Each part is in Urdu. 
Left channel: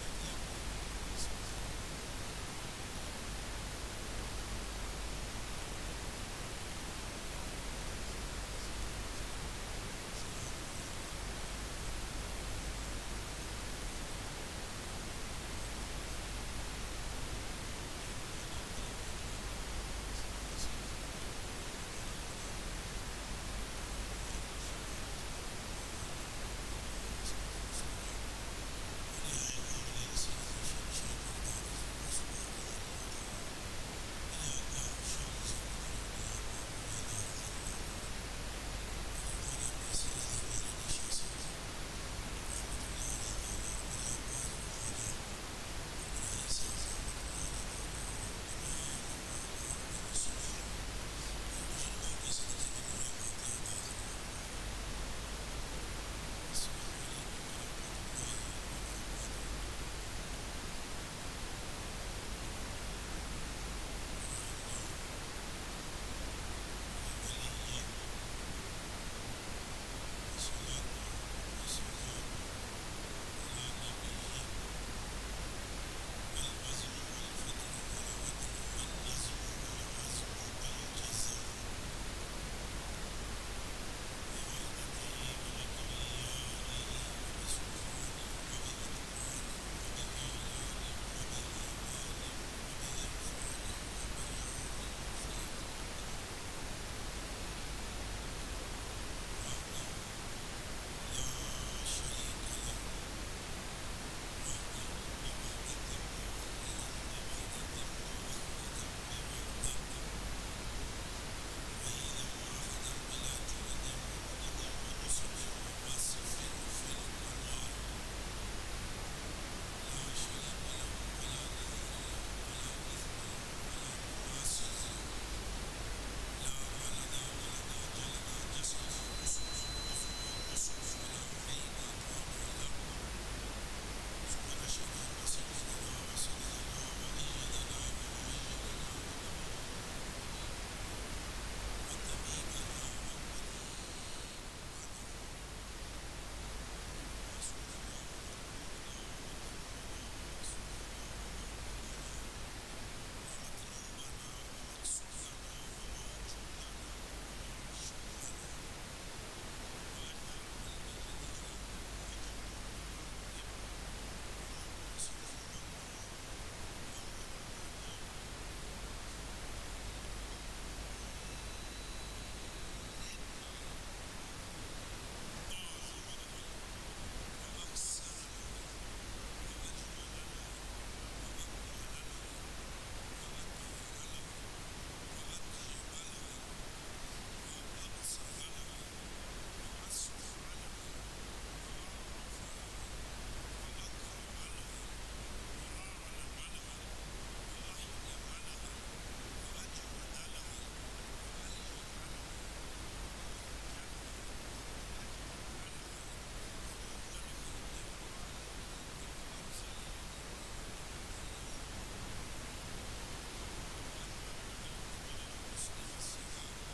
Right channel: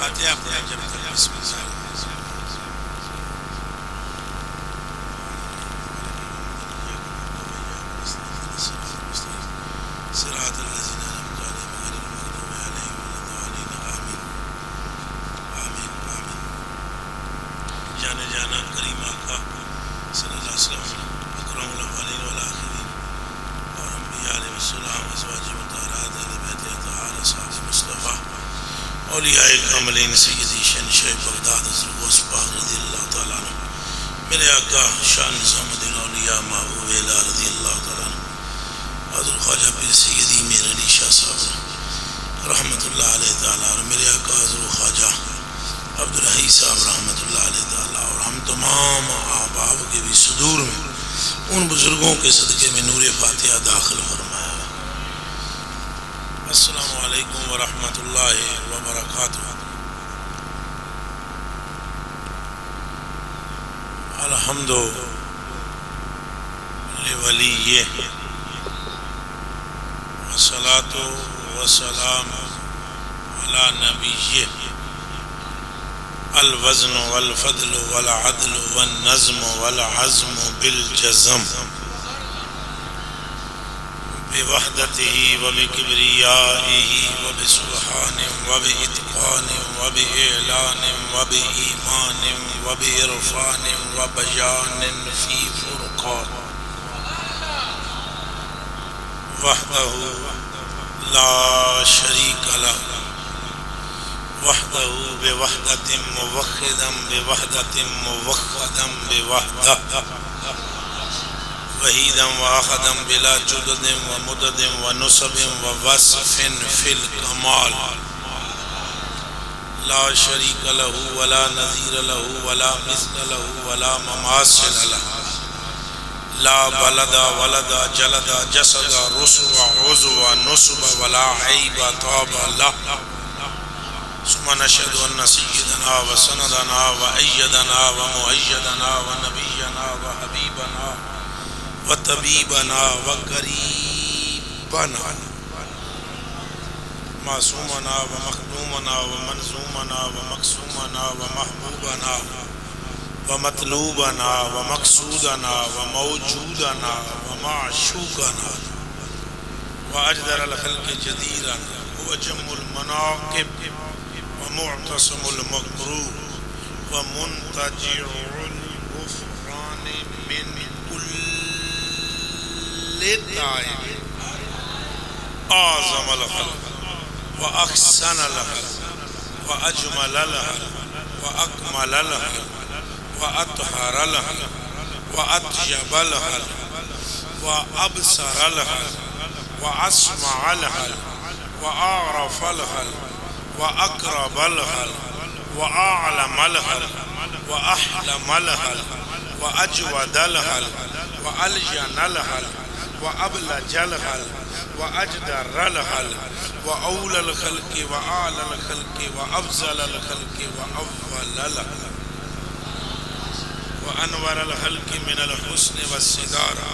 فاتحہ پڑھیں جب تک بسم اللہ صراط الذین انعمت علیہم غیر المغضوب علیہم ولا الضالین آمین آمین آمین۔ جانے جانا کریم آقا صلی اللہ علیہ وسلم اکرم الاولین والآخرین اور انبیاء علیہ السلام ازواج مطہرات اہل بیت اطہار اصحاب مصطفیٰ اولیاء کاملین سیدی شہنشاہ بغداد حضرت غوث پاک رضی اللہ تعالیٰ عنہ، میرے آقا شاہ نظام الدین اولیاء محبوب الہ رضی اللہ تعالیٰ عنہ، حضرت خواجہ پیر سیدی میر علی شاہ صاحب رحمۃ اللہ علیہ تعالیٰ، اور میرے آقا حضرت خواجہ عبدالحی صاحب رحمۃ اللہ علیہ تعالیٰ، اور ہم تمام احباب کے بھی صدور میں ان بزرگوں کے صدقے میں نور فاتحہ داخل فرمایا۔ السلام علیکم ورحمۃ اللہ وبرکاتہ۔ الحمد لولیہ والصلاة والسلام علی نبیہ، الوزن والفضل والعدل والنظم والعزم بالجزم، بوحدته وبكبريائه وبسبحان وبإتقان وبإعلان وبإيمان وبإرفان وبيان في فرقان، وحده لا شريك له، وحده بوحدة موحدا بوحدة موحدا بوحدة، وحيدا وآخدا بلا جدد ومدد ونصب ووصف في الكمال، لا شريك له ولا نظير له ولا مثل له ولا مماثل له، لا بلد ولد جلد جسد رسو عضو نصب ولا عيب طاب له، ثم نشهد أن سيدنا وسندنا وأيدنا ومؤيدنا ونبينا وحبيبنا وطبيبنا وقريبنا معصومنا ومخدومنا ومنظومنا ومقسومنا ومحبوبنا ومطلوبنا ومقصودنا وموجودنا ومعشوقنا وأجدر الخلق جديرا وأجم المناقب ومعتصم المقروب ومنتجع الغفران من للدائم، أعظم الخلق وأحسن الخلق وأجمل الخلق وأكمل الخلق وأطهر الخلق وأطيب الخلق وأبصر الخلق وأسمع الخلق وأعرف الخلق وأقرب الخلق وأعلم الخلق وأحلم الخلق وأجود الخلق وألجن الخلق وأبلج الخلق وأجدر الخلق وأولى الخلق وأعلى الخلق وأفضل الخلق وأول الخلق وأنور الخلق من الحسن والصدارة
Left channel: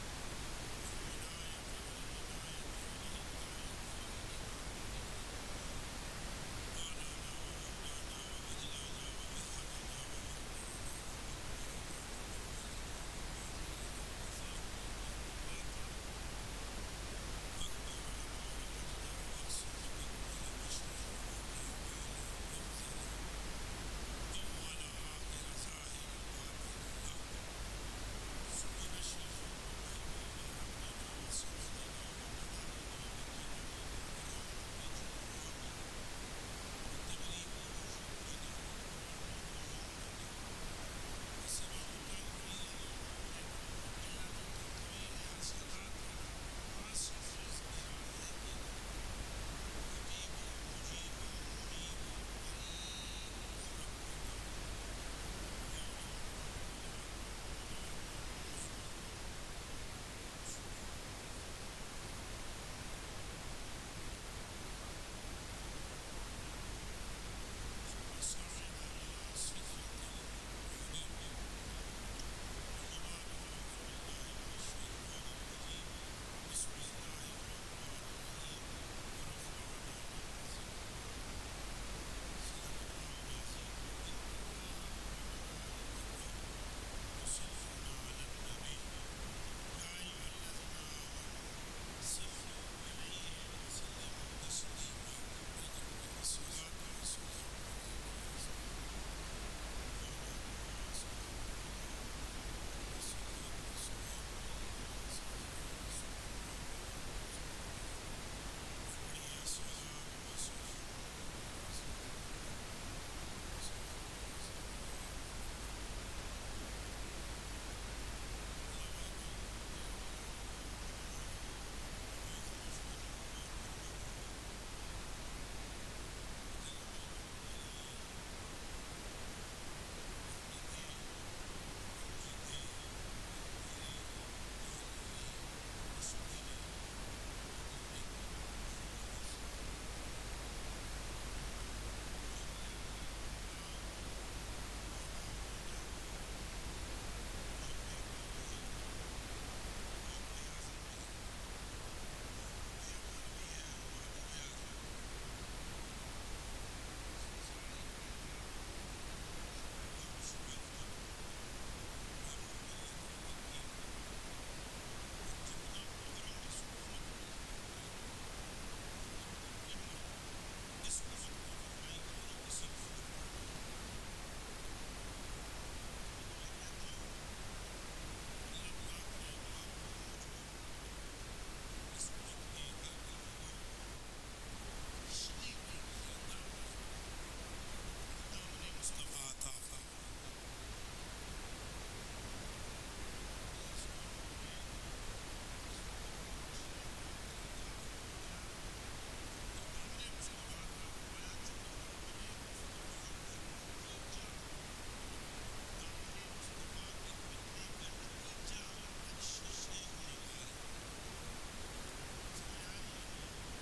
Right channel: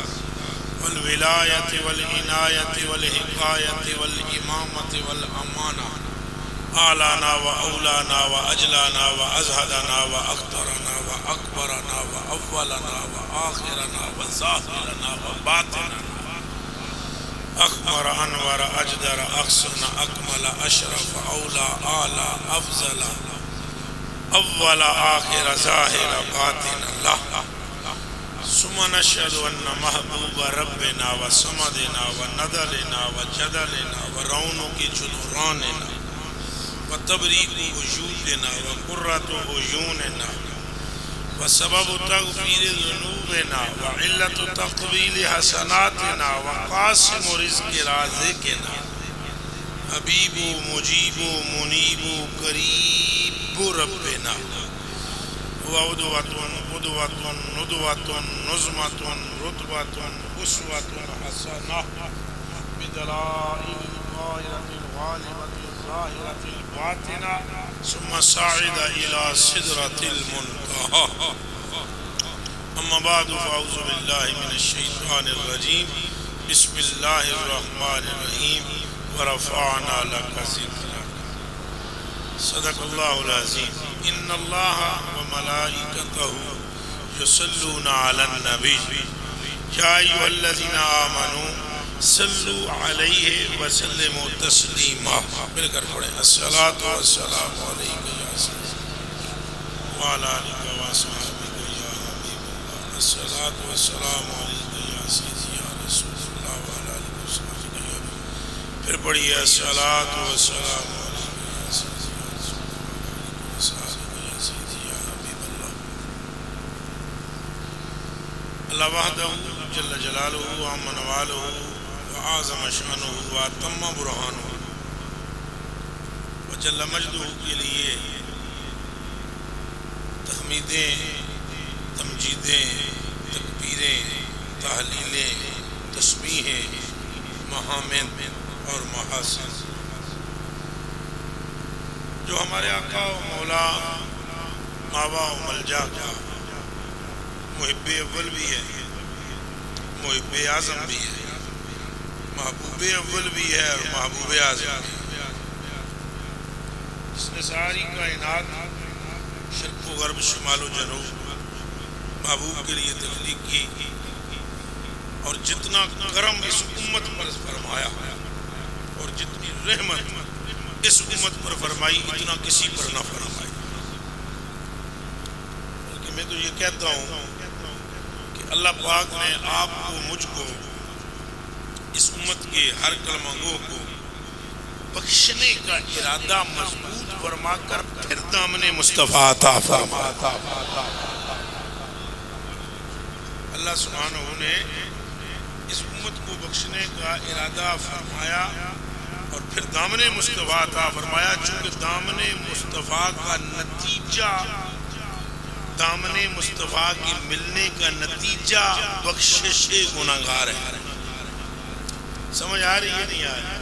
والولاية والعناية والحكاية والإمامة والأمانة، أعلانا وأولانا وأجلانا وأزهدنا وأقدرنا وأكبرنا وأولنا وآخرنا وظاهرنا وباطننا، أكبر أنور أجدر أحسن أكمل أشرف أولى أعلى أفضل أول آخر ظاهر باطن الله، ثم نشهد أن محبوب ربنا وصمدنا وندلنا وجدلنا ورونق جدراننا وتبريك وجودنا وقرة عيوننا وسبب تغفير ذنوبنا وعلة تقبيل حسناتنا وقاسم رزق رازقنا، حبيب مجيب منيب قريب ربنا، وعدوة قدوة ندوة نظمة رتبة أسوة حسنة بدلائل الغاية الغالبة الظاهرة الباطنة، ثم صعد إلى سدرة المنتهى. أما بعد فأعوذ بالله من الشيطان الرجيم، بسم الله الرحمن الرحيم، ورفعنا لك ذكرك. صدق اللہ العظیم. ان اللہ وملائکتہ یصلون علی النبی یا ایھا الذین آمنوا صلوا علیہ وسلموا تسلیما. مل کر پڑھیں الصلاۃ والسلام علیک یا سیدی وعلی آلک واصحابک یا حبیب اللہ. الصلاۃ والسلام علیک یا سیدی یا رسول اللہ وعلی آلک واصحابک یا حبیب اللہ. پھر پڑھیے الصلاۃ والسلام اللہ وحدہ جل جلالہ وعم نوالہ وعظم شانہ واتم برہانہ وجل مجدہ کے لیے تحمیدیں، تمجیدیں، تکبیریں، تحلیلیں، تسبیحیں، محامد اور محاسن جو ہمارے آقا و مولا ماوا و ملجا کا محب اول بھی ہے، محب اعظم بھی ہے، محبوب اول بھی ہے اور محبوب اعظم بھی ہے، جس نے ساری کائنات شرق و غرب شمال و جنوب محبوب کے لیے تخلیق کی اور جتنا کرم اس امت پر فرمایا اور جتنی رحمت اس امت پر فرمائی اتنا کسی پر نہ فرمائی. بلکہ میں تو یہ کہتا ہوں اللہ پاک نے آپ کو مجھ کو اس امت کے ہر کلمہ گو کو بخشنے کا ارادہ مضبوط فرما کر پھر دامن مصطفیٰ عطا فرمایا. اللہ سبحانہ نے اس امت کو بخشنے کا ارادہ فرمایا اور پھر دامن مصطفیٰ عطا فرمایا. چونکہ دامن مصطفیٰ کا نتیجہ، دامن مصطفیٰ کی ملنے کا نتیجہ بخشش گناہگار ہے. سمجھ آ رہی ہے نہیں آ رہی؟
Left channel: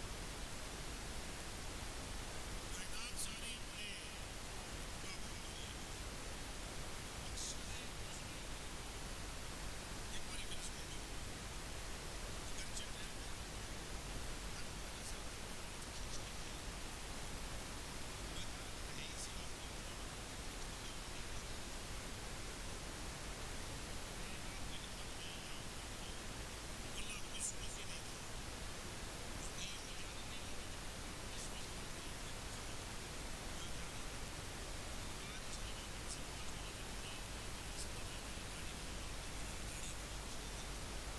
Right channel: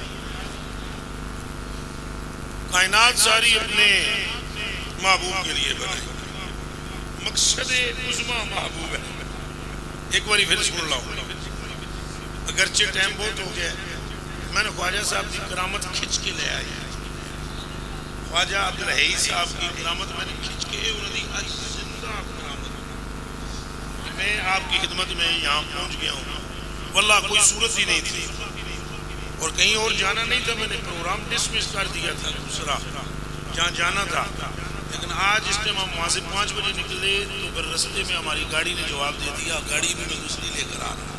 کائنات ساری اپنے محبوب کے لیے بنائی، مقصد عظمیٰ محبوب ہے. ایک باری پھر سن لو، اگرچہ ٹائم بہت ہو گیا ہے. میں نے خواجہ صاحب کی کرامت کھچ کے لے آئی. خواجہ عبدالحی صاحب کی کرامت میں نے کھچ کے انہوں نے آج زندہ کرامت میں آپ کی خدمت میں یہاں پہنچ گیا ہوں. واللہ کوئی صورت ہی نہیں تھی اور کہیں اور جانا نہیں تھا. میں نے پروگرام ڈسمس کر دیا تھا دوسرا جہاں جانا تھا، لیکن آج اس ٹائم ہم وہاں سے 5 بجے نکلے تو پھر رستے میں ہماری گاڑی نے جواب دے دیا. گاڑی بھی میں دوسری لے کر آ رہا.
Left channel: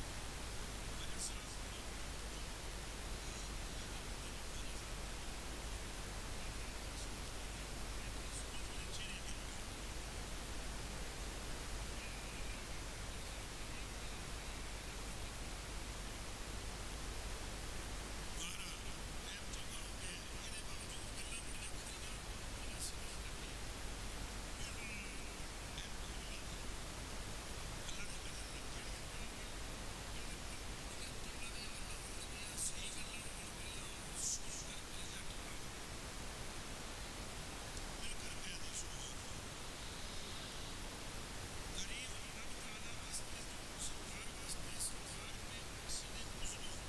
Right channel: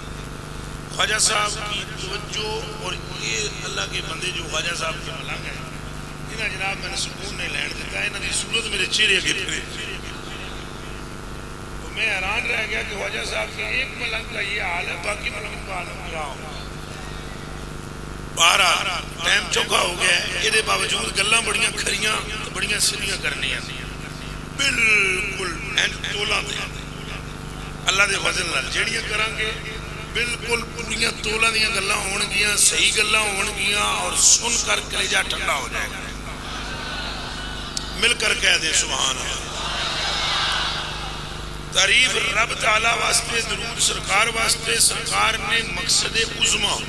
خواجہ صاحب کی توجہ اور یہ اللہ کے بندے جو خواجہ صاحب کے ملنگ ہیں انہیں جناب میں نے سکون نہیں لین دیتا. انہوں کی صورت میرے چہرے کے پھرے تو میں حیران رہ گیا کہ خواجہ صاحب کے ایک ملنگ کا یہ حال ہے، باقی ملنگ کا حال کیا ہو. 12 ٹائم چوکا ہو گیا ہے، یہ باوجود گلاں بڑیاں کھریاں بڑیاں سیدھیاں کرنی ہیں بالکل تولا دے اللہ دے فضل نال جیڑیاں کران گے بالکل پوریاں تولا دیاں گلاں ہون گیاں، صحیح گلاں ہون گیاں اور سن کر کلیجہ ٹھنڈا ہو جائے گا. مل کر کہہ دے سبحان اللہ. تعریف رب تعالی واسطے، درود سرکار واسطے. سرکار نے مقصد عظمیٰ،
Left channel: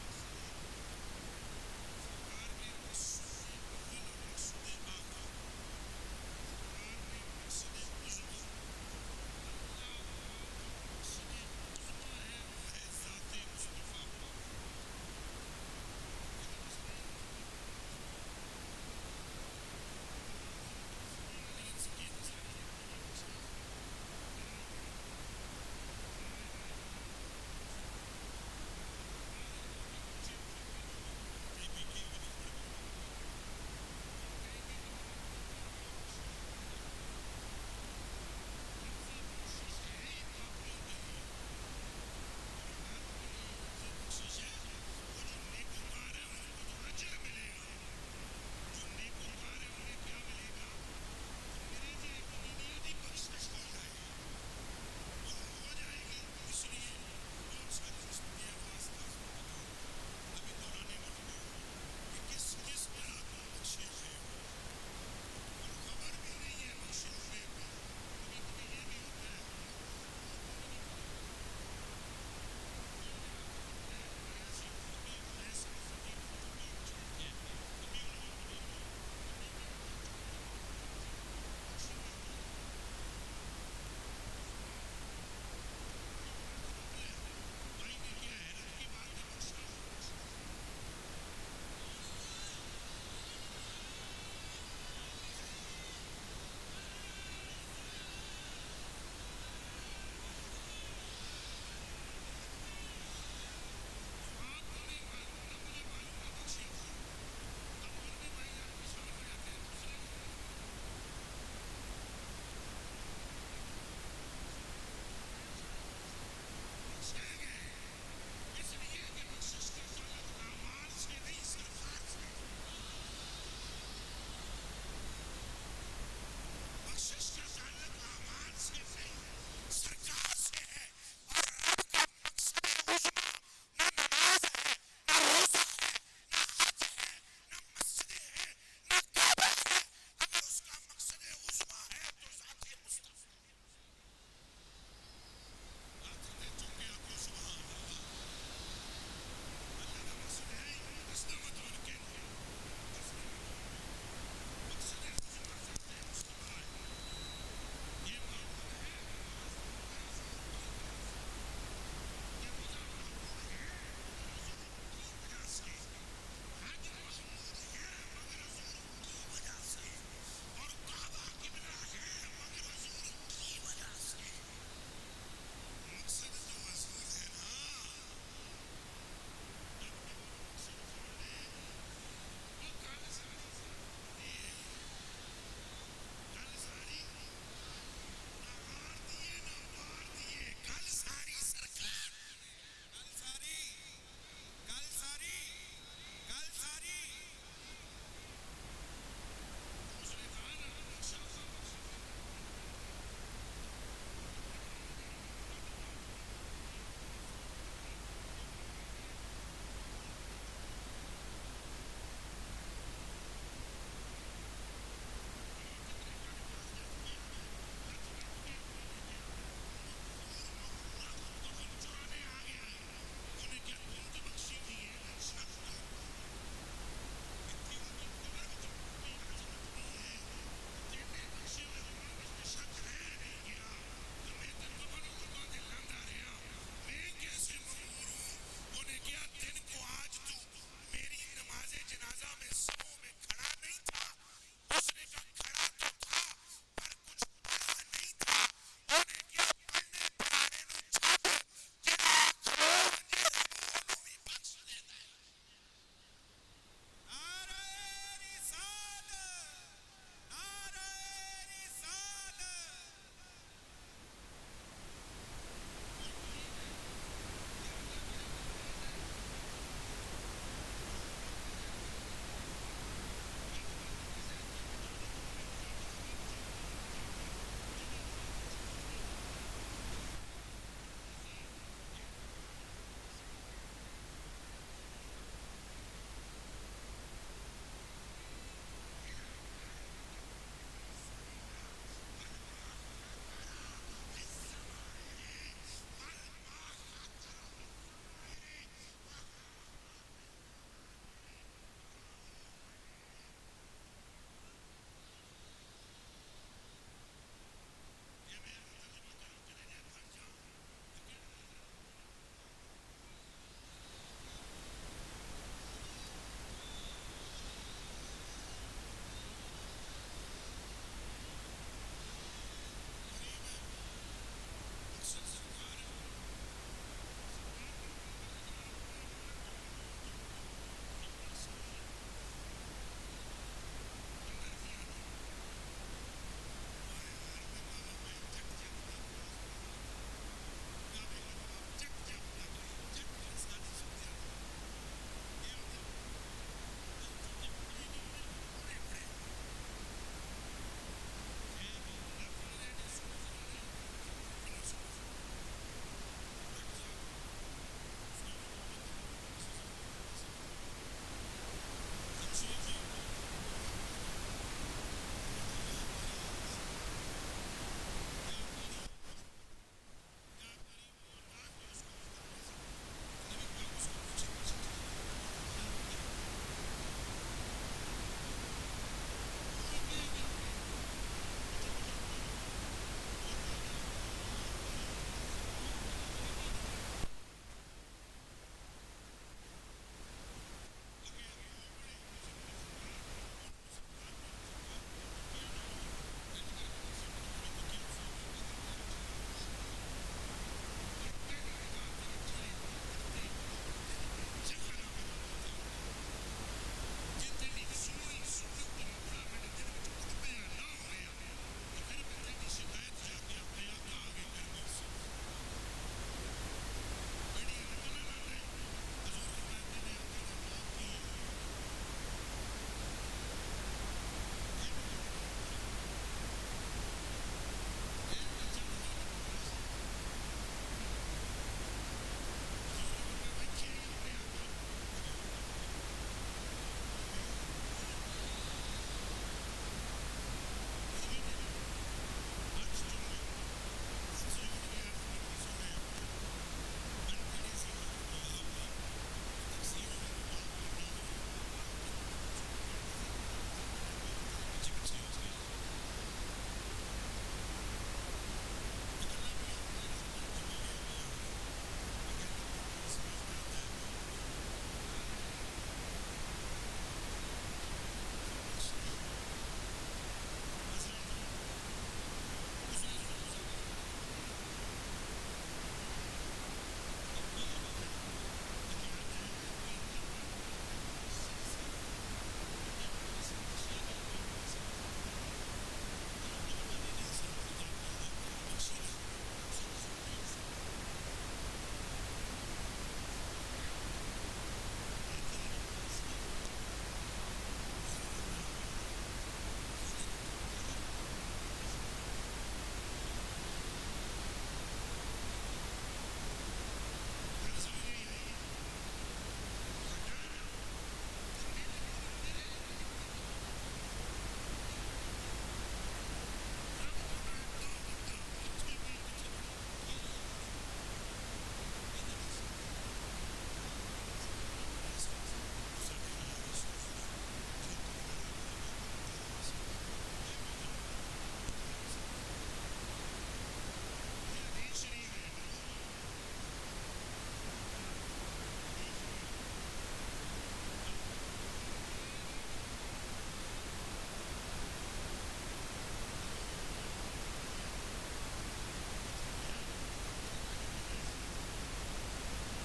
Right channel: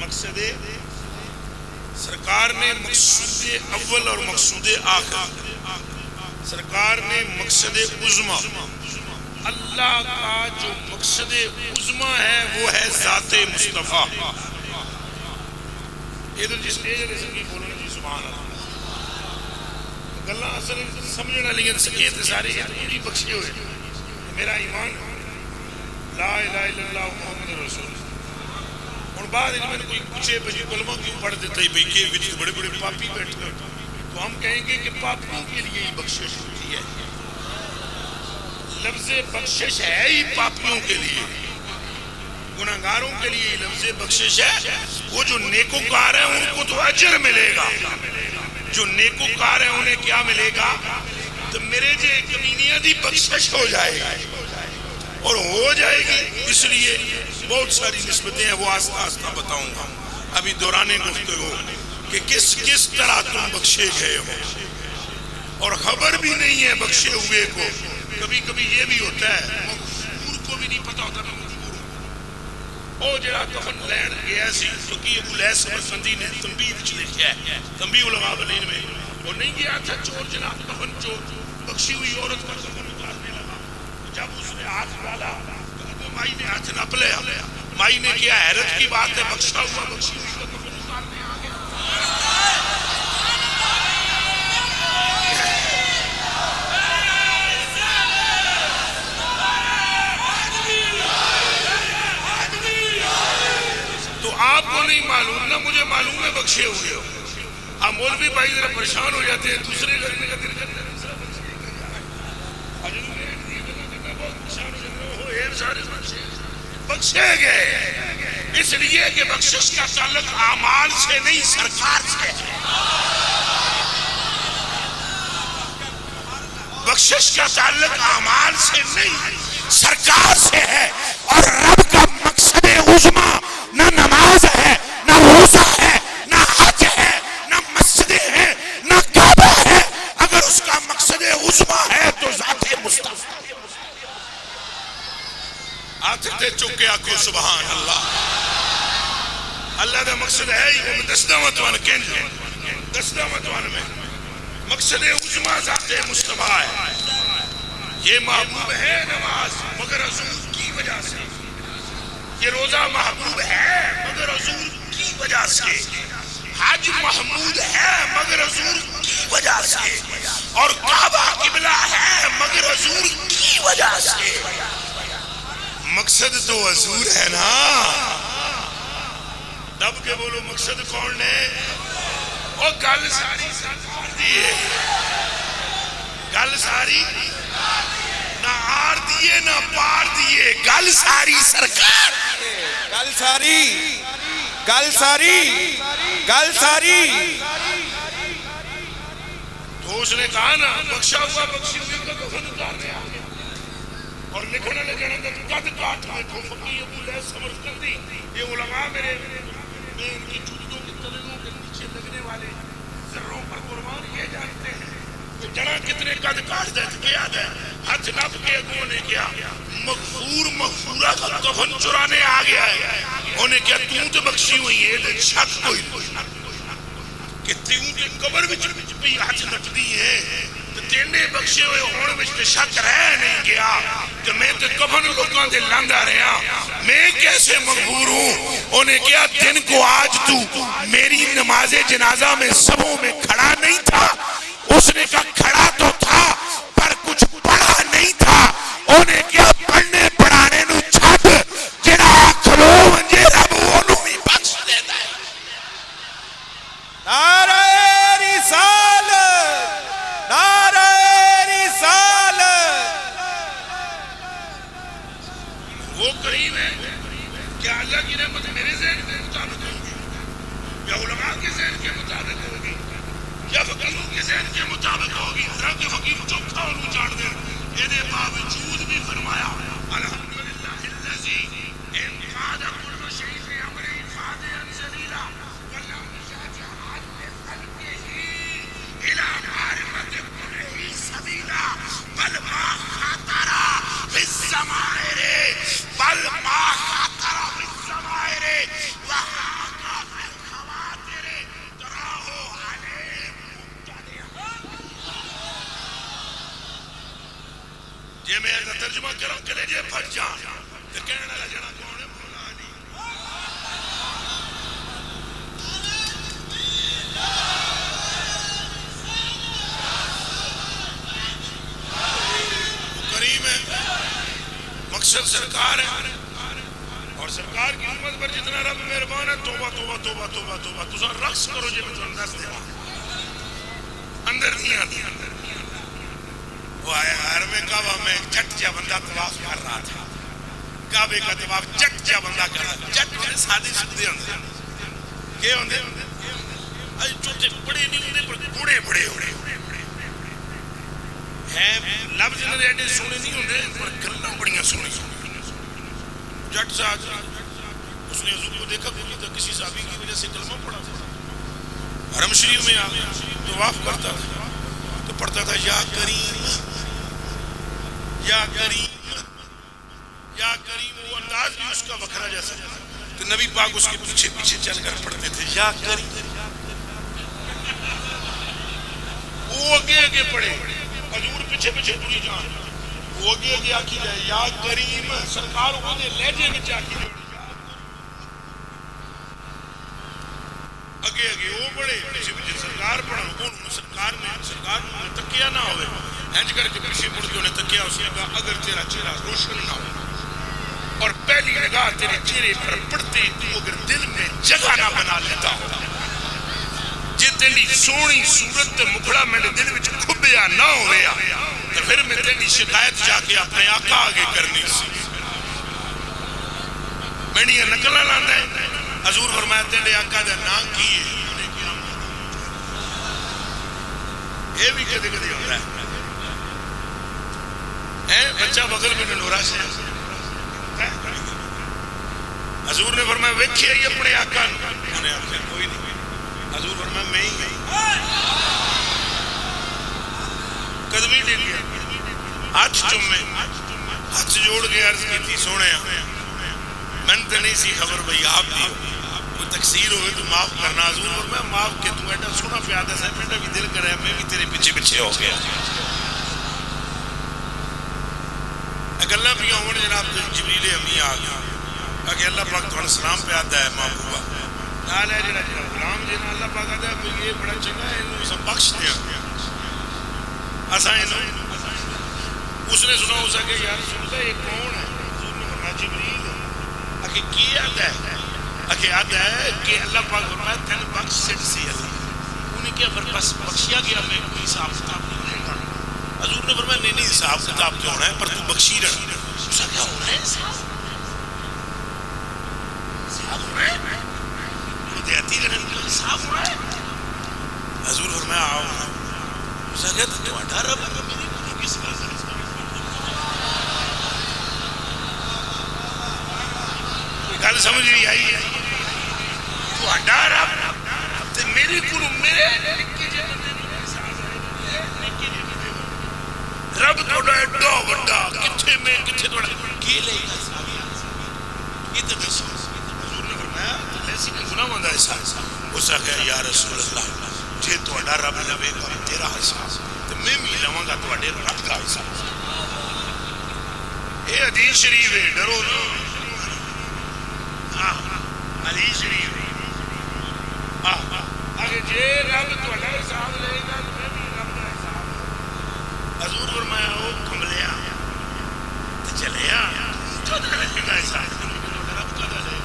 مقصد سرکار نے مقصود اول اور مقصود آخر، سرکار نے مقصد عظمیٰ، اللہ کا جو مقصد عظمیٰ ہے وہ ہے ذات مصطفیٰ. یہ تو جس نے سنگی بولنا جی سبحان اللہ. گلاں اصل سمجھنا لیکن سکیت ساری انہی بخشے ہوئے. میرا ایمان لا الہ الا اللہ محمد رسول اللہ. اور بعد میں نے کوئی پوچھے بجی کلمہ کیوں پڑھ دیتا ہے بھئی کہ وچ بڑے بڑے پاپی بیٹھتے ہیں، تو ہم کہیں گے کہ پاپیوں کے لیے ہی بخشش ہوتی ہے. لفظ بخشش ہے ہی پاپیوں کے لیے، گناہگاروں کے لیے لفظ بخشش ہے. وہ جو نیکوکار ہیں ان کو تو اجر ملے گا، جو نیکوکار ہیں انہیں کیا ملے گا؟ تو میرے جے کمینیاں دی بخشش ہو جائے گی اور ہو جائے گی. اس لیے بہت ساری نسبتیں ہیں، وہ آستہ آستہ بتاؤں گا ابھی دوران گفتگو کہ کس کس طرح تم بخشے گئے ہو اور خبر بھی نہیں ہے بخشے ہوئے کو. کبھی کبھی یہ بھی ہوتا ہے مغفور کو بھی نہیں پتا ہوتا میں مغفور ہوں. او جڑا کفن لین گیا سی تو کہ ابو لیث سمرقندی نے تنبیہ وچ لکھیا ہے، تنبیہ العلماء میں وہ نہیں گیا تھا چور جناب کفن چور بخشی ہوئی عورت کا کفن اتارنے لگا. جب اس نے ہاتھ ڈالا تو مائی نے ہاتھ نپ لیا. مائی نے کیا حیرت کی بات ہے بخشا ہوا بخشی ہوئی کا کفن اتارنے آ گیا. تو آپ کو نہیں معلوم نہ مجھے معلوم ہے بخشے ہوئے ہو. اب مولوی بھائی ذرا پریشان ہو جاتے ہیں دوسرے کرنے کا دل کرتا ہے دوسرا بخشے گئے اس لیے کہ بخشش کا تعلق اعمال سے نہیں سرکار سے ہے. بخشش کا تعلق اعمال سے نہیں سرکار سے ہے. اور رب کا مقصد عظمی نہ نماز ہے نہ روزہ ہے نہ حج ہے نہ مسجدیں ہیں نہ کعبہ ہے. اگر اس کا مقصد عظمی ہے تو ذات مصطفیٰ آتے چکے آکو سبحان اللہ. اللہ دا مقصد ہے ہی وہ دسدہ متوان کینجو دسدہ متوان میں مقصد عظمی ذات مصطفیٰ ہے. یہ محبوب ہے نماز مگر حضور کی وجہ سے. یہ روزہ محبوب ہے مگر حضور کی وجہ سے. حج محمود ہے مگر حضور کی وجہ سے. اور کعبہ قبلہ ہے مگر حضور کی وجہ سے. مقصد تو حضور ہے نا. دب کے بولو مقصد کون نے. اور گل ساری سرکار دیئے گل ساری نہ آر دیئے نہ پار دیئے گل ساری سرکار گل ساری گل ساری گل ساری. تو اس نے کہا نا بخشا ہوا بخشی ہوئی کا کفن اتارنے آ گیا. اور لکھنا لگنا قد کاٹ دیکھو فقی ابو لیس سمرقندی. یہ علماء میرے ان کی جوتوں کے تلوں کے نیچے لگنے والے ذروں پر قربان یہ جانتے ہیں کہ جڑا کتنے قد کاٹ دے کیا دے. ہاتھ نپ کے اگوں نے کیا مغفور مغفورہ کا کفن چرانے آ گیا ہے. انہیں کیا تو بخشی ہوئی ہے دے شک کوئی کہ تیوں کے قبر وچ بھی ہاتھ نپ دی ہے تو تینے بخشے ہوئے ہونے وچ تے شک رہ نہیں گیا کہ میں تے کفن لوگاں دے لاندہ رہا میں کیسے مغفور ہوں. انہیں کیا دن کو آج تو میری نماز جنازہ میں سبوں میں کھڑا نہیں تھا. اس نے کہا کھڑا تو تھا پر کچھ پڑھا نہیں تھا. انہیں کیا پڑھنے پڑھانے نو چھٹ جنہا کھلو منجے رب انہوں بھی بخش دیتا ہے. نعرہ رسالت نعرہ رسالت. وہ قریب ہے کیا اللہ کی رحمت میرے ذہن کے مطابق ہوگی یا علماء کے ذہن کے مطابق ہوگی یا فقیروں کے ذہن کے مطابق ہوگی. حضرت فقیر چوکھا انہوں چاڑ دیں یہ باوجود بھی فرمایا الحمدللہ اللذی انقاد کل شیف امر انفاد انزلیلہ ولم شاجعات بقلبہ الى معرفت کل سبیلہ بل ما خاطرہ بالزمائر بل ما خاطرہ بالزمائر وحاقہ بالخواتر تراہو علیہ مبتدع. یہ میں اگر ترجمہ کروں کہ لے پھٹ جان تو کہنا لگنا کون ہے مولا علی. وہ کریم ہے مقصد سرکار ہے اور سرکار کی امت پر جتنا رب مہربان ہے. توبہ توبہ توبہ توبہ توبہ تُسا رقص کرو جب تو اندر دے اندر نہیں آتی. وہ آیا حرم کعبہ میں جٹ جا بندہ طواف کر رہا تھا. کعبے کا طواف جٹ جا بندہ کر رہا تھا. جٹ میں سادی سکتے ہوندے کیا ہوندے اج چھوٹے بڑے نہیں ہوندے پر بڑے بڑے ہوندے ہیں. لفظ انہوں نے ایڈے سونے نہیں ہوندے پر گلاں بڑیاں سونے جٹ سے آج اس نے حضور کو دیکھا کوئی تھا کسی صحابی کی وجہ سے کلمہ پڑھا تھا. حرم شریف میں آ طواف کرتا تھا تو پڑھتا تھا یا کریم یا کریم یا کریم. وہ انداز بھی اس کا وکھرا جیسا تو نبی پاک اس کے پیچھے پیچھے چل کر پڑھتے تھے یا کریم وہ اگے پڑے حضور پیچھے ٹری جان وہ اگے آکی جائے یا کریم سرکار وہ دے لہجے میں آکی جائے اگے وہ پڑے پیچھے سرکار پڑھا کون سرکار نے تکیا نہ ہوئے اینج کر کے پیچھے مڑ کے انہیں تکیا اس نے کہا اگر تیرا چہرہ روشن نہ ہو اور پہلی نگاہ تیرے چہرے پر پڑتے تو اگر دل میں جگہ نہ بنا لیتا ہو جی تیری سونی صورت مکھڑا میں نے دل وچ کھبیا نہ ہویا تو پھر میں تیری شکایت جا کے اپنے آقا آگے کرنی سی میں نے یہ نکلہ لاندہ ہے حضور فرمایا تیرے آقا دے نام کیے یہ بھی کدے کدے ہوتا ہے بچہ بغل میں نورا سے حضور نے فرمایا ویکھے ہی اپنے آقا انہیں آقا کوئی نہیں حضور فرمایا میں ہی گئی قدمی ڈیل گیا ہاتھ چومے ہاتھ جوڑ کے عرض کی تھی سونے من تو نہیں سی خبر بھئی آپ بھی کوئی تقصیر ہوئے تو معاف کرنا حضور فرمایا معاف کہ تو ایڈا سونا پیادہ ہے میرا بھی دل کرے میں بھی تیرے پیچھے ہو گیا اگلہ بھی ہوں جناب جبریل امی آگیا کہ اللہ پاک تھوڑا سلام پہ آتا ہے محبوبہ نال ہے جنہا غلام جنہا اللہ پاک آتا ہے کہ یہ بڑا چنگا ہے انہوں سب بخش دیا آسائن اس نے سنا ہو سکے یا رسول اللہ یہ کون ہے حضور نے فرمایا جبریل اکھے کی آتا ہے اکھے آتا ہے کہ اللہ پاک فرمایا تین بخش سٹ سی اللہ انہیں کیا پر بس بخشیا گیا میں کوئی حساب کتاب نہیں گا حضور نے فرمایا نہیں حساب کتاب کیا ہونا ہے پر تو بخشی رہا اسا کیا ہونا ہے حضور فرمایا آؤ اسا کہتا تو اٹھارہ بار میری بڑی کس کا گل سمجھ نہیں آئی ہے تو اٹھارہ تے میری کلو میرے رب توڑا ایڈا وڈا کتھے میں کتھے توڑا کی لے گا یہ تو بس حضور نے فرمایا ایسی میں گناہ مندہ ایسا اسا کہا یا رسول اللہ جے توڑا رب لوے گا تیرا حساب تو میں بھی لوں گا توڑے رب کا حساب اے حدیث شریف ہے ڈرو نا حدیث شریف ہے اگر جے رب توڑا حساب لے گا تو میں بھی رب کا حساب حضور فرمایا او کملیا تو چلیا تو لے گا حساب رب کا لے گا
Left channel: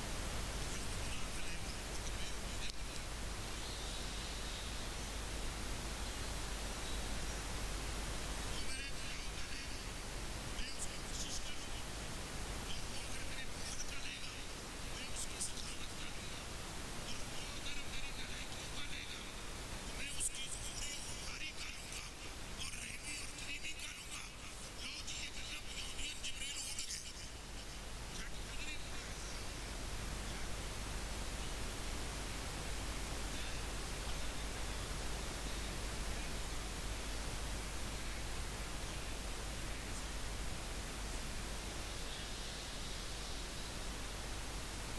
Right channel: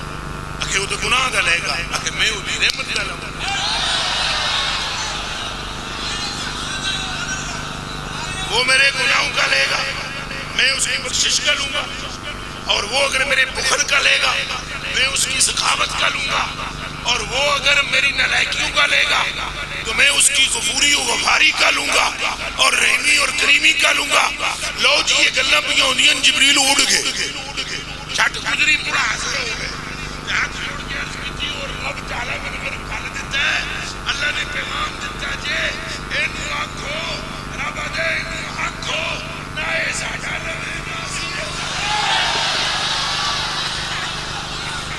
اکھے وہ تو گناہ دا لے گا اکھے میں وہ بھی رحمت دا لوں گا وہ میرے گناہوں کا لے گا میں اس کی بخشش کا لوں گا اور وہ اگر میرے بخل کا لے گا میں اس کی سخاوت کا لوں گا اور وہ اگر میری نالائکیوں کا لے گا تو میں اس کی غفوری و غفاری کا لوں گا اور رحمی اور کریمی کا لوں گا لو جی یہ گلہ پہ ہوندین جبریل اڑ گئے چھٹ گزری پڑا حاصل ہو گئے ہاتھ جوڑ کے عرض کی تھی اور رب تعالیٰ میں نے پھل دیتا ہے اللہ نے پیغام دیتا جے اینو آنکھو رب دے اینو آنکھو نہ ایسا ڈالے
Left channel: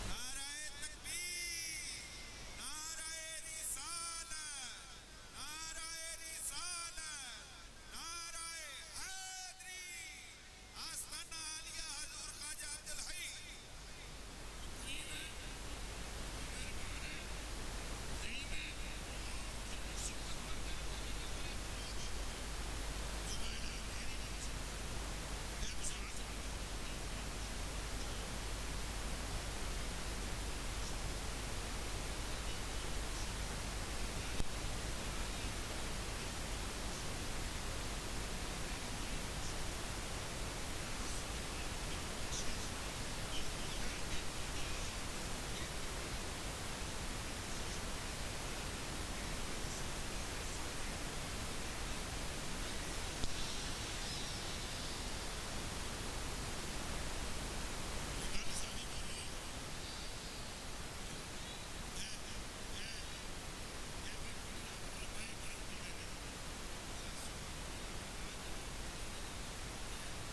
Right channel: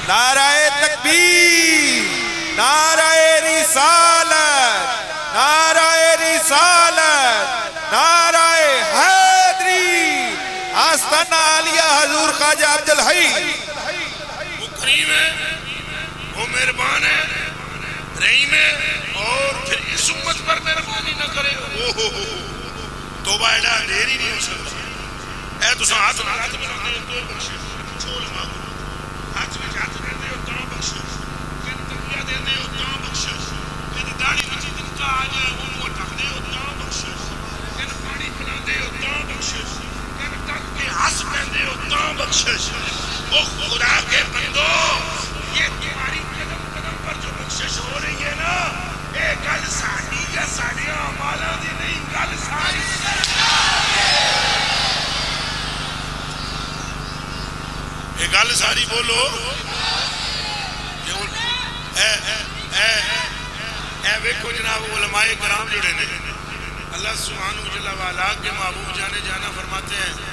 نعرہ تکبیر نعرہ رسالت نعرہ رسالت نعرہ حیدری آستانہ عالیہ حضور خواجہ عبدالحی وہ کریم ہے وہ مہربان ہے رحیم ہے اور پھر اس امت پر مہربانی نہ کرے توبہ ایڈا دیر ہی نہیں ہو سکتا اے تو سا ہاتھ نہ ہاتھ بنا دے تو بخشے چھوڑ مانگو ہاتھ میں ہاتھ دے دے اتنا بخشے کن تکیہ دے دے اتنا بخشے کن داڑھی بچی جن کا آ جائے وہ موٹک دے اتنا بخشے کن پانی پلا دے اتنا بخشے کن تک کے ہس پہ دے اتنا بخشے وہ خدا کے بندو یہ تمہاری قدم قدم پر جو بخشش ہو رہی ہے نا اے گل ساڑی یا ساڑیاں مالا دی نہیں گل ساڑی اے گل ساری بولو اے ویکھو جناب علماء کرام جڑے نے اللہ سبحانہ جل وعلا کے محبوب جانے جانا فرماتے ہیں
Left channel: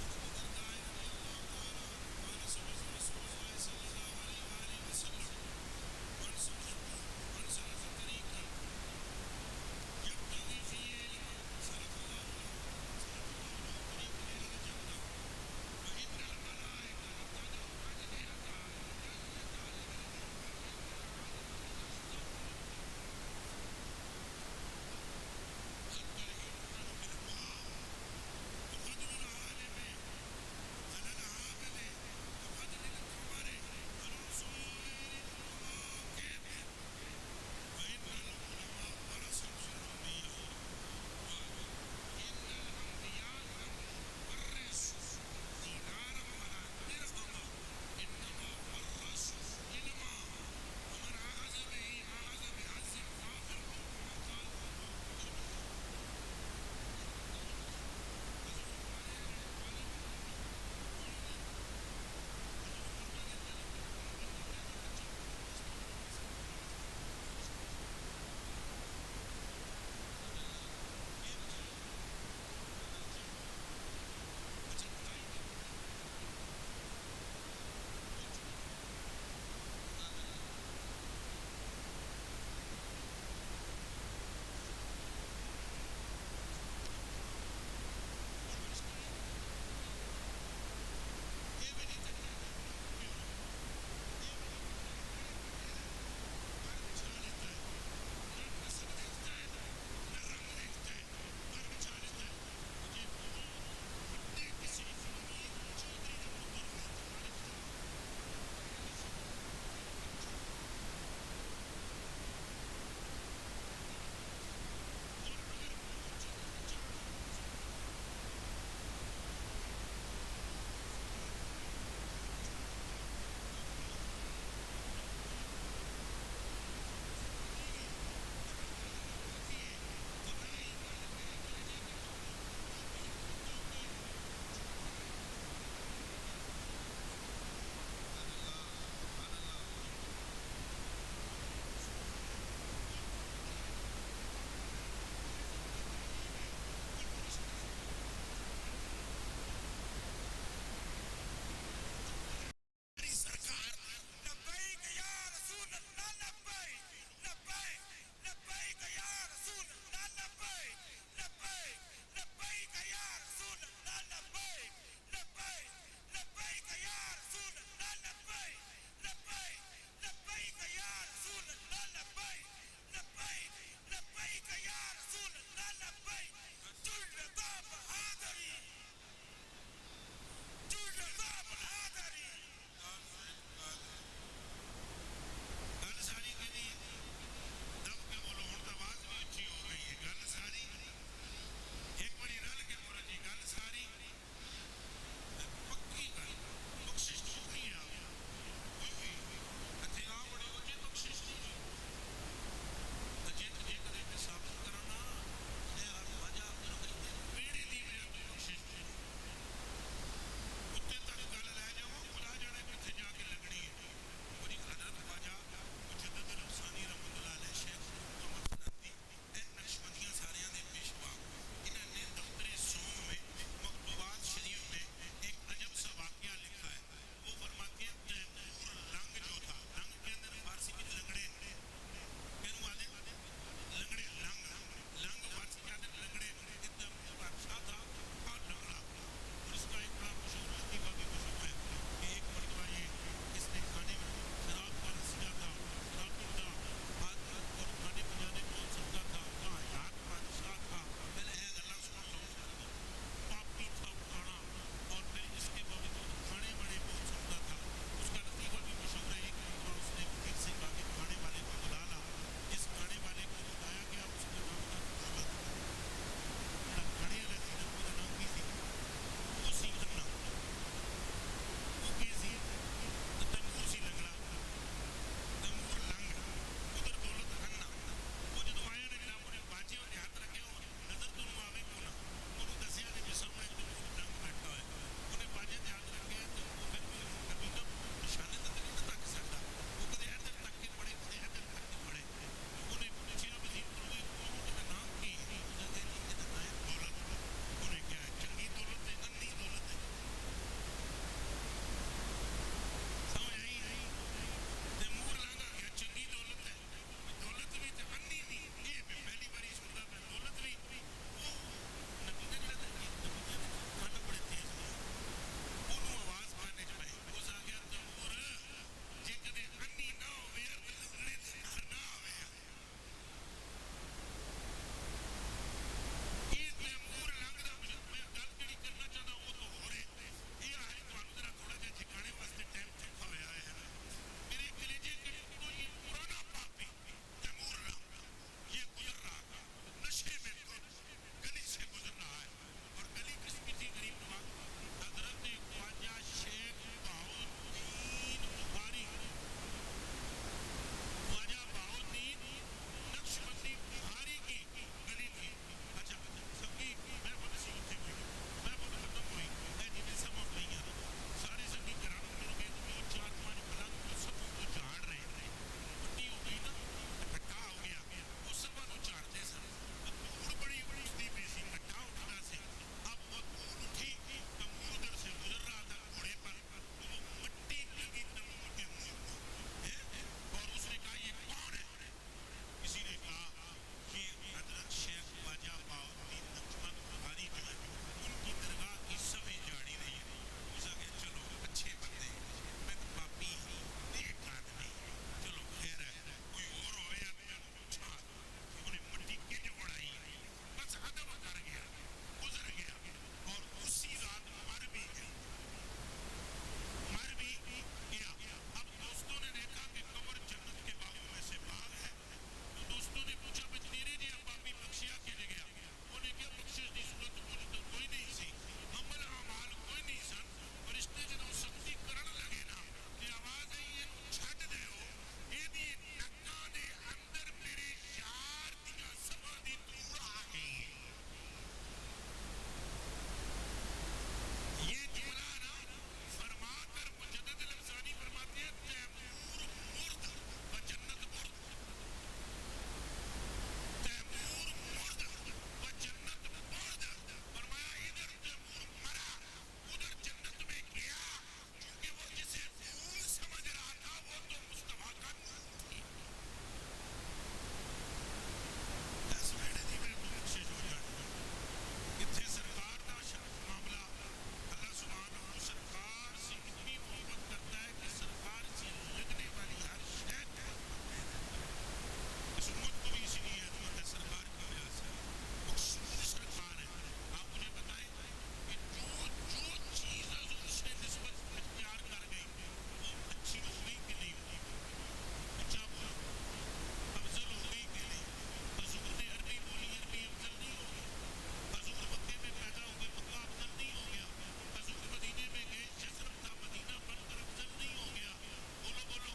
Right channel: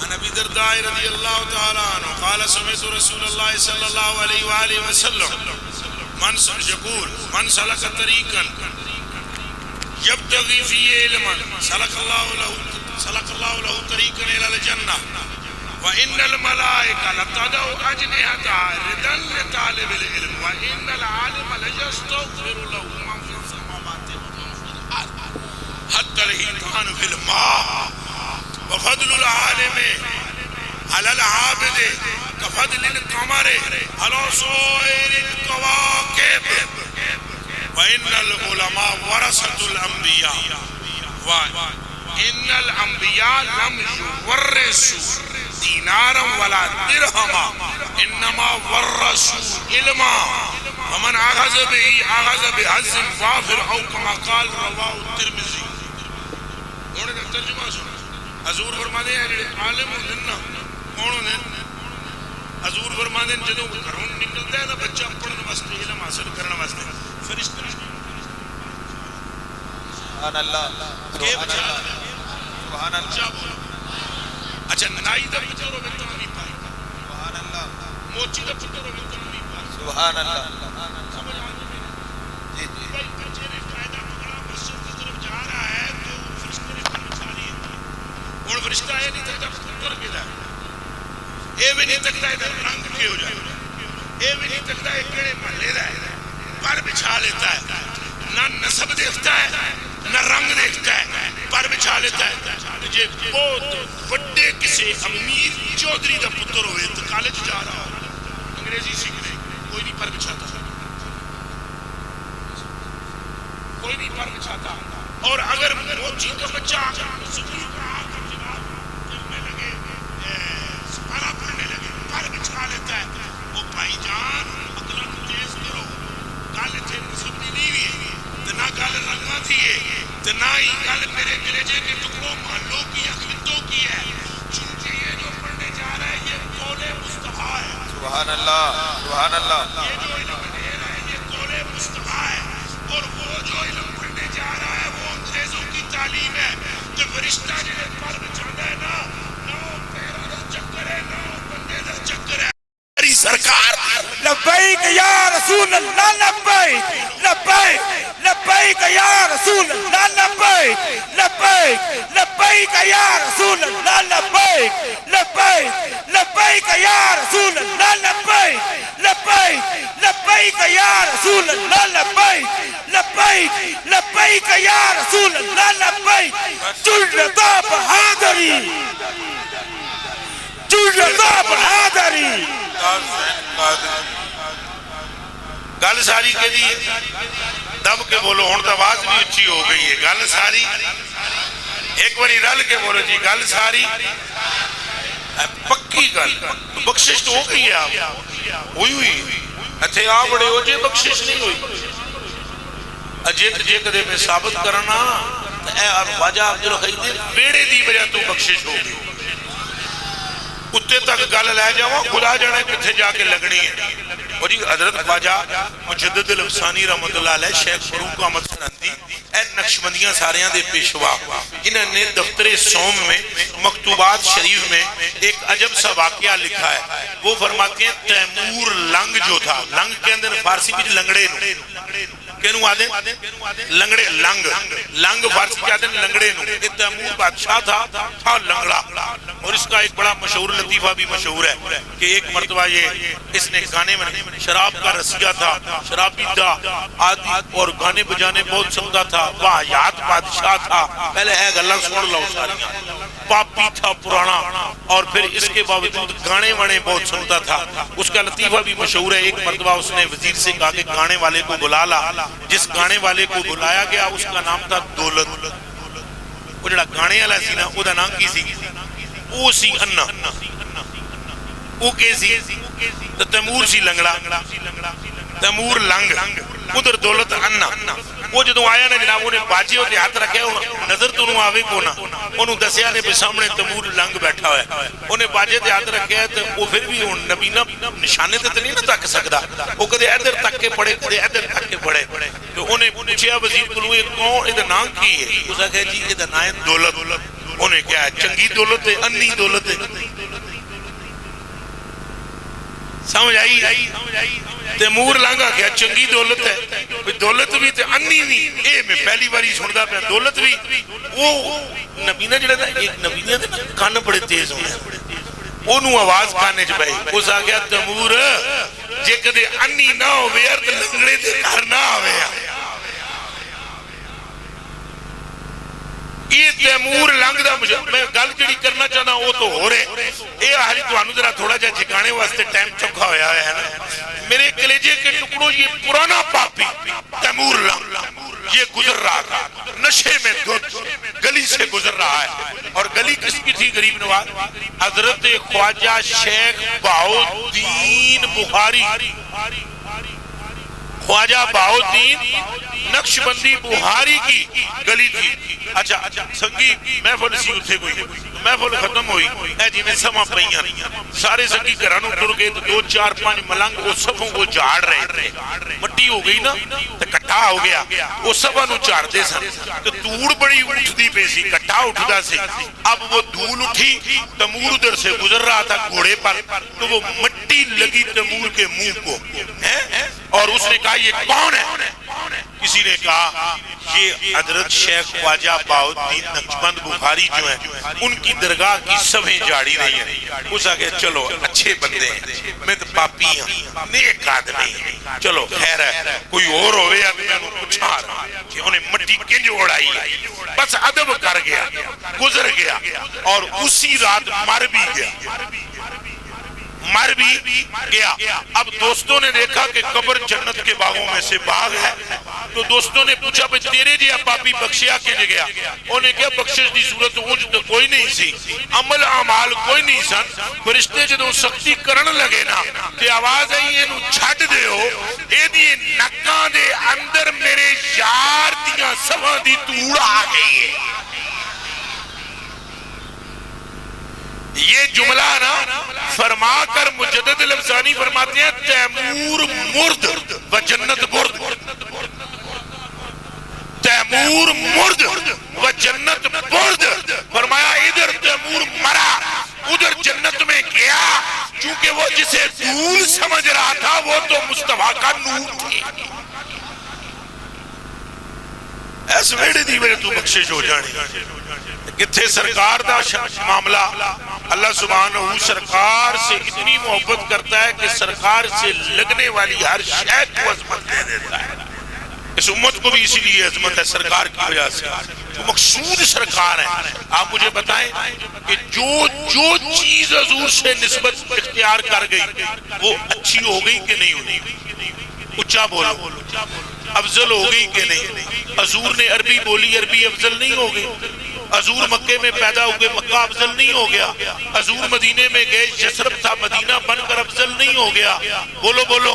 عن ابی درداء رضی اللہ تعالی عنہ قال سمعت رسول اللہ صلی اللہ علیہ وآلہ وسلم من یقول من سلک طریقا يبتغي فيه علما سلك الله له طريقا إلى الجنة وإن الملائكة لتضع أجنحتها رضا لطالب العلم وإن العالم ليستغفر له من في السماوات ومن في الأرض حتى الحيتان في الماء وفضل العالم على العابد كفضل القمر على سائر الكواكب وإن العلماء ورثة الأنبياء وإن الأنبياء لم يورثوا دينارا ولا درهما إنما ورثوا علما ومن أخذ به أخذ بحظ وافر أو كما قال رواه الترمذي. انہوں نے ترجمہ سنا حضور فرماتے ہیں عالم ہوندے نا کون ہوندے حضور فرماتے ہیں جدوں گھروں نکلدا ہے نا بچہ پڑھن واسطے علم حاصل کرن واسطے فرشتے سبحان اللہ سبحان اللہ سبحان اللہ. اچھا نائی دا پتر ہوے تو نہیں پائے سبحان اللہ موچی دا پتر ہوے تو نہیں پائے سبحان اللہ. سمجھ آ گئی جی جی بھائی بچے نے قاعدہ پکڑا مسجد کی طرف جا رہا ہے تو فرشتے نے پر بچھا لی اور فرشتہ یہ نہیں تکتا پتر کے دا اے بھی نہیں تکتا ادھر رنگ کے ہو جائے اے بھی نہیں تکتا ہے کیڑے محلے دا ہے پر بچھا لیتا ہے نہ نسب دیکھتا ہے نہ رنگ دیکھتا ہے پر بچھا لیتا ہے. جے بہت بڑے کسی امیر چودھری دا پتر ہوئے تو کالج جا رہا ہو انگریزی سیکھنے کوئی نہیں پر بچھاتا کوئی نہیں پر بچھاتا. اور اگر موچی کا بچہ سکول کا آکر جناب کرنے لگے سپارہ پڑھنے لگے پر بچھا لیتا ہے وہ بھائی جان اگلا تیز کرو گل تھے نسب دی نہیں ہوئی تو نہ گل رنگا تھی تو نہ ہی گل میرے کلیجے کے ٹکڑوں محلوں کی یا خطوں کی ہے چونکہ یہ جو پڑھنے جا رہا ہے یہ قول مصطفیٰ ہے. سبحان اللہ سبحان اللہ. یہ جو علم لے رہا ہے یہ قول مصطفیٰ ہے اور وہ جو علم پڑھنے جا رہا ہے وہ انگریزوں کی تعلیم ہے. تو فرشتہ جنہیں پر بچانا ہے نہ وہ پیروں دا چکر ہے نہ وہ بندے دا چکر ہے. سرکار لبیک یا رسول اللہ لبیک لبیک لبیک یا رسول اللہ لبیک لبیک لبیک یا رسول اللہ لبیک لبیک لبیک یا رسول اللہ لبیک لبیک لبیک یا رسول اللہ لبیک لبیک لبیک یا رسول اللہ لبیک. جلدہ بہادری جلدہ بہادری. گل ساری کے لیے دب کے بولو ہوں تو آواز بھی اچھی ہو گئی ہے. گل ساری ایک باری رل کے بولو جی گل ساری پکی گل بخشش تو ہو گئی ہے. آپ ہوئی ہوئی اتھے آ بڑے ہو جے بخشش نہیں ہوئی اجیت جے کدے میں ثابت کرنا اے خواجہ عبدالخیر بیڑے دی وجہ تو بخشش ہو گئی. کتے تک گل لے جاؤ خدا جانے کتھے جا کے لگنی ہے. اور جی حضرت خواجہ مجدد الافسانی رحمت اللہ علیہ شیخ فروق احمد سرندی اے نقشبندیاں ساریاں دے پیشوا انہوں نے دفتر سوم میں مکتوبات شریف میں ایک عجب سا واقعہ لکھا ہے. وہ فرماتے ہیں تیمور لنگ جو تھا لنگ کے اندر فارسی بھی لنگڑے کینو آدھیں لنگڑے لنگ لنگ فارسی کے آدھیں لنگڑے نو. ایک تیمور بادشاہ تھا لنگڑا. اور اس کا ایک بڑا مشہور لطیفہ بھی مشہور ہے کہ ایک مرتبہ یہ اس نے گانے میں شراب کا رسیہ تھا شرابی تھا آدھی اور گانے بجانے بہت سنتا تھا. واہیات بادشاہ تھا پہلے ہے گلہ سن لو ساریاں پاپی تھا پرانا اور پھر اس کے باوجود گانے وانے بہت سنتا تھا. اس کا لطیفہ بھی مشہور ہے. ایک مرتبہ اس نے وزیر سے کہا کہ گانے والے کو بلا لا. جس گانے والے کو بلایا گیا اس کا نام تھا دولت. وہ جڑا گانے والا سی نا او دا نام کی سی او سی انا او کے سی تو تیمور سی لنگڑا تیمور لنگ ادھر دولت انا. وہ جدوں آیا نا جناب انہیں باجے ہوتے ہاتھ رکھے نظر تو انہوں آوے کو نا انہوں دسیا نے سامنے تیمور لنگ بیٹھا ہوئے انہیں باجے تے ہاتھ رکھے تو وہ پھر بھی نبینا نشانے تے نہیں نہ تک سکتا. وہ کدے ادھر تک کے پڑے کدے ادھر تک کے پڑے. تو انہیں پوچھیا وزیر کو یہ کون ادھر نام کی ہے. اس نے کہا جی ادھر نام ہے دولت. انہیں کیا ہے چنگی دولت ہے انی دولت ہے. سمجھ آئی تیمور لانگا گیا چنگی دولت ہے دولت بھی تے انی بھی اے میں پہلی باری سندا پیا دولت بھی وہ نبینا جڑا نا ایک نبینا دے نا کان بڑے تیز ہوندے اونوں آواز کانے چ پئی اس آ گیا تیمور جے کدے انی نہ ہوے یار تے لنگڑے دے گھر نہ آوے یہ تیمور لنگ دا مجھے میں گل جڑی کرنا چاہنا وہ تو ہو رہے اے آہلی تو آنو ذرا تھوڑا جا جھکانے واسطے ٹائم چکا ہویا ہے نا میرے کلیجے کے ٹکڑوں یہ پرانا پاپی تیمور لنگ یہ گزر رہا تھا نشے میں دودھ گلی سے گزر رہا ہے اور گلی کس کی تھی غریب نواز حضرت خواجہ شیخ بہاؤالدین بخاری خواجہ بہاؤالدین نقشبندی بخاری کی گلی تھی اچھا سنگی محفل سی اتھے کوئی محفل ختم ہوئی اے جی میں سما پئیاں سارے سنگی گھرانوں ٹر گئے تو 2 4 5 ملنگ وہ صفوں کو جھاڑ رہے تھے مٹی ہو گئی نا تو کٹھا ہو گیا وہ صفوں نو جھاڑ دے سن تو دھوڑ بڑی اٹھتی پئی سی کٹھا اٹھدا سی اب وہ دھول اٹھی تیمور ادھر سے گزر رہا تھا گھوڑے پر تو وہ مٹی لگی تیمور کے منہ کو اور اس نے کہا یہ کون ہے کسی نے کہا یہ حضرت شیخ خواجہ بہاؤالدین نقشبند بخاری جو ہیں ان کی درگاہ کی سبیں جاڑی رہی ہیں اس آگے چلو اچھے بندے ہیں میں تو پاپی ہوں نیک آدمی چلو خیر ہے کوئی اور ہوئے اب میں انہوں پوچھا رہا کہ انہیں مٹی کنج اڑائی بس ادب کر گیا گزر گیا اور اسی رات مر بھی گیا اب دوستوں نے دیکھا کہ قبر جنت کے باغوں میں سے باغ ہے تو دوستوں نے پوچھا بھئی تیرے جی آپ پاپی بخشیا کے گیا انہیں کیا بخشش دی صورت اونج تو کوئی نہیں سی عمل اعمال کوئی نہیں سن فرشتے جدوں سختی کرن لگے نا کہ آواز آئی اینو چھڈ دیو اے دی نکاں دے اندر میرے یار دیاں سواں دی توڑ آ گئی ہے یہ جملہ نا فرما کر مجدد لفظانی فرماتے ہیں تیمور مرد و جنت برد تیمور مرد و جنت برد فرمایا ادھر تیمور مرا ادھر جنت میں گیا چونکہ وہ جسے دھول سمجھ رہا تھا وہ تو مصطفیٰ کا نور تھی ایسے میرے دی میرے تو بخشش ہو جانے کتھے سرکار دا معاملہ اللہ سبحانہ سرکار سے اتنی محبت کرتا ہے کہ سرکار سے لگنے والی ہر شے کو عظمت دے دیتا ہے اس امت کو بھی اسی لیے عظمت ہے سرکار کی وجہ سے جو مقصود سرکار ہے آپ مجھے بتائیں کہ جو چیز حضور سے نسبت اختیار کر گئی وہ اچھی ہو گئی کہ نہیں ہوئی اچھا بولو افضل ہو گئی کہ نہیں حضور نے عربی بولی عربی افضل نہیں ہو گئی حضور مکے میں پیدا ہوئے مکہ افضل نہیں ہو گیا حضور مدینے میں گئے یثرب تھا مدینہ بن کر افضل نہیں ہو گیا بولو بولو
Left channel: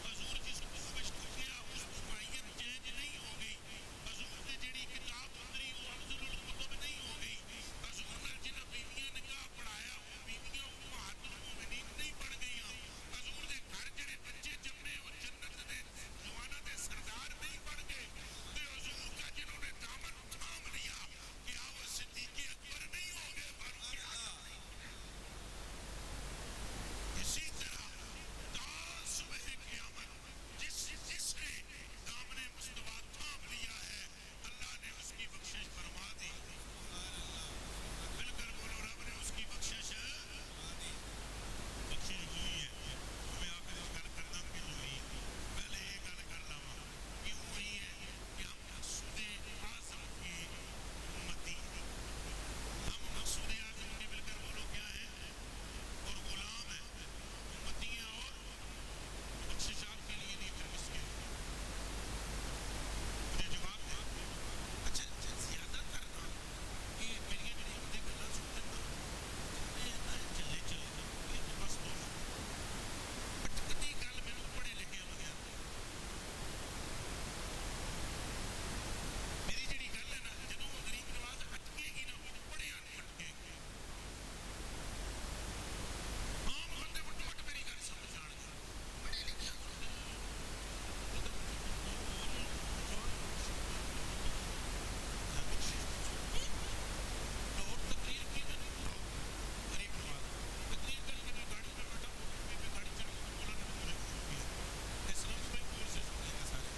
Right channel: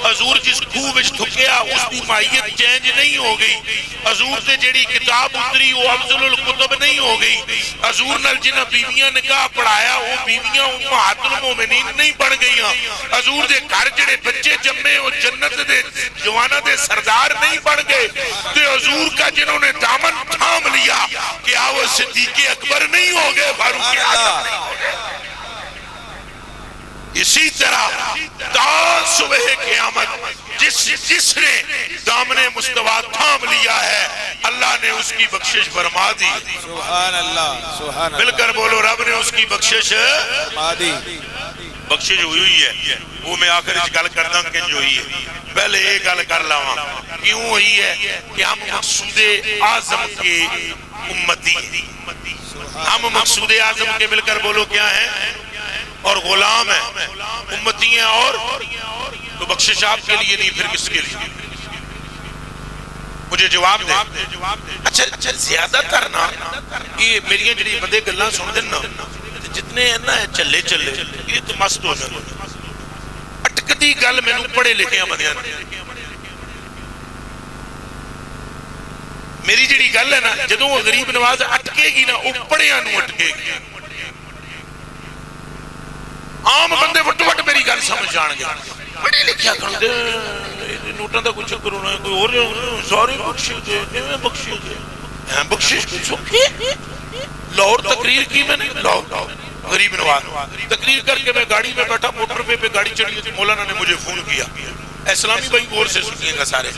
حضور جس خوب وچ تھکیا اس کی ماہیت چینج نہیں ہو گئی حضور سے جڑی کتاب اتری وہ افضل الکتب نہیں ہو گئی حضور نال جنہ بیویاں نکاح پڑھایا وہ بیویاں امہات المومنین نہیں بن گئیاں حضور دے گھر جڑے بچے جمے وہ جنت دے جوانہ دے سردار نہیں بن گئے تو حضور کا جنہوں نے دامن تھام لیا کہ وہ صدیق اکبر نہیں ہو گئے فاروق اعظم نہیں ہو گئے اسی طرح تا صبح قیامت جس نے دامن مصطفیٰ تھام لیا ہے اللہ نے اس کی بخشش فرما دی سبحان اللہ سبحان مل کر بولو رب نے اس کی بخشش فرما دی بخشش ہوئی ہے وہ میں آخر اس گل کردہ کنج ہوئی ہے پہلے ایک گل کر لاؤں کیوں ہوئی ہے کہ ہم مقصود اعظم کے امتی ہم مقصود اعظم کے مل کر بولو کیا ہیں اور غلام ہیں امتی ہیں اور تو بخشش آپ کے لیے نہیں پھر کس کے لیے مجھے جواب دے اچھا زیادہ تر نا یہ میری جڑی بندے گلاں سن دین نا جتنے ہیں نا چلے یہ تو مست ہو جاتے اٹکتی گل میں پڑھے لکھے بندیاں میری جڑی گل ہے نا جدوں وہ غریب نواز اٹکے گی نا وہ پڑھیاں نو اٹکے گی عام بندے وٹ وٹ میری گل سمجھ جان گے پڑھے لکھیا کرتے نوٹاں دا کچھ چکر ہونا ہے کوئی اور سارے بخشش کچھ لاہور تقریر کی میں نے لاہور غریب نواز تقریر کر کے میں گاڑی میں بیٹھا موٹر پہ گاڑی چڑھی مولانا نے مجھے فون کیا اسلامی بھائی غور سے سنیے گا سارے.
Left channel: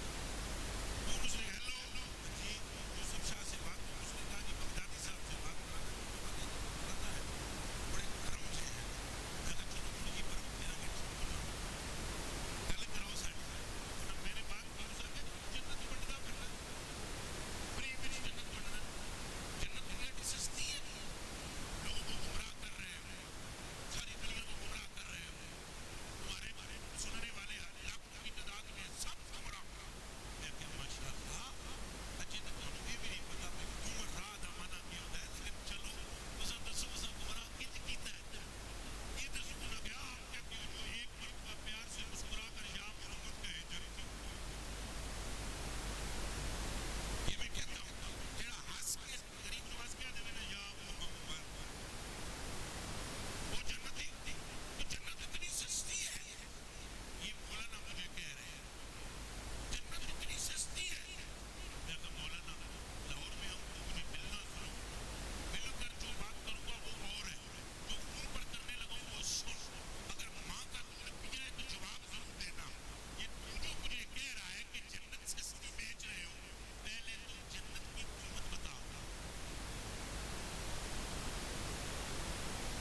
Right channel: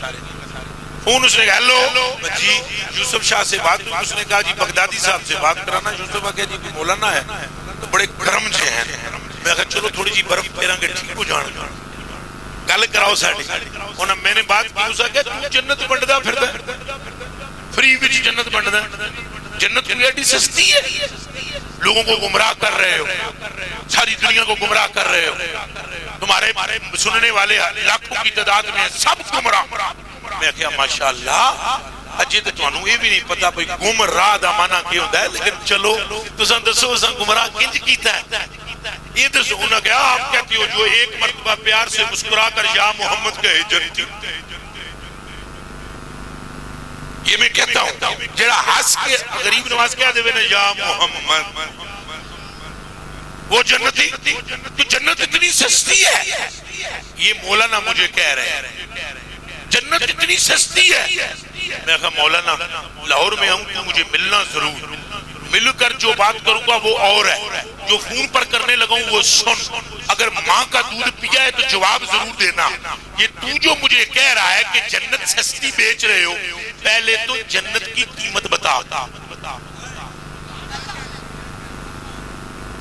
فون اس نے کہا ہیلو جی یوسف شاہ سے بات ہوئی. اس نے کہا جی بغدادی صاحب سے بات کرانا. یوسف آگیا جی مولانا ہے تو بڑے کرم سے ہیں. میں کہا چلو تھوڑی جی برف پیرا کے ٹھیک ہو جان گل کراؤ ساڑی. انہوں میں نے بات کی. اس آگیا تو جنت بنڈدا پھردا فری وچ جنت بنڈدا. جنت کوئی ایڈی سستی ہے؟ لوگوں کو گمراہ کر رہے ہو, ساری دنیا کو گمراہ کر رہے ہو. تمہارے سننے والے لاکھوں کی تعداد میں سب گمراہ. میں کہا ماشاءاللہ اجے تو تانوں یہ بھی نہیں پتا بھئی گمراہ دا معنی کی ہوتا ہے. لیکن چلو تساں دسو اساں گمراہ کنج کیتا ہے؟ یہ دسو. انہوں نے کہا آپ کہتی ہو جو ایک مرتبہ پیار سے مسکرا کر یا محمد کہے جنتی. یہ میں کہتا ہوں جڑا ہنس کے غریب نواز کہہ دے نا یا محمد وہ جنتی. تو جنت اتنی سستی ہے. یہ مولانا مجھے کہہ رہے ہیں جنت اتنی سستی ہے. میں کہا مولانا لاہور میں ہوں تو مجھے ملنا ضرور. مل کر جو بات کروں گا وہ اور ہے, جو فون پر کرنے لگا ہوں وہ سن. اگر ماں کا دودھ پیا ہے تو جواب ضرور دینا. یہ تو جو مجھے کہہ رہا ہے کہ جنت سستی بیچ رہے ہو, پہلے تو جنت کی قیمت بتا.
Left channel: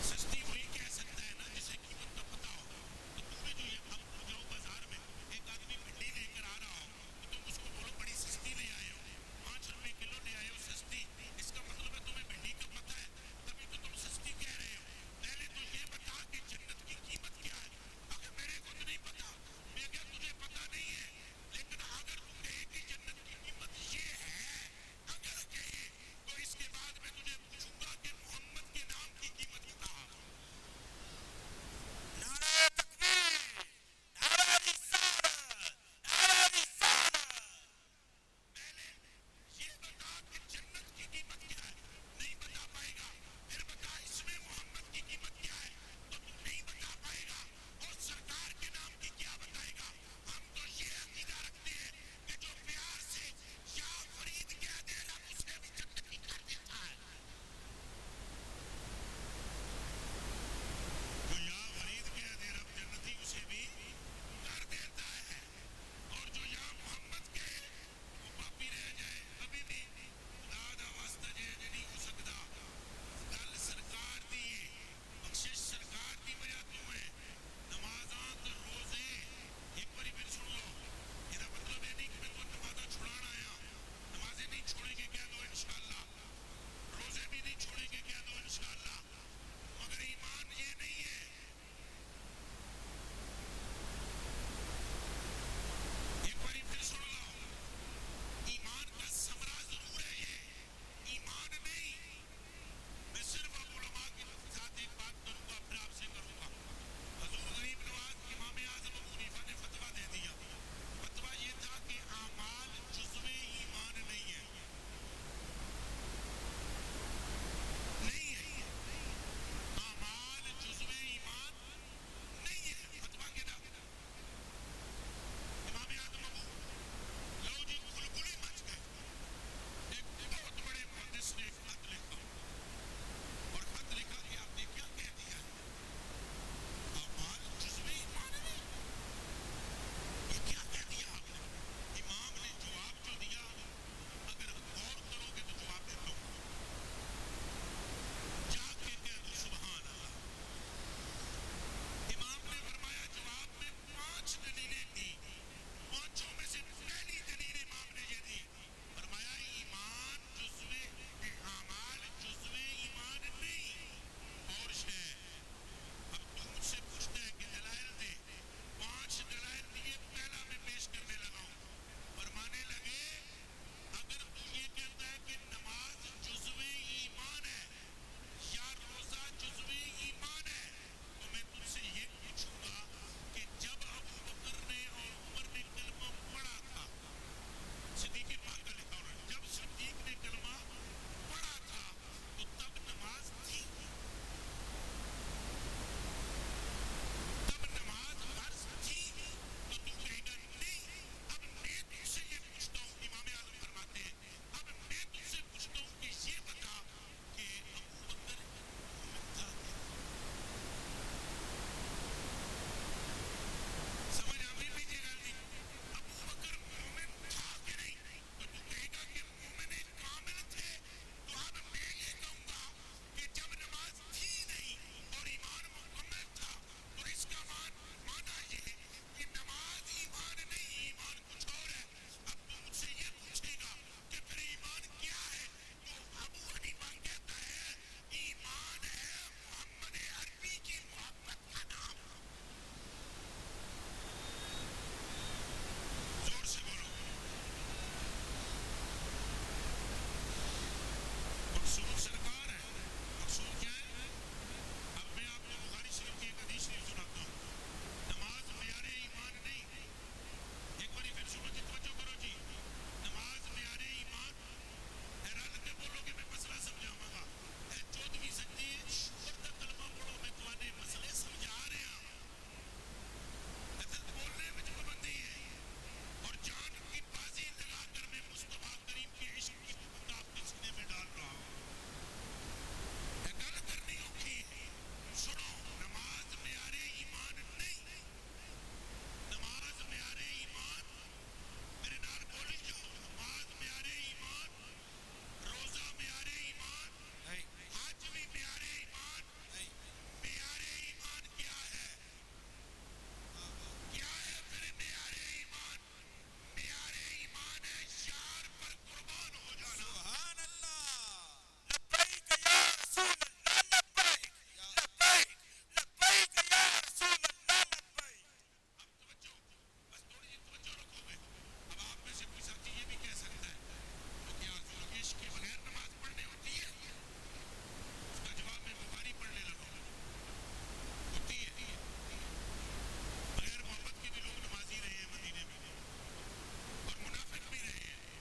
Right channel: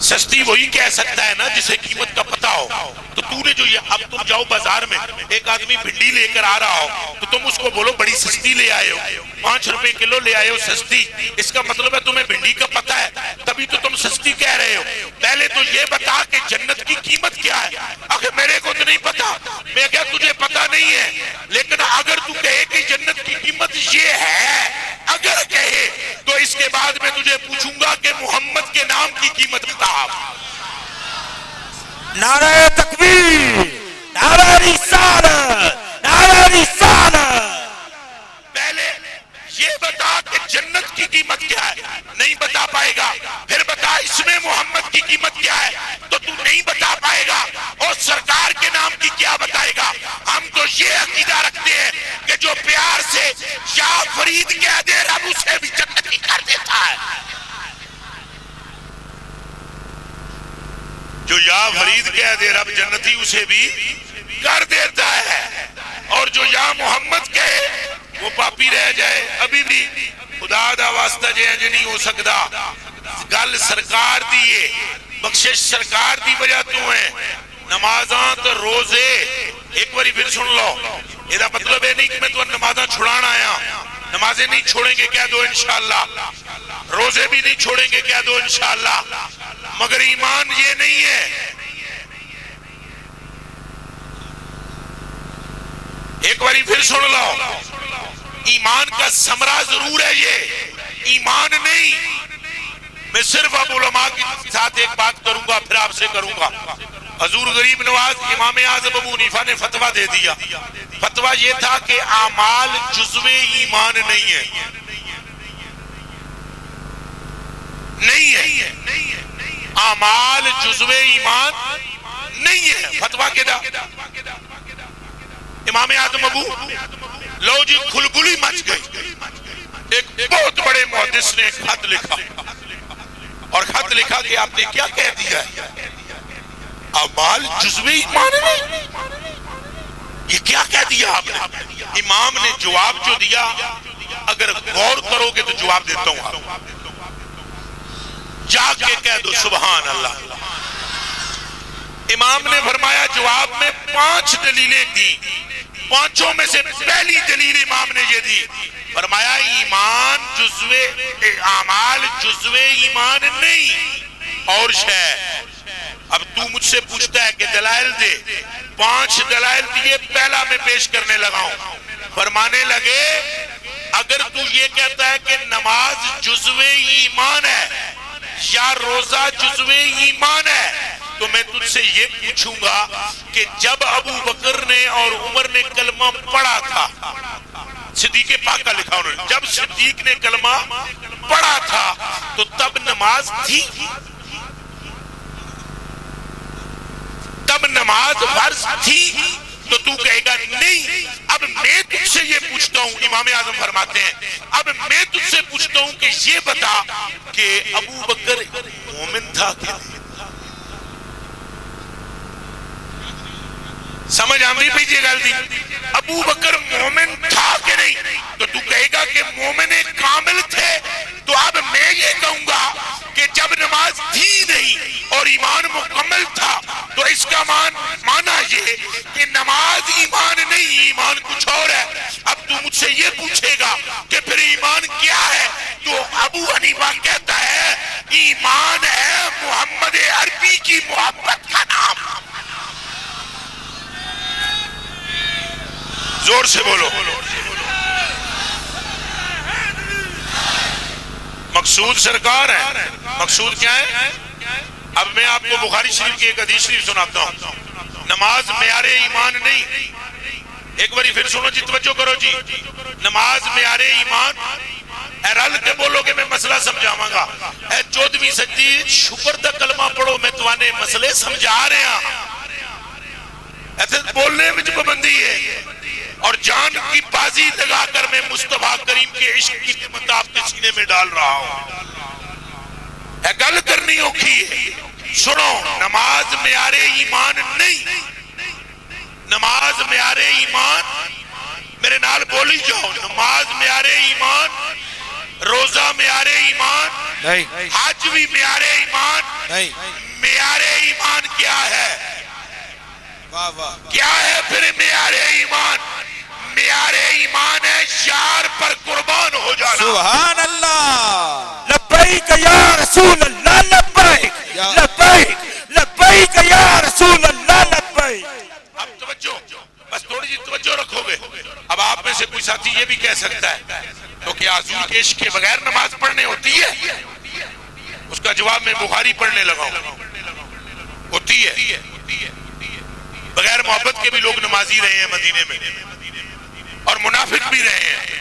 سستی وہی کہہ سکتا ہے نا جسے قیمت کا پتہ ہو. تو تو نے جو یہ اب تم جاؤ بازار میں ایک آدمی بھنڈی لے کر آ رہا ہو تو تم اس کو بولو بڑی سستی لے آئے ہو, 5 روپے کلو لے آئے ہو سستی. اس کا مطلب ہے تمہیں بھنڈی کا پتہ ہے تبھی تو تم سستی کہہ رہے ہو. پہلے تو یہ بتا کہ جنت کی قیمت کیا ہے. اگر میرے کو تو نہیں پتا. میں کہا تجھے پتا نہیں ہے, لیکن اگر تو کہے کہ جنت کی قیمت یہ ہے, اگر کہے تو اس کے بعد میں تجھے پوچھوں گا کہ محمد کے نام کی قیمت بتا. نعرہ تکبیر, نعرہ رسالت, نعرہ رسالت. پہلے یہ بتا کہ جنت کی قیمت کیا ہے. نہیں بتا پائے گا. پھر بتا اس میں محمد کی قیمت کیا ہے, تو تو نہیں بتا پائے گا. اور سرکار کے نام کی کیا بتائے گا. ہم تو یہ عقیدہ رکھتے ہیں کہ جو پیار سے یا فرید کہہ دے رب اسے بھی جنتی کر دیتا ہے. جو یا فرید کہہ دے رب جنتی اسے بھی کر دیتا ہے. اور جو یا محمد کہے وہ پاپی رہ جائے. ابھی بھی خدا دا واسطہ جے انج نہیں ہو سکتا. گل سرکار دیئے, بخشش سرکار دی وجہ تو ہیں. نمازاں تو روزے ایک باری پھر سن لو. یہ مطلب ہے نہیں کہ میں تو نمازاں چھڑانا آیا. نمازیں نہیں چھوڑیں گے کہہ دو انشاءاللہ. روزے بھی نہیں چھوڑیں گے کہہ دو انشاءاللہ. مگر ایمان یہ نہیں ہے. ایک باری پھر سن لو. ایمان کا ثمرہ ضرور ہے, یہ ایمان نہیں. میں صرف اب علماء کے ساتھ ایک بات کروں گا پھر آپ سے کروں گا. حضور غریب نواز امام اعظم ابو حنیفہ نے فتویٰ دے دیا. فتویٰ یہ تھا کہ اعمال جزو ایمان نہیں ہے. نہیں ہے. اعمال جزو ایمان نہیں ہے. فتویٰ کے دا امام اعظم ابو لو جی کھلبلی مچ گئی. ایک بہت بڑے محدث نے خط لکھا اور خط لکھا کہ آپ نے کیا کہہ دیا ہے, اعمال جزو ایمان نہیں. یہ کیا کہہ دیا آپ نے. امام نے جواب جو دیا, اگر غور کرو گے تو جواب دیتا ہوں آپ. جا کے کہہ دو سبحان اللہ. امام نے فرمایا جواب میں 5 دلیلیں دی. 5 میں سے پہلی دلیل امام نے یہ دی, فرمایا ایمان جزوے اعمال جزوے ایمان نہیں اور شے. اب تو مجھ سے پوچھتا ہے کہ دلائل دے. 5 دلائل دیے, پہلا میں پیش کرنے لگا ہوں. فرمانے لگے اگر تو یہ کہتا ہے کہ نماز جزوے ایمان ہے یا روزہ جزو ایمان ہے, تو میں تجھ سے یہ پوچھوں گا کہ جب ابو بکر نے اور عمر نے کلمہ پڑھا تھا, صدیق پاک کا لکھا انہوں نے, جب صدیق نے کلمہ پڑھا تھا تو تب نماز تھی, تب نماز فرض تھی. تو تو کہے گا نہیں. اب میں تجھ سے یہ پوچھتا ہوں, امام اعظم فرماتے ہیں, اب میں تجھ سے پوچھتا ہوں کہ یہ بتا کہ ابو بکر مومن تھا کہ سمجھ آمدی پہ یہ گل دی؟ ابو بکر مومن تھا کہ نہیں؟ تو تو کہے گا کہ مومن کامل تھے، تو اب میں یہ کہوں گا کہ جب نماز تھی نہیں اور ایمان مکمل تھا تو اس کا معنی یہ کہ نماز ایمان نہیں، ایمان کچھ اور ہے۔ اب تو مجھ سے یہ پوچھے گا کہ پھر ایمان کیا ہے؟ تو ابو حنیفہ کہتا ہے ایمان ہے محمد عربی کی محبت کا نام۔ زور سے بولو۔ مقصود سرکار ہے۔ مقصود کیا ہے؟ اب میں آپ کو بخاری شریف کی ایک حدیث شریف سناتا ہوں۔ نماز معیار ایمان نہیں، ایک باری پھر سنو جی، توجہ کرو جی۔ نماز معیار ایمان، اے رل کے بولو کہ میں مسئلہ سمجھاواں گا۔ اے 14ویں سجدی شکر دا کلمہ پڑھو، میں توانے مسئلے سمجھا رہے ہیں۔ ایسے بولنے میں جو پابندی ہے اور جان کی بازی لگا کر میں مصطفیٰ کریم کے عشق کی قیمت آپ کے سینے میں ڈال رہا ہوں۔ اے گل کرنی اوکھی ہے، سنو۔ نماز معیار ایمان نہیں، نماز معیار ایمان، میرے نال بولی جاؤ، نماز معیار ایمان، روزہ معیار ایمان، حج بھی معیار ایمان۔ معیار ایمان کیا ہے؟ کیا ہے پھر معیار ایمان؟ معیار ایمان ہے یار پر قربان ہو جانا۔ سبحان اللہ، لبیک یا رسول اللہ، لبیک لبیک لبیک یا رسول اللہ، لبیک۔ اب توجہ، بس تھوڑی جی توجہ رکھو گے۔ اب آپ میں سے کوئی ساتھی یہ بھی کہہ سکتا ہے تو کیا حضور کے عشق کے بغیر نماز پڑھنے ہوتی ہے؟ اس کا جواب میں بخاری پڑھنے لگا ہوں۔ ہوتی ہے، بغیر محبت کے بھی لوگ نمازی رہے ہیں مدینے میں، اور منافق بھی رہے ہیں،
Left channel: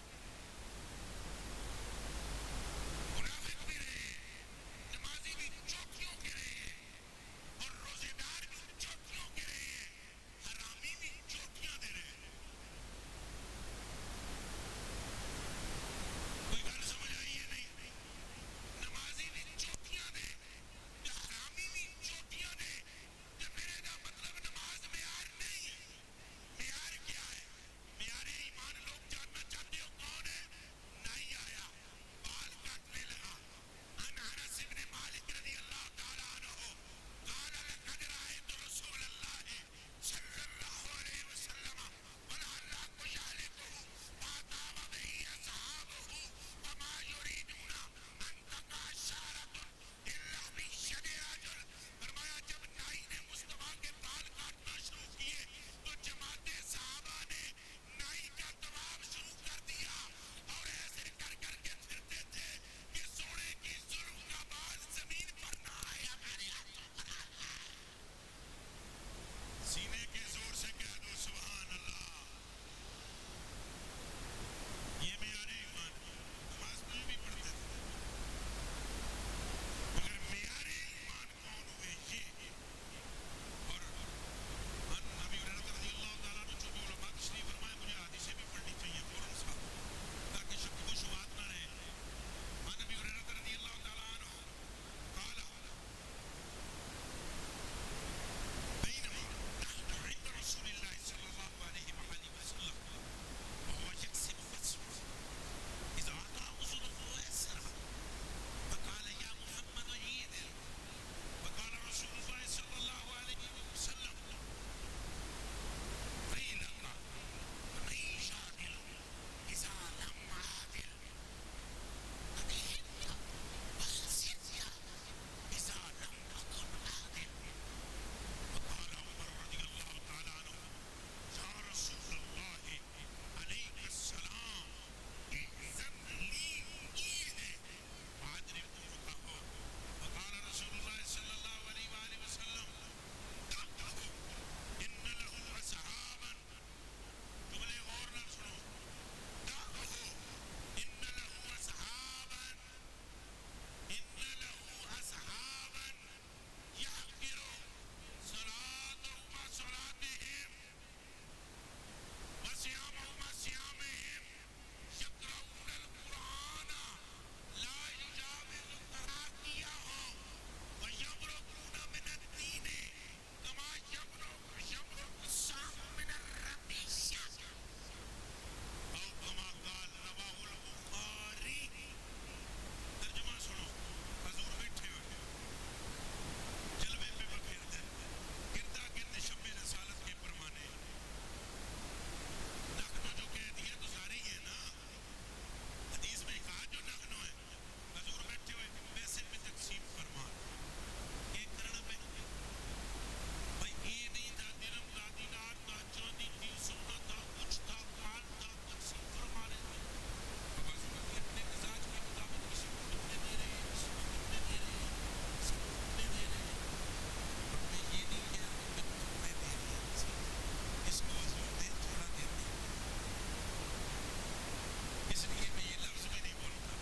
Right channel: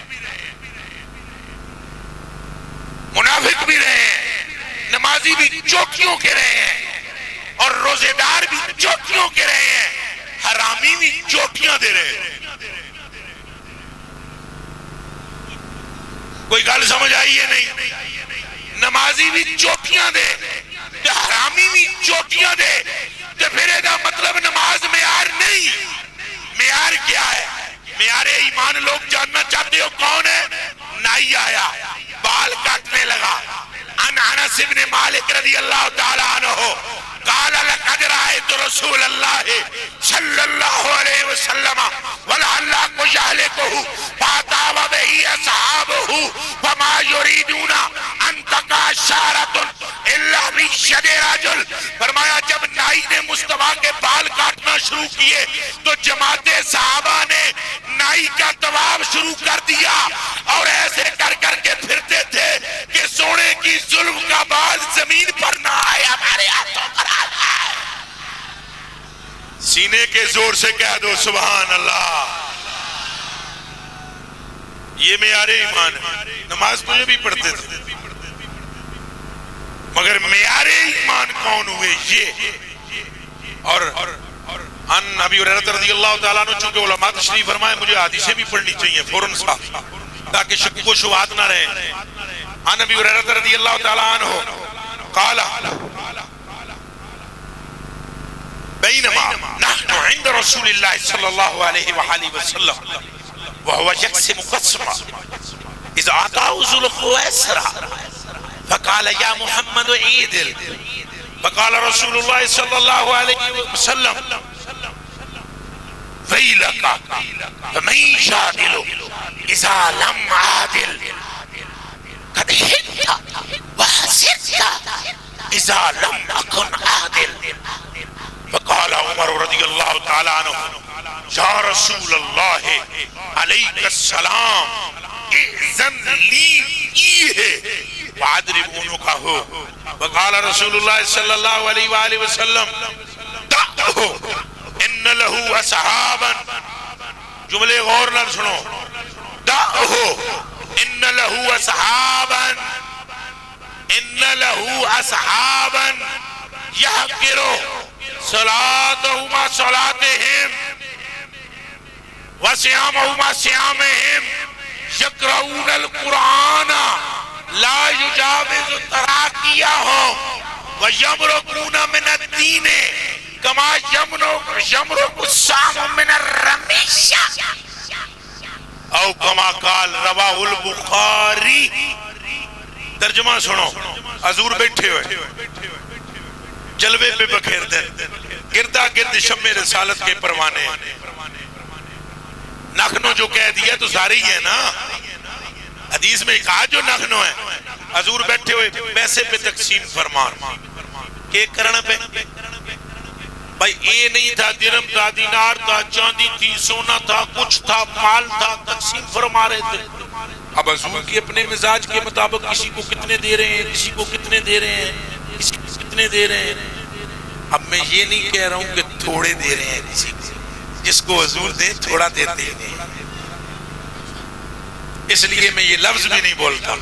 منافق بھی رہے ہیں، نمازی بھی چوکیوں کے رہے ہیں، اور روزے دار بھی چوکیوں کے رہے ہیں، حرامی بھی چوکیاں دے رہے ہیں۔ کوئی گل سمجھ آئی ہے نہیں؟ نمازی بھی چوکیاں دے، حرامی بھی چوکیاں دے، تو پھر ایدہ مطلب نماز معیار نہیں۔ معیار کیا ہے؟ معیار ایمان لوگ جاننا چاہتے ہو کون ہے؟ نائی آیا، بال کاٹنے لگا، انس بن مالک رضی اللہ تعالیٰ عنہ قال لقد رأيت رسول الله صلى الله عليه وسلم ولعلك يهلكه فأتى به أصحابه فما يريدون أن تقع شعرة إلا بيد رجل۔ فرمایا جب نائی نے مصطفیٰ کے بال کاٹنا شروع کیے تو جماعت صحابہ نے نائی کا طواف شروع کر دیا، اور ایسے کر کر کے پھرتے تھے کہ سونے کی ظلم کا بال زمین پر نہ آئے، ہمارے ہاتھوں پر آ جائے۔ سینے کے زور سے کہہ دو سبحان اللہ۔ یہ معیار ایمان ہے۔ نماز تو یہ بھی پڑھتے تھے، مگر معیار ایمان کون ہوئے؟ یہ۔ اور ان ابی ہریرہ رضی اللہ تعالیٰ عنہ، چونکہ علماء تشریف فرمائے مجھے حدیثیں بھی پڑھنی چاہیے فوراً سا تاکہ شک و شبہات نہ رہے۔ ان ابی ہریرہ رضی اللہ تعالیٰ عنہ قال بینما نحن عند رسول اللہ صلی اللہ علیہ وآلہ وسلم وهو يقسم قسما اذ اعطاه ذو الخويصرة فقال يا محمد عيدل، فقال رسول الله صلى الله عليه وسلم ويلك فمن يجادل اذا لم عادل قد حدت وحسدت اذا لم اكن عادل۔ فقال عمر رضی اللہ تعالیٰ عنہ یا رسول اللہ علیہ السلام اذن لی وعدرب عنقہ۔ وقال رسول اللہ صلی اللہ علیہ وآلہ وسلم دعہ ان لہو اصحابا، جملے غور نہ سنو، دعہ ان لہو اصحابا، ان لہو اصحابا یحقرو صلاتہما صلاتہم وصیامہما صیامہم یقرؤون القرآن لا یجاوز تراقیہم ویمرقون من الدین کما یمرق السام من الرمیشہ او کما قال رواہ البخاری. ترجمہ سنو. حضور بیٹھے ہوئے جلوے پہ بکھیر دیں، گردہ گرد شمع رسالت کے پروانے. نخنو جو کہہ دیا تو سارے ہی ہے نا، حدیث میں کہا جو نخنو ہے. حضور بیٹھے ہوئے پیسے پہ تقسیم فرمان کہ کرنا پہ بھائی یہ نہیں تھا درہم تھا دینار تھا چاندی تھی سونا تھا کچھ تھا مال تھا، تقسیم فرما رہے تھے. اب حضور کی اپنے مزاج کے مطابق کسی کو کتنے دے رہے ہیں، کسی کو کتنے دے رہے ہیں، کسی کو کتنے دے رہے ہیں. اب میں یہ نہیں کہہ رہا ہوں کہ تھوڑے دے رہے ہیں کسی کو، جس کو حضور دیں تھوڑا دیتے ہیں. اس لیے میں یہ لفظ بھی نہیں بولتا.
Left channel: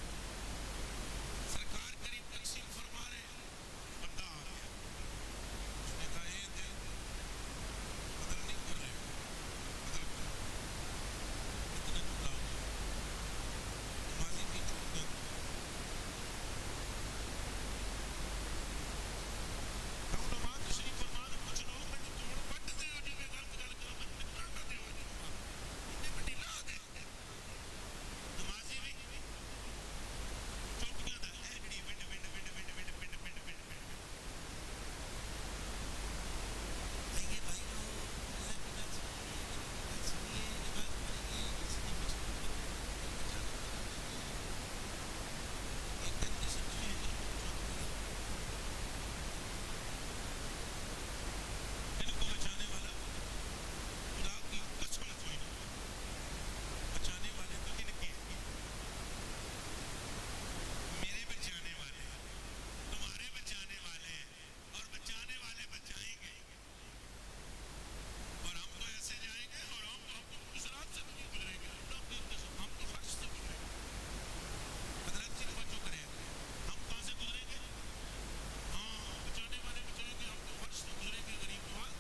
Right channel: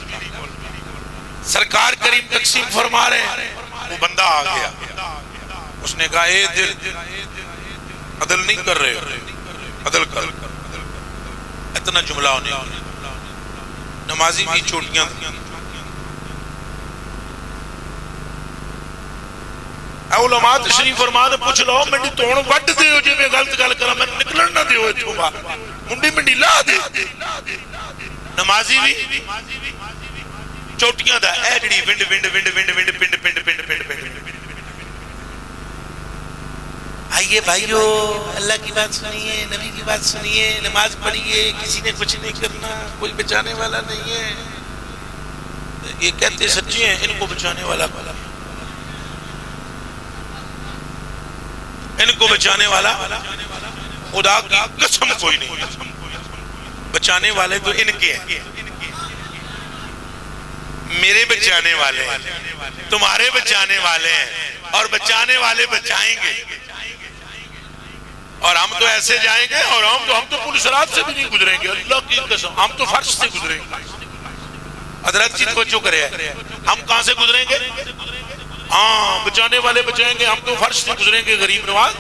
سرکار کریم تقسیم فرما رہے ہیں، وہ بندہ آ گیا، اس نے کہا اے دل عدل نہیں کر رہے، عدل کر. اتنا جملہ ہونے نمازی کی چوٹیاں علماء تشریف فرما دے پوچھ لو منڈی توڑ وڈ دے ہو جی میں غلط گل کرا میں نکلن نہ دیو اتھوں باہر منڈی منڈی لا دے. نمازی بھی چوٹیاں دا اے جڑی ونڈ ونڈ ونڈ ونڈ ونڈ پنڈ پنڈ پنڈ پنڈ پنڈ. آئیے بھائیو اللہ کی بات سنیے، نبی کی بات سنیے، نماز پڑھیے، کسی نے کچھ نہیں کرنا، کوئی بچانے والا نہیں ہے. یہ کہتے سچے ہیں ان کو بچانے والا، ان کو بچانے والا خدا کی قسم کوئی نہیں. بچانے والے تو ان کے ہیں، میرے بچانے والے ہیں، تمہارے بچانے والے ہیں، اور بچانے والے بچائیں گے. اور ہم تو ایسے جائیں گے، اور ہم تو پل صراط سے بھی نہیں گزریں گے، اللہ کی قسم ہم تو فرش سے گزریں گے. حضرت جی توجہ کرے، ہم کہاں سے گزریں گے؟ ہاں بچانے والے بچائیں گے، ہم تو فرش سے گزریں گے. غریب نواز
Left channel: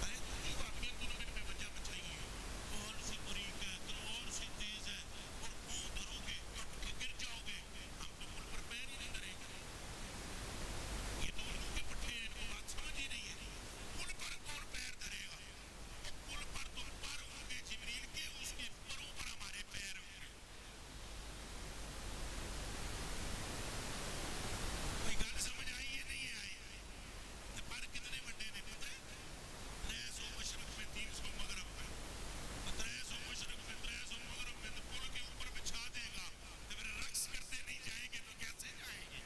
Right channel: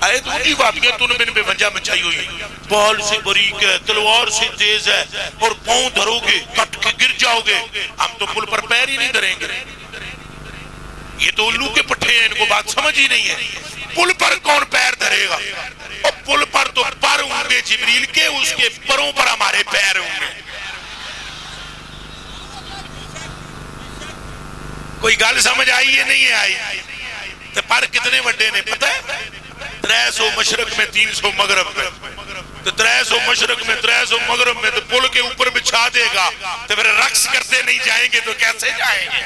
آئے تو اونچی باتیں تن بن پہ بنجا مچائی ہوئی، بال سے باریک ہے، تلوار سے تیز ہے، اور پاؤں دھرو گے کٹ کے گر جاؤ گے. ہم تو پل پر پیر ہی نہیں دھریں گے. یہ تو الو کے پٹھے ہیں، ان کو بات سمجھ ہی نہیں ہے. پل پر کون پیر دھرے گا؟ اور پل پر تو پر ہوں گے جبریل کے، اس کے پروں پر ہمارے پیر ہوں گے. کوئی گل سمجھ آئی ہے نہیں آئی؟ تو پر کتنے وڈے نے پتہ ہے؟ 300 مشرق میں 300 مغرب میں. تو 300 مشرق میں 300 مغرب میں تو پل کے اوپر بچھا دے گا تو پھر رقص کرتے نہیں جائیں گے تو کیسے جائیں گے؟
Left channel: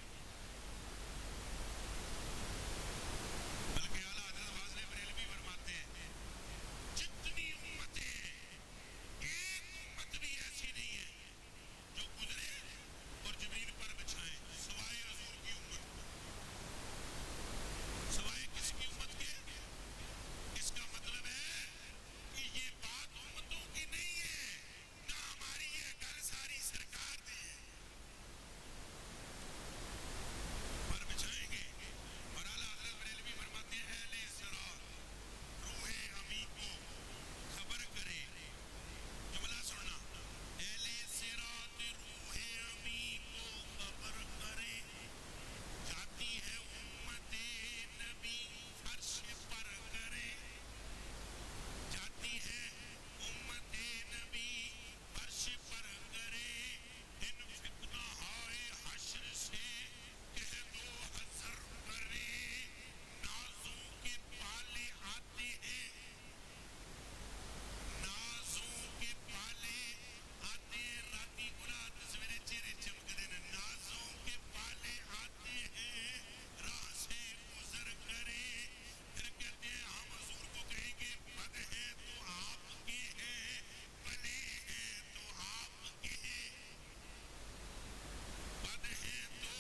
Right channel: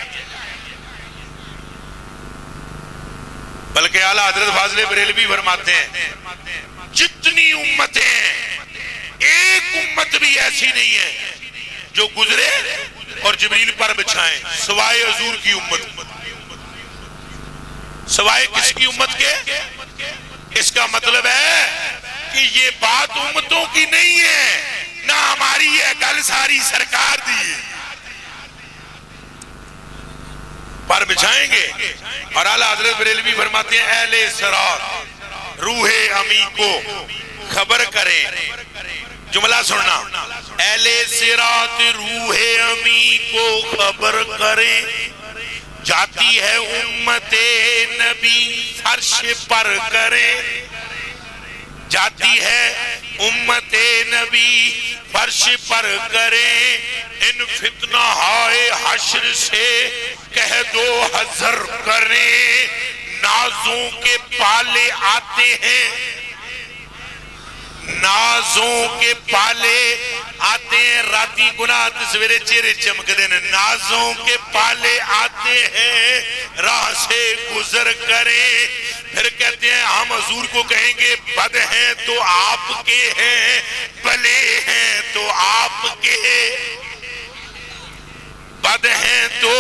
بلکہ اعلیٰ حضرت فاضل بریلوی فرماتے ہیں جتنی امتیں ہیں ایک امت بھی ایسی نہیں ہے جو گزرے اور جبریل پر بچھائیں سوائے حضور کی امت. سوائے کس کی امت کے؟ اس کا مطلب ہے کہ یہ بات امتوں کی نہیں ہے، نہ ہماری ہے، گل ساری سرکار دی ہے. پر بچھائیں گے. اور اعلیٰ حضرت بریلوی فرماتے ہیں اہل صراط روح امی کو خبر کریں. جملہ سننا، اہل صراط روح امی کو خبر کریں، جاتی ہے امت نبی فرش پر کریں، جاتی ہے امت نبی فرش پر کریں. ان فتنہ ہائے حشر سے کہہ دو حذر کریں، نازوں کے پالے آتے ہیں، نازوں کے پالے آتے ہیں. راتی گناہ سویرے چہرے چمک دینے، نازوں کے پالے آتے ہیں راہ سے گزر کریں. پھر کہتے ہیں ہم حضور کو کہیں گے بد ہیں تو آپ کے ہیں، بھلے ہیں تو آپ کے، بد ہیں تو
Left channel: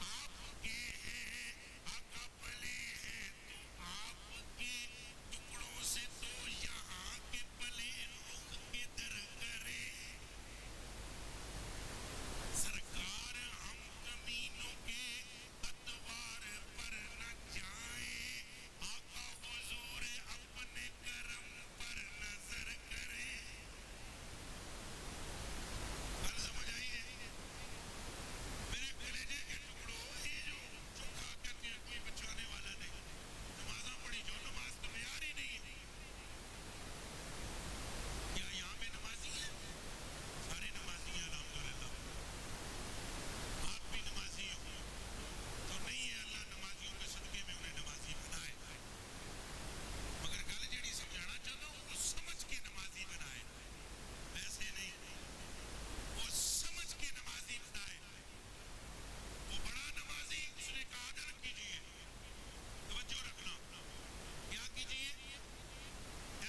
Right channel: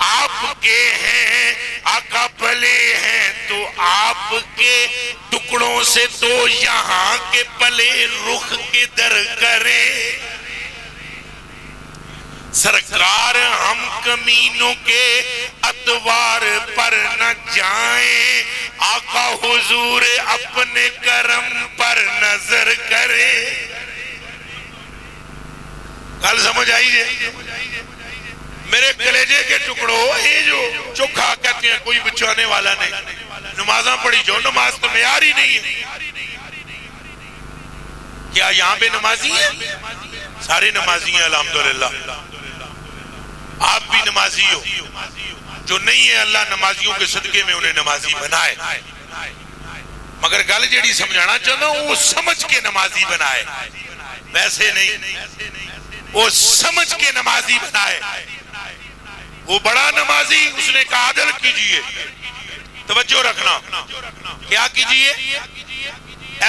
آپ کے ہیں، آقا بھلے ہیں تو آپ کے. ٹکڑوں سے تو یہاں کے پلے رخ کے در کریں. سرکار ہم کمینوں کے اتوار پر نہ جائیں، آقا حضور اپنے کرم پر نظر کریں. گل سمجھ آئی ہے؟ میرے کلیجے کے ٹکڑوں، یہ جو چوکھا کہتے ہیں کوئی بچانے والا نہیں، نمازاں پڑھی جو نماز تو معیار ہی نہیں ہے. کیا یہاں پہ نمازی ہیں؟ سارے نمازی ہیں الحمدللہ. آپ بھی نمازی ہو. جو نہیں ہے اللہ نمازیوں کے صدقے میں انہیں نمازی بنائے. مگر گل جیڑی سمجھانا چاہتا ہوں وہ سمجھ کے نمازی بنائے, ویسے نہیں. وہ سمجھ کے نمازی بنائے. وہ بڑا نمازی اس نے کہا عدل کیجئے. توجہ رکھنا, کیا کیجئے؟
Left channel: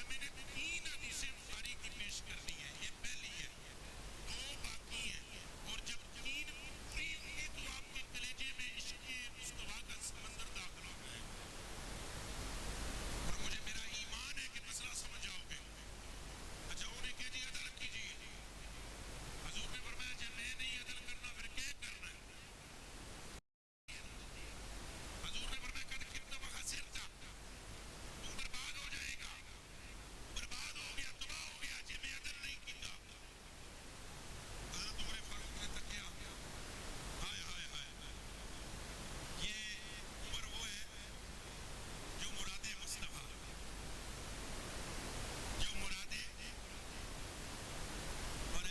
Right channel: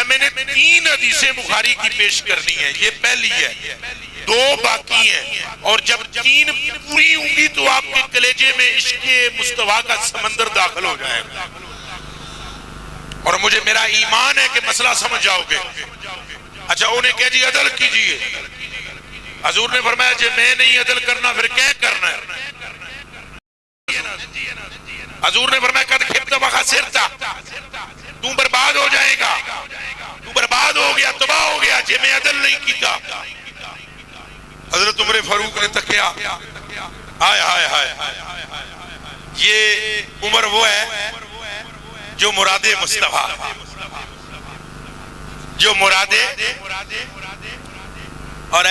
میں نے 3 حدیثیں بخاری کی پیش کرنی ہے. یہ پہلی ہے, 2 باقی ہیں, اور جب 3 پوری ہوں گی تو آپ کے کلیجے میں عشق مصطفیٰ کا سمندر داخل ہو جائے گا. اور مجھے میرا ایمان ہے کہ مسئلہ سمجھ جاؤ گے. اچھا انہیں کہہ جی عدل کیجئے. حضور نے فرمایا جی میں نہیں عدل کرنا پھر کیا کرنا ہے؟ حضور نے فرمایا قد خبت وخسرت, تو برباد ہو جائے گا, تو برباد ہو گیا, تباہ ہو گیا جی میں عدل نہیں کیتا. حضرت عمر فاروق نے تکیا, ہائے ہائے ہائے, یہ عمر وہ ہے جو مراد مصطفیٰ, جو مراد, اور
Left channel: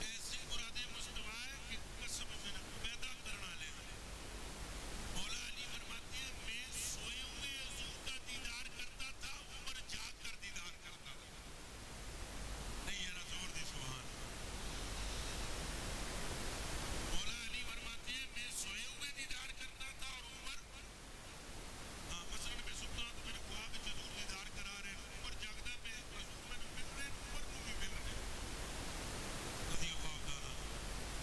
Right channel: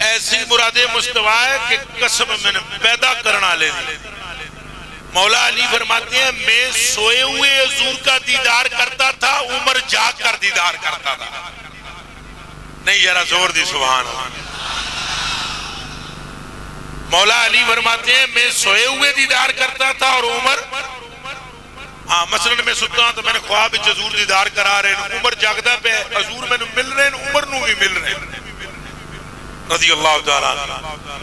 ایسی مراد مصطفیٰ ہے کہ قسم میں پیدا کرنا لے. مولا علی فرماتے ہیں میں سوئے ہوئے حضور کا دیدار کرتا تھا, عمر جاگ کر دیدار کرتا تھا. نہیں ذرا زور دی سبحان اللہ. مولا علی فرماتے ہیں میں سوئے ہوئے دیدار کرتا تھا اور عمر, ہاں مثلا میں ستا ہوں تو میں نے خواب حضور دیدار کرا رہے ہیں, عمر جاگدہ پہ حضور میں مل رہے ہیں, عمر نو بھی مل رہے ہیں رضی اللہ تعالیٰ.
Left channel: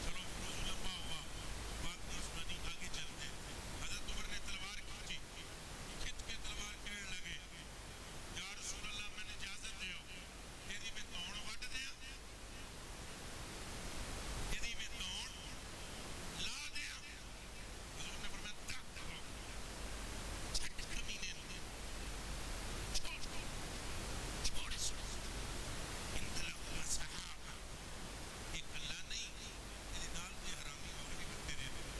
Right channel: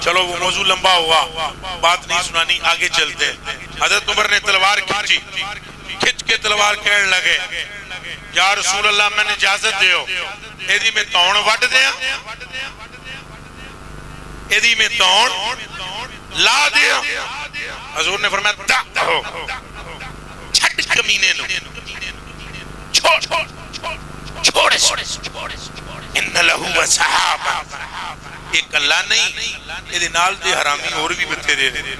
چلو وہ موضوع لمبا ہوا, بات نہیں سنانی, آگے چلتے ہیں. حضرت عمر نے تلوار کھینچی, کھچ کے تلوار کہنے لگے یا رسول اللہ میں نے اجازت دیو ایدی میں تون وڈ دیا, ایدی میں تون لا دیا. حضور نے فرمایا دا ہو, چھٹ کمینے نو, چھوڑ ان لہو و صحابہ. ایک اللہ نہیں, یہ نال دے حرامی اور بھی بتھیرے رہے.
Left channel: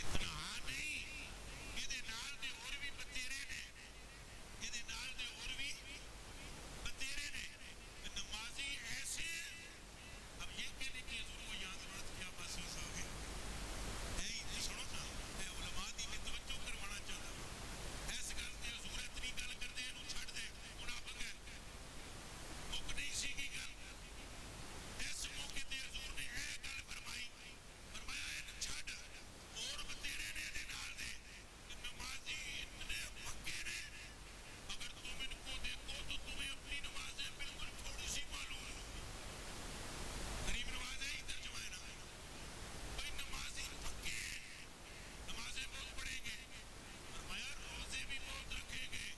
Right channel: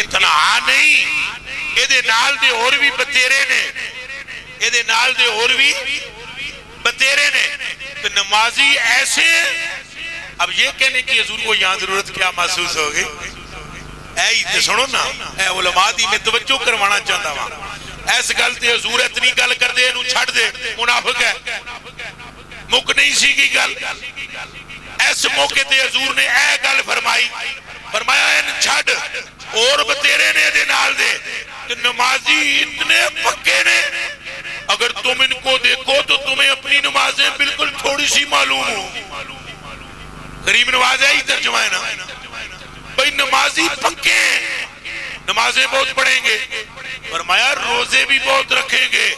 اتنا نہیں, یہ نال دے اور بھی بتھیرے نے, یہ نال دے اور بھی بتھیرے نے. تو نمازی ایسے, اب یہ کہنے کی حضور کو یہاں ضرورت کیا محسوس ہوگی؟ اے سنو نا, اے علماء دی میں توجہ کروانا چاہتا ہوں. ایس گل تے حضور اتنی گل کر دے انہوں چھڑ دے, منافق ہے. مک نہیں سی کی گل, ایس موقع تے حضور نے اے گل فرمائی, فرمایا ان چھڑ اور بتیرے نے دے نال دے. کہ نمازی اتنے پکے نے, اگر تم ان کو دیکھو تو تمہیں اپنی نمازیں بالکل تھوڑی سی معلوم ہو. غریب نواز ہے ہی ترجمہ ہے نا بھئی, نمازی پکے ہیں, نمازیں بہت پڑھیں گے, فرمایا روزے بھی بہت رکھیں گے,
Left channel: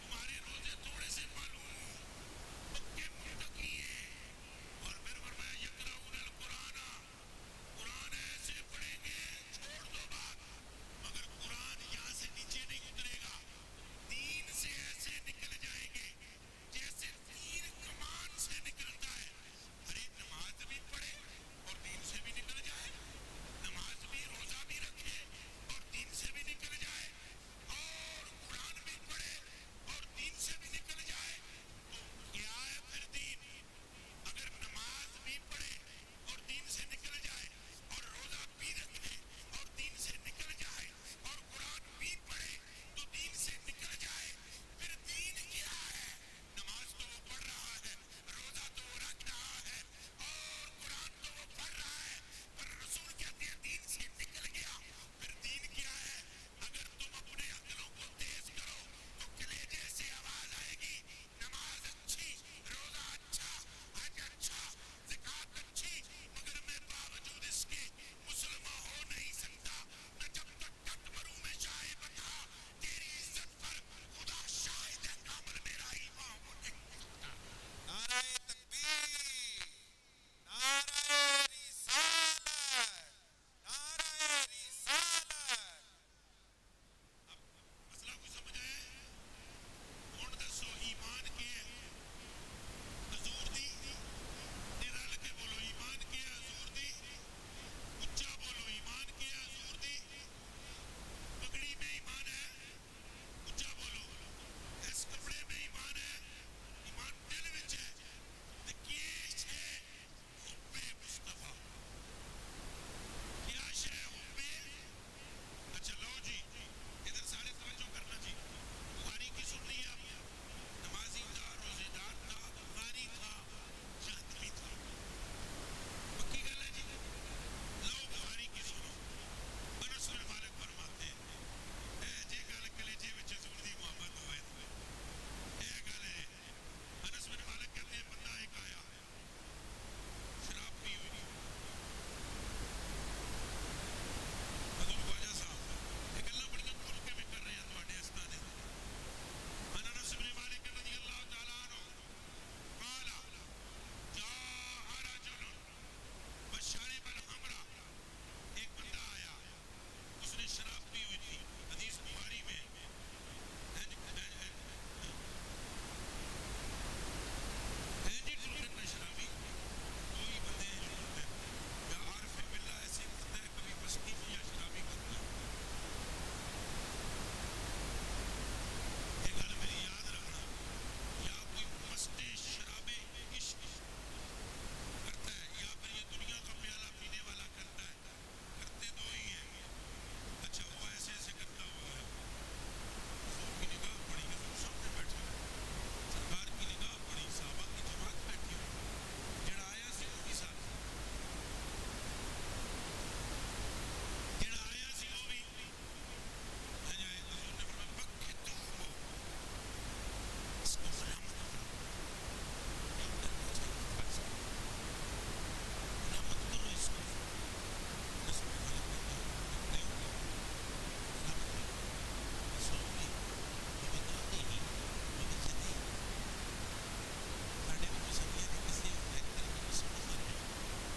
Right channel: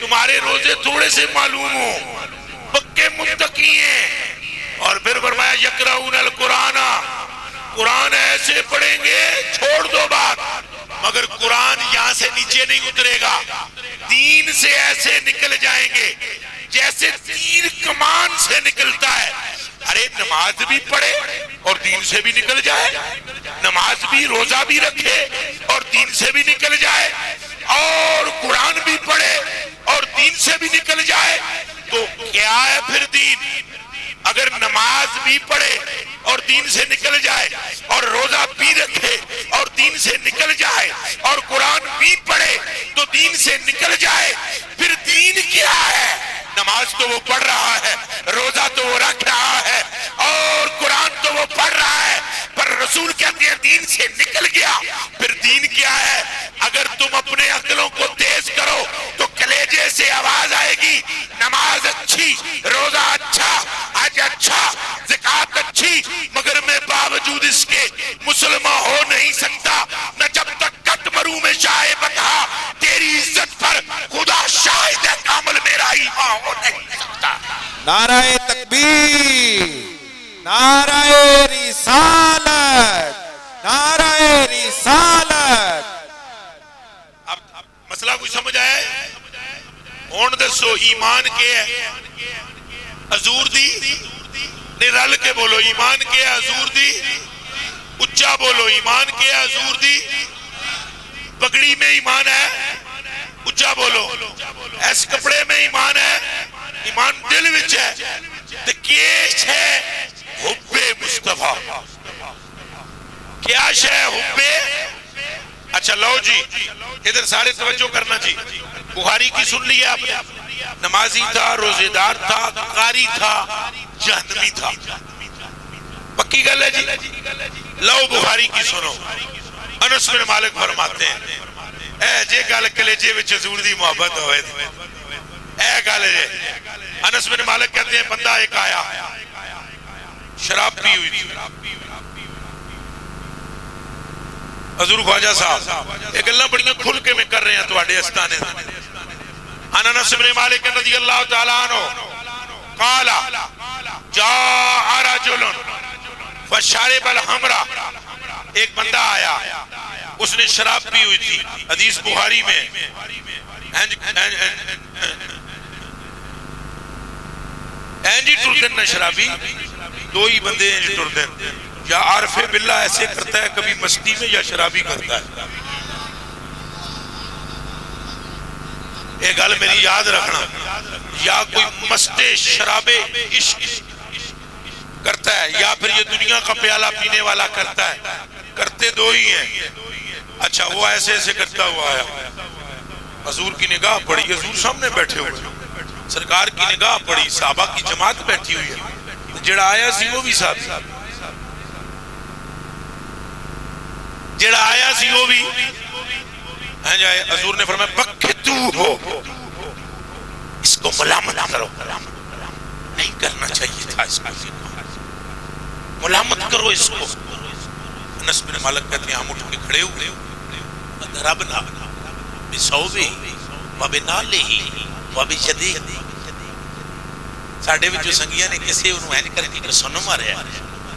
تمہارے روزے تھوڑے سے معلوم ہو, پکے متقی ہیں. اور پھر فرمایا یقرؤون القرآن, قرآن ایسے پڑھیں گے, چھوڑ دو بات, مگر قرآن یہاں سے نیچے نہیں اترے گا, دین سے ایسے نکل جائیں گے جیسے تیر کمان سے نکلتا ہے. ارے نماز بھی پڑھے اور دین سے بھی نکل جائے, نماز بھی روزہ بھی رکھے اور دین سے بھی نکل جائے, اور قرآن بھی پڑھے اور دین سے بھی نکل جائے, تو کیا ہے پھر دین؟ اگر نماز بھی پڑھے اور دین سے نکل جائے, اور روزہ بھی رکھے اور دین سے نکل جائے, اور قرآن بھی پڑھے تو دین سے نکل جائے, پھر دین کیا ہے؟ نماز تو وہ پڑھ رہا ہے, روزہ تو وہ رکھ رہا ہے, اور قرآن تو وہ پڑھ رہا ہے, پر رسول کہتے ہیں دین سے نکل گیا. پھر دین کیا ہے؟ اگر تم اپنے عقلوں کو تیز کرو تو کلیجے سے آواز آئے گی نماز اچھی, روزہ اچھا, حج اچھا, زکوٰۃ اچھی, مگر میں باوجود اس کے مسلمان ہو نہیں سکتا. نہ جب تک کٹ مروں میں شاہ بتا, تیری عزت پر خدا شاہد ہے کامل میرا ایمان ہو نہیں سکتا. نعرہ تکبیر, نعرہ رسالت, نعرہ رسالت. اب مسئلہ کوئی سمجھ آیا ہے؟ ہون دسو ایمان کے ہے حضور دی, نہیں رل کے بولو, ایمان کے ہے حضور دی, اچا بولو ایمان کیا حضور دی پگڑی میں ایمان ہے اچا بولو اس کپڑے میں ایمان ہے ایمان دل وچ ہے تے کیش ہے حب مصطفیٰ کیا شے حب اچھا لو جی ادھر سارے توجہ کرنا جی بخاری کی سن لیا آپ نے نمازی تھا روزے دار تھا قاری تھا جہنمی تھا پکی گل ہے جی لو بخاری کی سنو انس بن مالک فرماتے ہیں اے جے گل کلیجے وچ حضور دی محبت ہوئے اے گل ہے انس بن مالک کہتے ہیں بندہ ایک آیا شراب پی ہوئی تھی حضور خواجہ صاحب ایک اللہ بڑیاں کھل کے میں کر رہے ہیں تو آڑے استانے انس بن مالک رضی اللہ تعالیٰ عنہ قالا جاء رجل فشارب الحمرہ ایک بندہ آیا اس نے شراب پی ہوئی تھی حدیث بخاری میں اینجی ٹردن نے شرابی دو ہی بندے اینجی ٹردن یا عارف باللہ ایسے کرتا ہے کبھی مستی میں یا شرابی کرتا ہے ایک گل میری یاد رکھنا یا کوئی مستے شرابے عشق کرتا ہے یا پھر یہ دنیا کا پیالہ پینے والا کرتا ہے کرتے دو ہی ہیں اچھا وہ ایسے ایسے کرتا ہوا آیا حضور کی نگاہ پڑی حضور سامنے بیٹھے ہوئے سرکار کی نگاہ پڑی صحابہ کی جماعت بیٹھی ہوئی ہے جڑا آیا سی وہ بھی صحابی جڑا آیا سی وہ بھی حضور نے فرمایا بکتو ہو اس کو ملامت کرو نہیں کرنا چاہیے تھا اس کو ملامت کرو اس کو انس بن مالک کہتے ہیں ہم اٹھ کے کھڑے ہوئے ضربنا بصوبہ وبنالہ وبجدہ ساڑھے وچ جو سنگیاں نے کسے انہوں اینج کر کے سنو مارے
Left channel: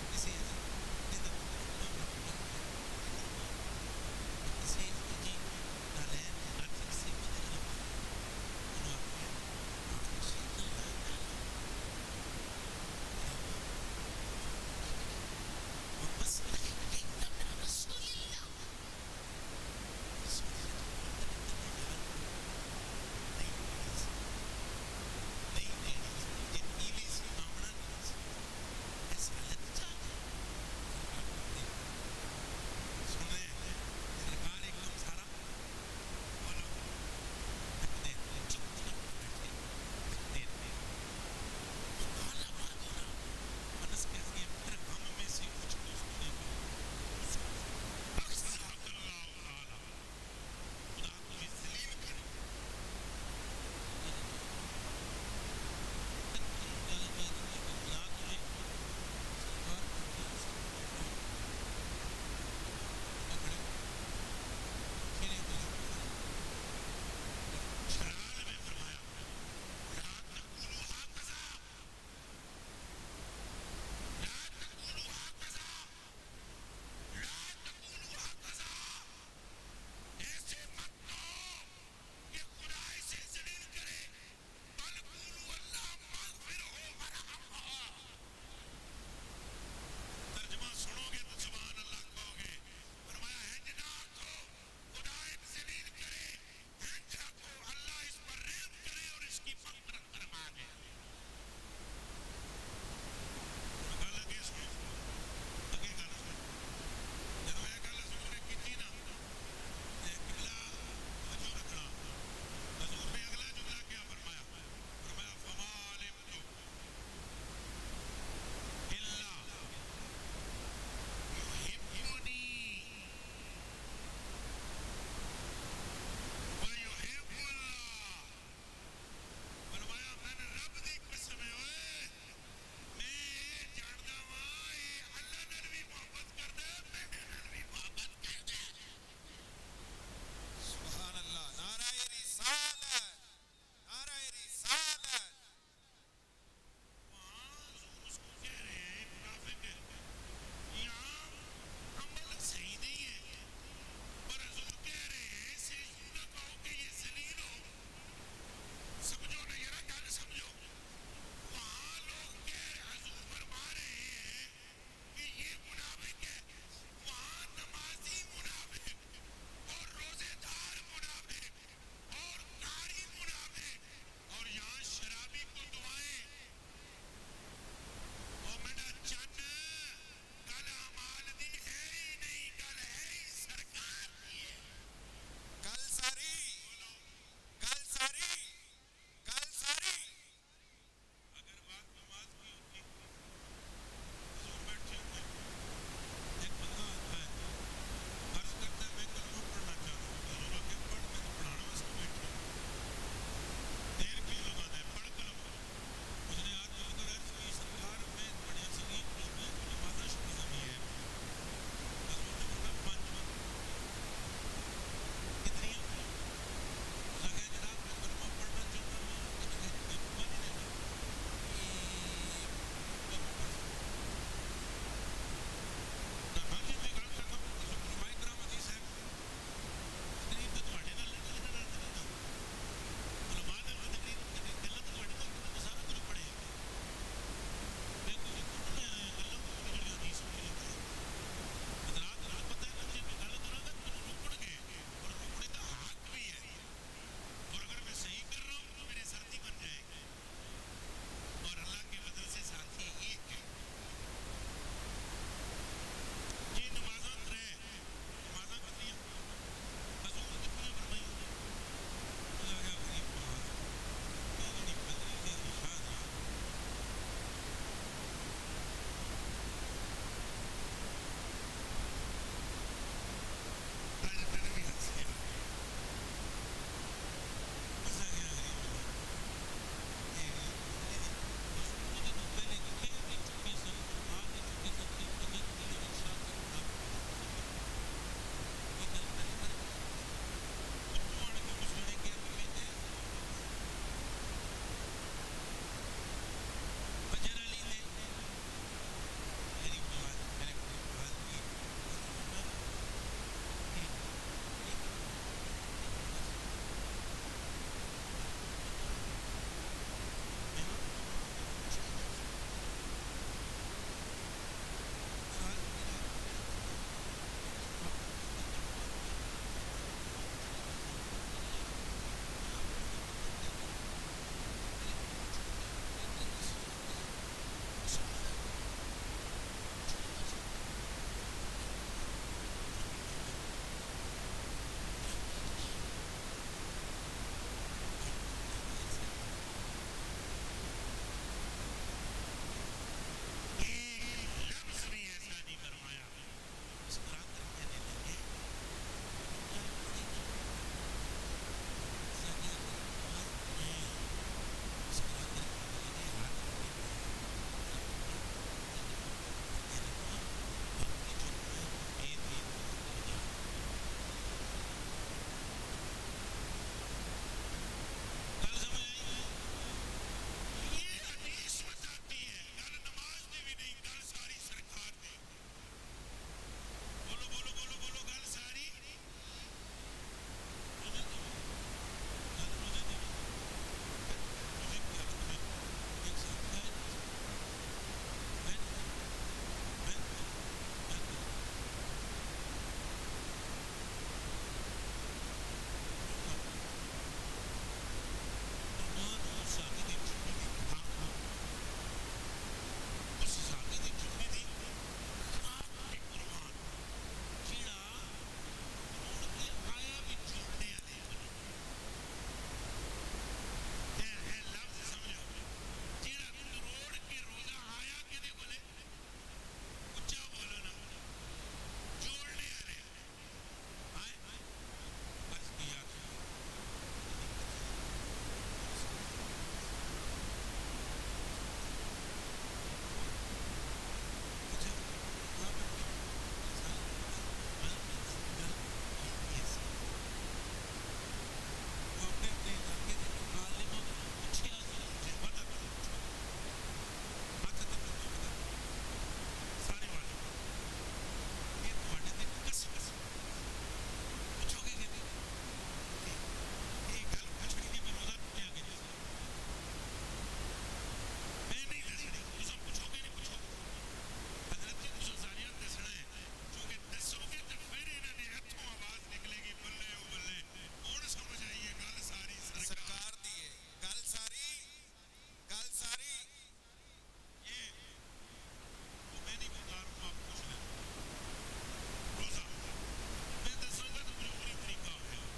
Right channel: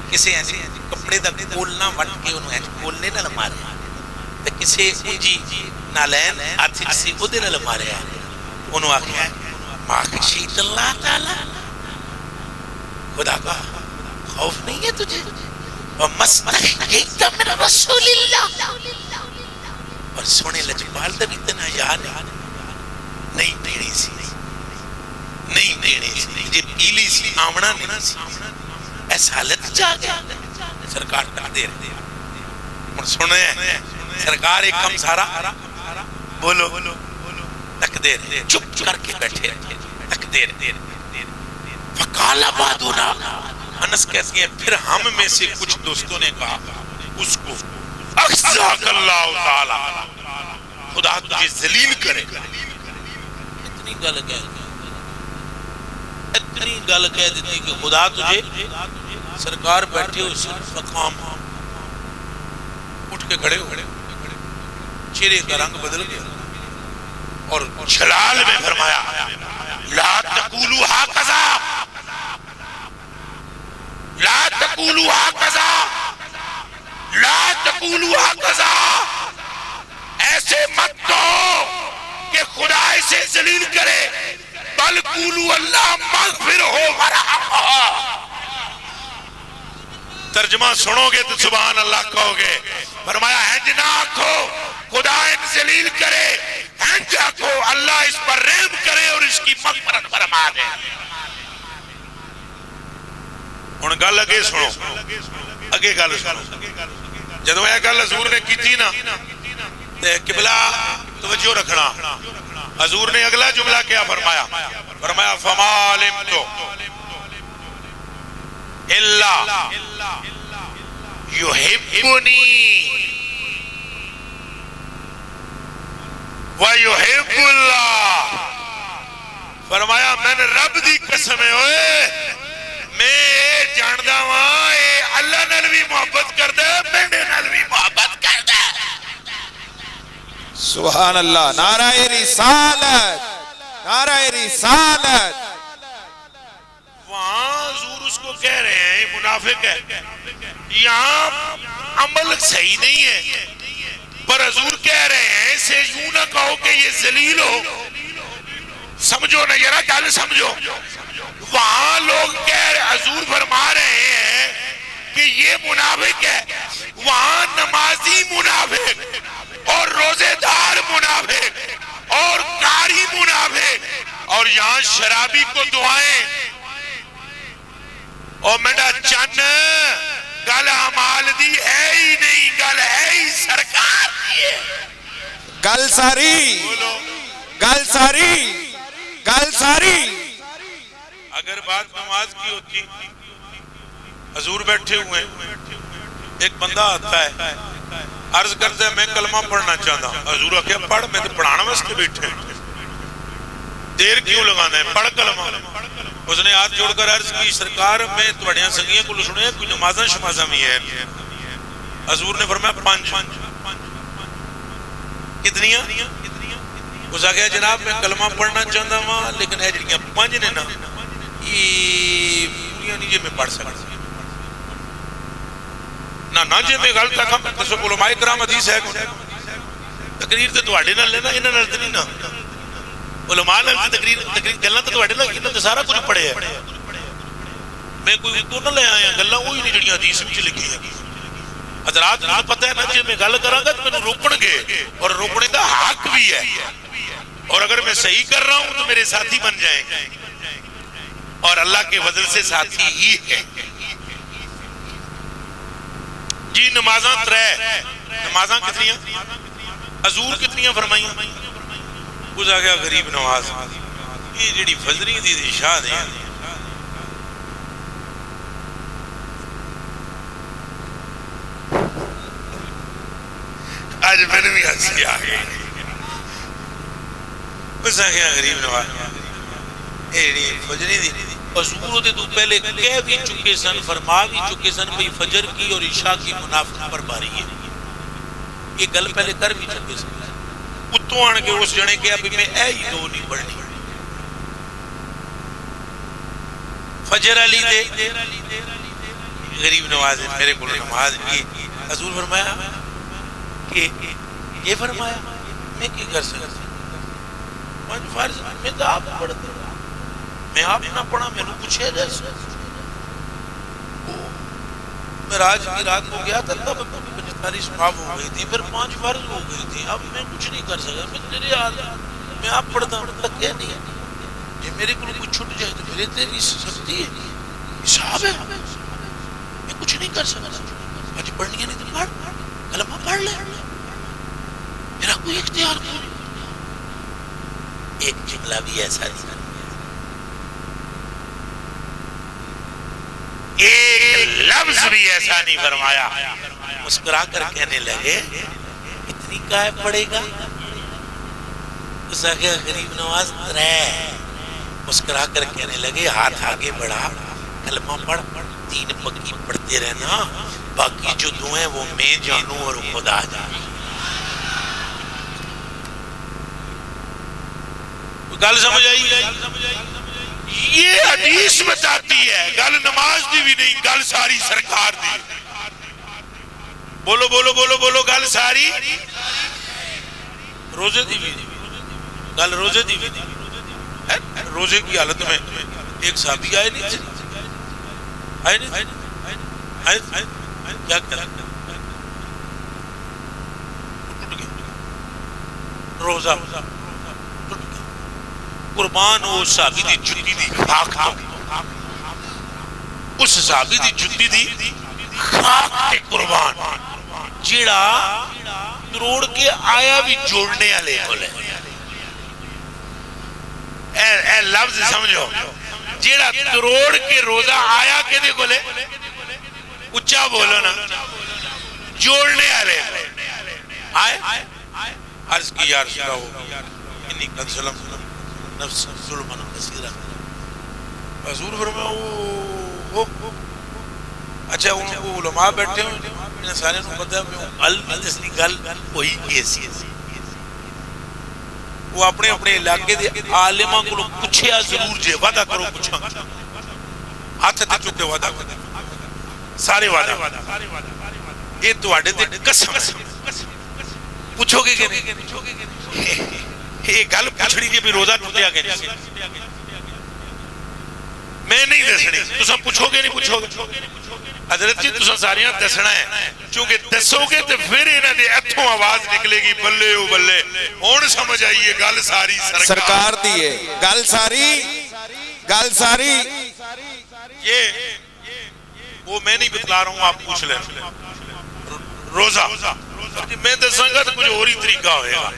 کسے اینج کپڑے دا کولنا وٹ کے انہوں اینج کولنے نہ مارے تے کسے انجی نالین آتھی جسی ادھے نہ مارے انہوں آکھے ماخشیت اللہ تعالی خدا کا خوف نہیں ہے تجھے وَمَسْتَحْيِيتَ مِنْ رَسُولِ اللَّهِ اور سونے لجبال دا بھی اتنا یاد نہیں دینے سی نہیں دینے سی جب پیلی سی آمنا نہیں سی ایسا حالت جا گیا سرکار تک دیر اور سنے سرکار ایک کم سارا بولو تک دیر چپ کر کے بیٹھے تک دیر فَقَالَ بَعْدُنَا انس کہتے ہیں پھر ہم میں سے کچھ دوستوں نے کہا اس کو اخزاک اللہ تعالی خدا تجھے ذلیل کرے اتنی گل کہہ دیتی کہ خدا تجھے سرکار بیٹھے اس مقام اٹھ کے کھڑے ہوئے چہرے کا رنگ بدل گیا اور جلال میں فرمایا لا تقولوا ہاکذا لا تقولوا هكذا لا تقولوا هكذا ایسے مت دو کہ خدا اسے ذلیل کرے بل قولوا اللہ مغفر ہو ورحمہ ترجمہ سنو گے تو سبحان اللہ کہو گے فرمایا ہنج نہ آکھو خدا ان ذلیل کرے ہنج آکھو اللہ اس پر رحم کرے اور اس کی مغفرت فرما دے ان گل اگے سنو اگے گل سنو جدو یہ گل حضور نے کی تھی نا قبلہ توجہ رکھنا حضور نے اگلا جملہ کیا فرمایا فرمایا فما علمت الا یحبنی ویحب اللہ فرمایا میں نے رب دی قسم ہوئے میں جاندہ وہاں اللہ نال بھی محبت کر دے میرے نال بھی محبت کر دے سبحان اللہ نعرہ رسالت نعرہ رسالت وہاں حضور اس کو کہہ رہے ہیں منافق ہے یہاں عمل صحیح نہیں ہے پر حضور کہہ رہے ہیں اسے یوں نہ کہو کہ یہ ذلیل ہو سمجھو نہ ذرا گل سمجھو وہاں لوگ کہہ رہے حضور فرما رہے ہیں کہ یہ منافق ہے وہاں نمازی منافق اور روزے دار منافق اور قاری منافق، اور یہاں شرابی کو دعائیں اور منڈا چن گل عمال دی ہے ہی نہیں، گل ہے ہی سرکار دی ہے۔ گل ساری گل ساری گل ساری۔ اگر بات نماز کی ہوتی، حضور بیٹھے ہوئے، ایک بندہ آتا ہے عرض کرتا ہے میں کلمہ پڑھنا چاہتا ہوں، حضور آخیا پڑھ، میں تو پڑھانا واسطے بیٹھے ہیں، دیر کیوں لگانا ہے، پڑھ کلمہ۔ اس نے ہاتھ جوڑ کر عرض کی سرکار میں تھوڑیاں سنگیاں کو سنے کوئی نمازاں شمازاں بھی ہے؟ حضور نے فرمایا 5۔ کتنیاں؟ اس آگیا جناب میں کلمہ پڑھنا چاہتا ہوں لیکن ہے جڑیاں 5 نے نا یہ پوریاں نہیں جی میں پڑھ سکتا نہ جی میں غلط آکھاں دسو علماء کرام حدیث ہے تقریر تے تواڈے نال لینا انہاں نال تے نہیں نا، علماء نال تقریر گلاں تے تواڈے نال انہاں تے سارا کچھ پڑھیا ہے، میں کوئی تو نہ لے آیا گلاں وہی نہیں جڑیاں حدیث وچ لکھی ہیں۔ حضرات کو پتہ ہے نا جی میں گل کراں گا تو مینوں روکن گے اور روکنے کا حق بھی ہے، اور اگر میں صحیح کر رہا ہوں تو میرے ساتھی بن جائیں گے، اور اللہ کے فضل سے ساتھی ہی ہے۔ جی نمازاں 3، نمازاں کتنیاں؟ حضور کتنیاں فرمائیاں؟ اس آ گیا غریب نواز، یہ جڑی فجری دی اشاعت ہے آج میں نے بھی ہنسی آ گئی۔ اس آ گیا غریب نواز، یہ جڑی فجری دی حضور دے تو پہلے کہہ بھی چکے سن، فرما بھی چکے سن بھئی فجر کی اور عشاء کی منافق پر باری ہے، یہ گل پہلے کر بھی چکے سن۔ اتوں آن کے اس جنے کہا بھی میں اے ہی 2 نہیں پڑھنی، فجر علی دے غریب نواز میرے کو نماز کی حضور فرمایا کہ یہ فرمایا میں کی کر سکتا 5 فرض میں تو آپ پڑھتے میں آپ نہ پڑھا میں نے پوچھے جیسے معراج کی رات کو گیا تھا تب ساری سماپ ہو گئی تھی، پھر 5 فرض ہو گئی تھی، اب میں کچھ نہیں کر سکا، میں تیرے یاد میں آپ پڑھتا ہوں تک کیا نہیں ہے جی میرے کو کچھ چھٹ جائے تو میرے تیری سختی ہے حساب ہے، میں کچھ نہیں کر سکا، آج پڑھنی ہے نہیں تو پڑھ کلمہ پڑھ لے، میرا کوئی اختیار نہیں۔ ایک جملہ بھی ایسا نہیں، ایک لفظ بھی ایسا نہیں فرمایا، مسکرا کر کہنے لگے اتنی کائے پڑے گا؟ اس آگے غریب نواز 3، مسکرا کر کہنے لگے ہاتھ آگے بڑھا، کلمہ پڑھ، 3 پکی پڑھتے رہنا، باقی جو دعائیں وہ میں جانوں اور خدا جانوں۔ گل سمجھ آئی؟ یہ حدیث بتاتی ہے، گل نماز دی بھی نہیں، گل ساری سرکار دی۔ بولو بولو بولو بولو، گل ساری روزے دی بھی نہیں، گل روزے دی بھی نہیں۔ روزے کی حالت میں ایک صحابی آئے نہیں تھے، آئے نہیں تھے، کیا کہا روزہ قربان ہو صحابی دی جتی دی خاک تو، اس صحابی دی جتی دی خاک تے قربان جیڑا تروڑ کے آیا بھی جوڑنے والے کول ہے۔ اے لفظ سمجھو، جیڑا تروڑ کے روزہ آیا کدے کول ہے، اچھا بولو نا، جوڑنے والے آئے عرض کی یا رسول اللہ انی قد ظلمت نفس ظلما کثیرا، حضور فرمایا اچھا ان کو علماء بیٹھے ہوئے انہیں سارے کو پتہ ہے علم جسنی گل وہی کیسی ہے، وہ اپنے اپنے علاقے دے عالماں کو پوچھیا ضرور جے وعدہ کرو پوچھا ہاتھ تے چکے وعدہ کرو سارے وعدہ یہ تواڈے تے قسم پوچھو گے کہ نہیں؟ یہ گل پوچھنی جی بھی روزہ ٹوٹیا کہ نہیں، میں نہیں دسنی، تساں پوچھو گے نہیں پوچھو گے، حضرت جی تساں ساریاں دسنا ہے چونکہ دسو گے تو پھر انہاں دے اتھوں آواز نکلے گی بلے او بلے. ہن سمجھ آئیے گل ساری سرکار دی ہے گل ساری یہ وہ میں نہیں بتلا رہا ہوں, آپ پوچھ لیں. روزہ میں دساں گا تو کچھ اور ہی طریقہ ہوئے گا.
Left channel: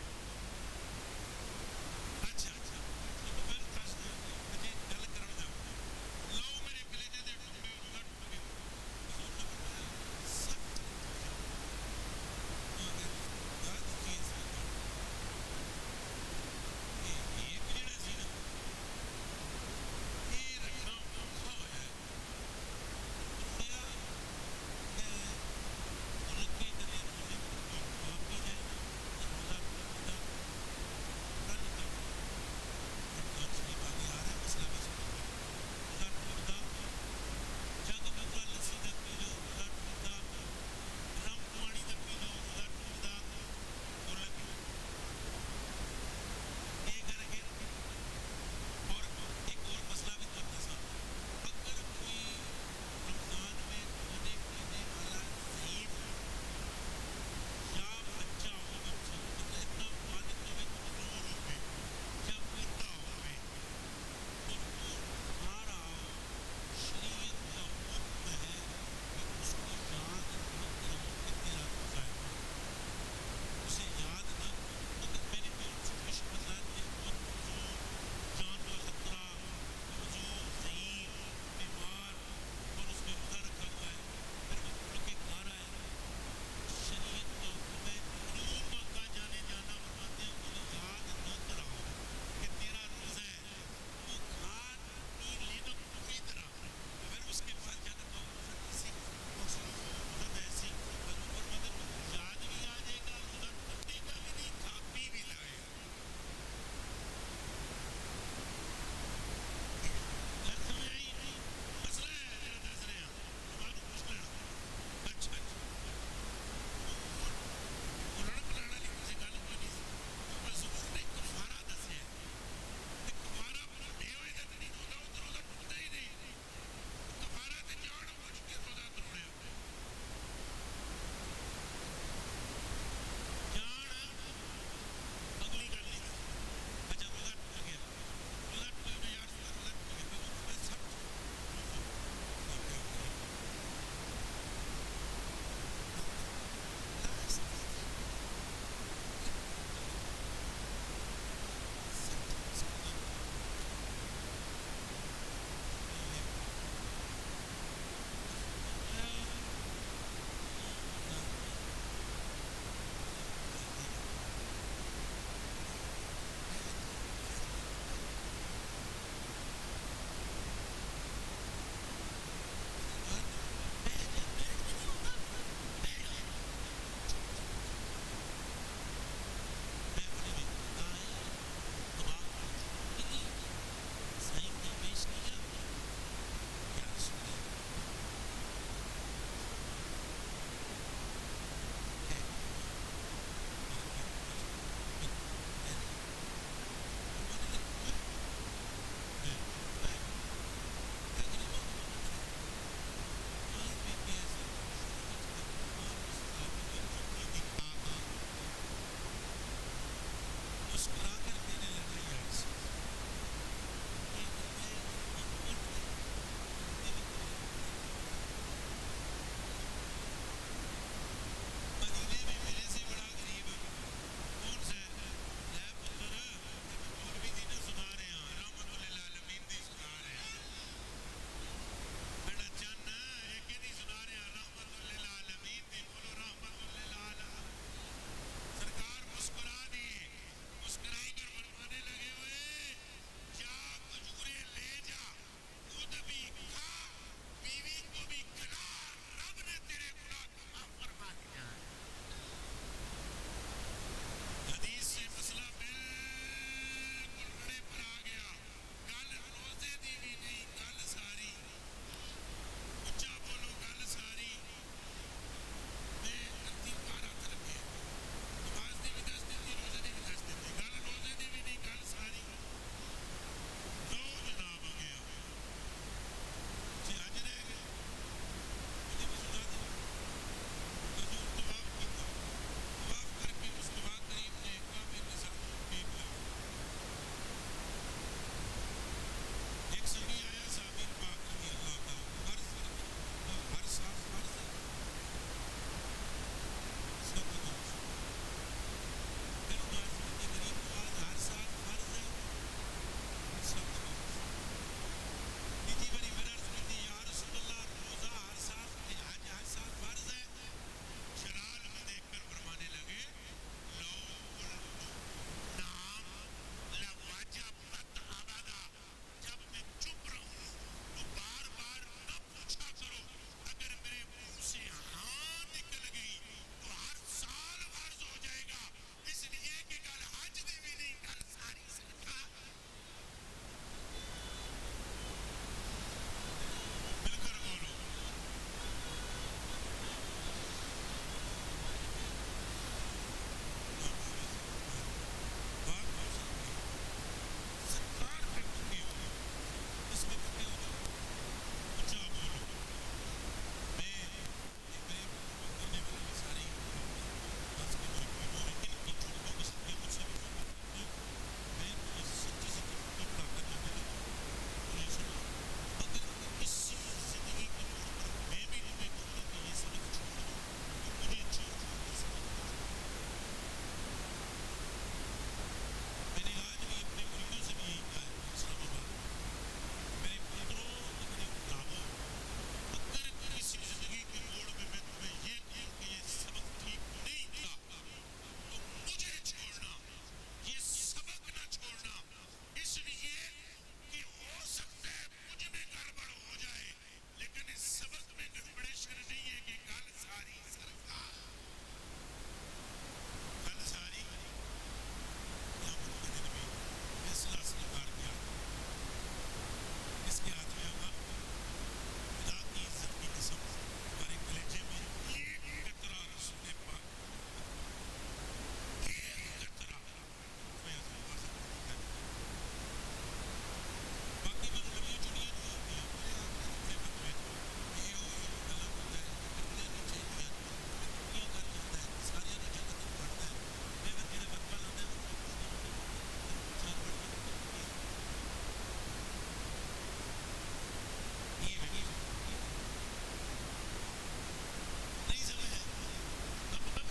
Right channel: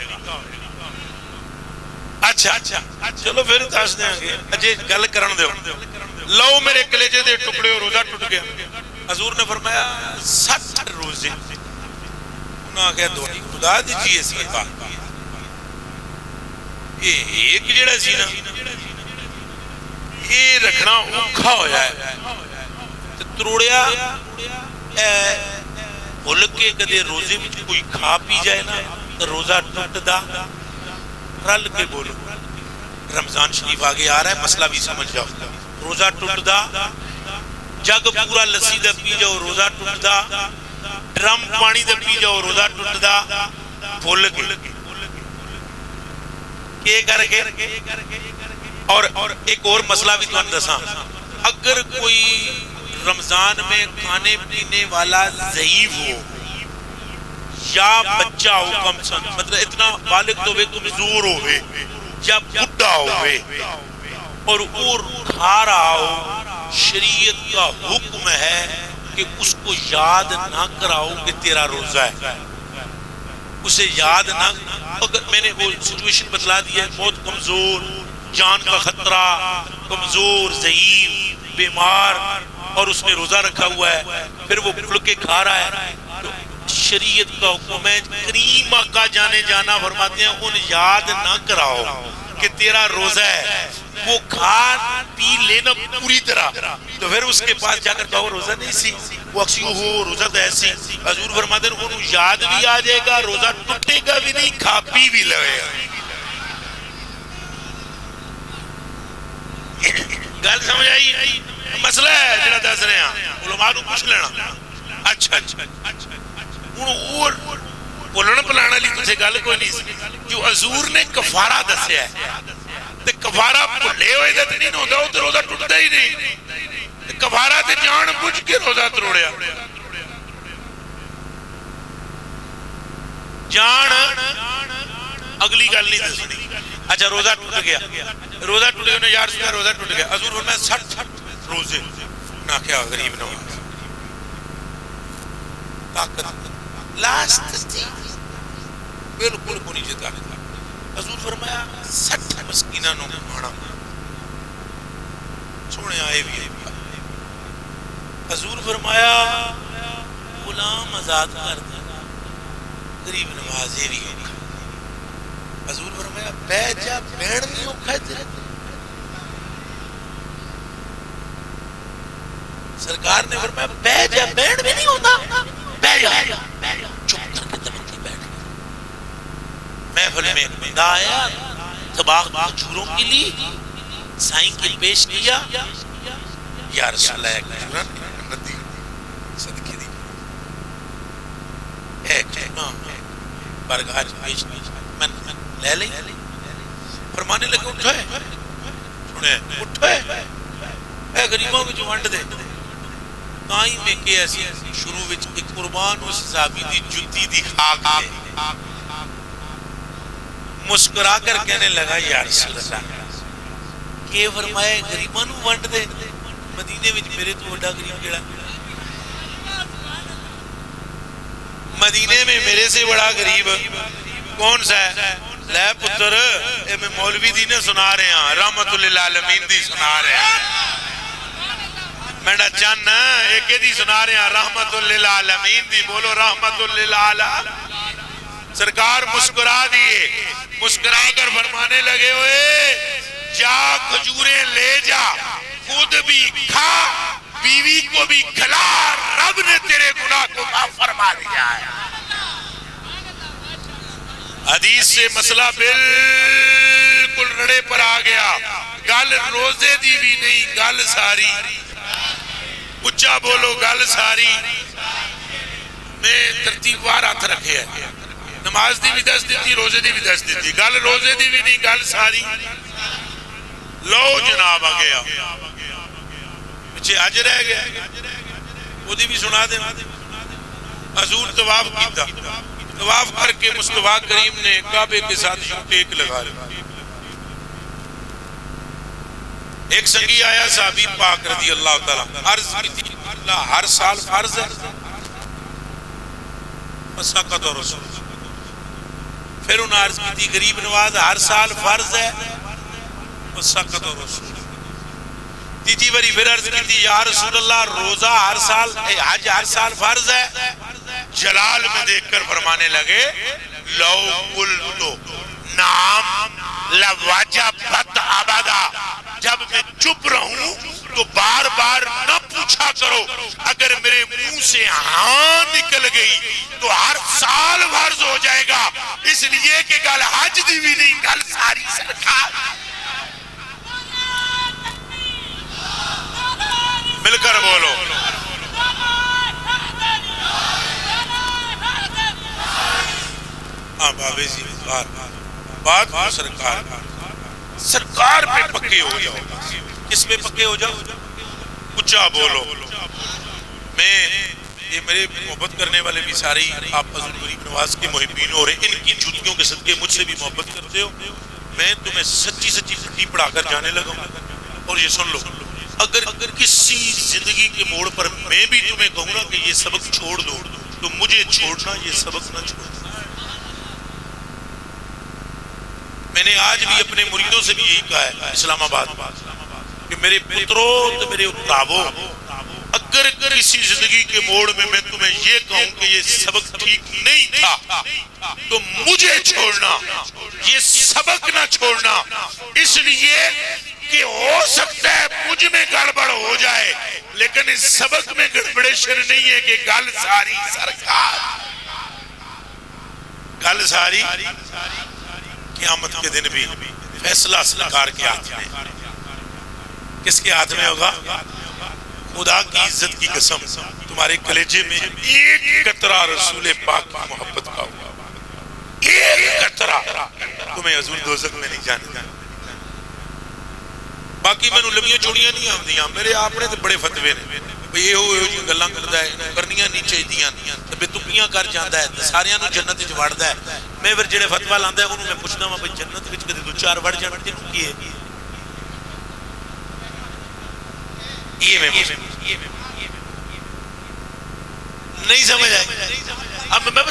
اچھا چلو پھر دس دیں گے. اجے گل کرن دیو. لو میرے کلیجے دے ٹکڑے ہو, روزہ ٹوٹ گیا. حضور نے فرمایا 60 روزے. انہاں کہا دو خدا دیجیے صدقہ. یہ ایک جڑا سی نا یہ رکھنا اوکھا ہویا ہے. تروڑیا بھول کے کدے روزے میں کوئی کھا پی جائے نا تو روزہ ٹوٹ دا. رل کے بولو, رمضان شریف آگے آ رہا ہے, مسئلہ بھی سمجھ جاؤ. روزہ ٹوٹ دا, جگ پورا لسی دا پی جاؤ روزہ ٹوٹ دا, ڈرم پانی دا پی جاؤ روزہ ٹوٹ دا. بھول کے کر کے. اور ایک اور مسئلہ بھی تمہیں دساں, اگر کوئی رمضان میں کھانے پینے والا ضعیف ہو یا بچہ ہو, کم سن مطلب اتنا بالغ تو کمزور ہوئے یا بڑھا ہوئے اور کھا رہا ہو, شریعت کا حکم ہے کہ اس کو یاد نہ کراؤ کہ تیرا روزہ ہے. اسے یاد نہ, اگر میں نے وہ سچویشن بتلا دی ہے, بہت کمزور, جان کا خطرہ, کمزور, ضعیف, بیمار, اور اس نے روزہ رکھا ہوا ہے, پھر وہ کھل کے کھا رہا ہے, تو شریعت کا حکم ہے, کریم آقا جانے جانا فرماتے ہیں ان یاد نہ کراؤ کہ تیرا روزہ ہے. وہ کھا پی لینا پوری طرح, تو پھر اس کے پاس جا کر کہو روزہ نہیں سی, وہ اکسی ہو روزہ تو ایسی. حضور فرماتے ہیں انہوں یاد بھی آ جائے گا, روزہ ٹوٹے گا بھی نہیں, کھا پی بھی لگے گا. گل سمجھ آئی؟ مسئلہ ہے جڑا دس رہے ہیں, علماء کو پوچھ لینا. اچھا اور بولنا پلانا لی تجھے گل کوئی نہیں. جو حضور نے کفارہ دسیا ہے, تے کفارہ بھلے ہوئے دے نہیں ہوتا, وہ تو روزہ ٹوٹتا ہی نہیں. کفارہ تے جان بوجھ کے روزہ تروڑیا. جان اگلی گل نہیں دسنی. اچھا روزہ ٹوٹ گیا, روزہ ٹوٹ گیا, یا رسول اللہ روزہ ٹوٹ گیا. حضور فرمایا 60 روزے. نہ کیا غریب نہ ہو, طاقت لاسٹ تھی بالکل کو نہیں جتا. حضور فرمایا 60 مسکینہ نو کھانا. سونے آئے بھی. حضور فرمایا غلام آزاد کر دینا, غریب نوازے بھی ہوگا. حضور فرمایا بے جا بین نہیں ہوکھا ہے تیرے. سرکار نے فرمایا بے جا بین بھی نہیں ہوتا, بے جا چپ کر کے دمکی بیٹھ. محفل میں ایک بندہ آیا, طباق کھجوروں کے لیے سائیں کے پیش کیا. یا رسول اللہ ایک کھجورہ ندی صدقے دی, ایک برگاہ پیش کیا, من لے لیں. فرمانے لگے اٹھائے, سنیں اٹھائے, اے غریبوں میں جو ونڈ دے. تائیں میں کہ ایسی شروع وچ ایک قربان اس صحابی دی جتی دی خاک دے, مسکرا کر کہنے لگا یا رسول اللہ کہ فرمائے غریبوں نو ونڈ دے, مدینے وچ میرے تو بڑا غریب کیڑا, مدینے میں میرے سے بڑا غریب کون سا ہے؟ لے پتر اے میں مولوی دی نے سنا رہے ہیں, رحمت للعالمین دی سنا رہے ہیں. میڈا چن ایک دی سنا رہے ہیں, رحمت للعالمین دی. بولو رحمت للعالمین. سرکار مسکرا دیئے, مسکرا کر فرمانے لگے ہوئے جا کھجوریں لے جا, خود بھی کھا, بیوی کو بھی کھلا, رب نے تیرے گناہ کو معاف فرما دیا ہے. حدیث سے مسئلہ بالکل رڑے پر آ گیا. گل روزے دی بھی نہیں, گل ساری. اچھا بولو گل ساری. میں ترتیب وار ہاتھ رکھے ہیں, نماز دی بھی دس دیتی, روزے دی بھی دس دیتی. گل روزے دی بھی نہیں, گل ساری. لو جناب آ گیا, پچھے اج رہ گیا, وہ دی بھی سنا دے. حضور طواف کیتا، طواف کر کے مصطفیٰ کریم نے کعبے کے ساتھ یوں ٹیک لگا لیا. ایک سنگی آیا صحابی پاک رضی اللہ تعالیٰ، عرض کی تھی اللہ ہر سال فرض ہے؟ مساقت اور رسول. پھر انہوں نے عرض کی تھی غریب نواز ہر سال فرض ہے؟ مساقت اور رسول. تیجی بری پھر عرض کی تھی یا رسول اللہ روزہ ہر سال، حج ہر سال فرض ہے؟ جلال میں دیکھ کر فرمانے لگے لو قلتو نعم لوجبت ابدا. جب میں چپ رہوں تو بار بار نہ پوچھا کرو، اگر میرے منہ سے ہاں نکل گئی تو ہر سال فرض ہو جائے گا. اس لیے کہ گل حج دی بھی نہیں، گل ساری سرکار. مل کر بولو ہاں بابے جی. بات سرکار سرکار پہ پکے ہو جاؤ. کس پہ پکے ہو جاؤ؟ اچھا بولو. میں یہ میرے محبت کرنے والے بھی سارے آپ حضور غریب نواز کے محبین ہو رہے، ان کی جوتیوں کے صدقے مجھ سے بھی محبت کرتے ہو. میں تمہیں سچی سچی زندگی پڑھا کر جانے لگا ہوں. اور یہ سن لو، اگر کسی زندگی کے موڑ پر میں بھی تمہیں کہوں نا کہ یہ سبق چھوڑ دو تو مجھے چھوڑنا یہ سبق نہ چھوڑنا. میں نے آج بھی اپنے مریدوں سے بھی یہی کہا ہے اسلام آباد کہ میرے پتروں تو میرے اتابوں، اگر کسی زندگی کے موڑ میں تمہیں یہ کہوں کہ یہ سبق ٹھیک نہیں تھا تو مجھے چھوڑنا، یہ سبق نہ چھوڑنا. اس لیے کہ ہو سکتا ہے مجھ میں گڑبڑ ہو جائے لیکن اس سبق میں گڑبڑیشن نہیں ہے کہ گل ساری سرکار. گل ساری قیامت کے دن بھی فیصلہ سرکار کے ہاتھ میں. کس کے ہاتھ میں ہوگا؟ خدا کی عزت کی قسم تمہارے کلیجے میں ایک قطرہ رسول پاک کی محبت کا ہوگا. ایک قطرہ تمہیں حضور دوزخ میں نہیں جانے. باقی میں لمیاں چوڑیاں نہیں آمدیاں، میرے آپ نے تو بڑے فتوے نے یہ ہو جی گلاں کردا ہے، کرنیاں نہیں چاہیدیاں، تے بے تکیاں کر جاندا ہے، ساریاں نوں جنت وچ وڑدا ہے. میں پھر جڑے فتوا لاندا ہے انہوں میں پوچھدا ہاں بھئی جنت وچ کدے دو چار وڑ جان تے کی ہے؟ یہ میں نہیں سمجھ آئی. اب میں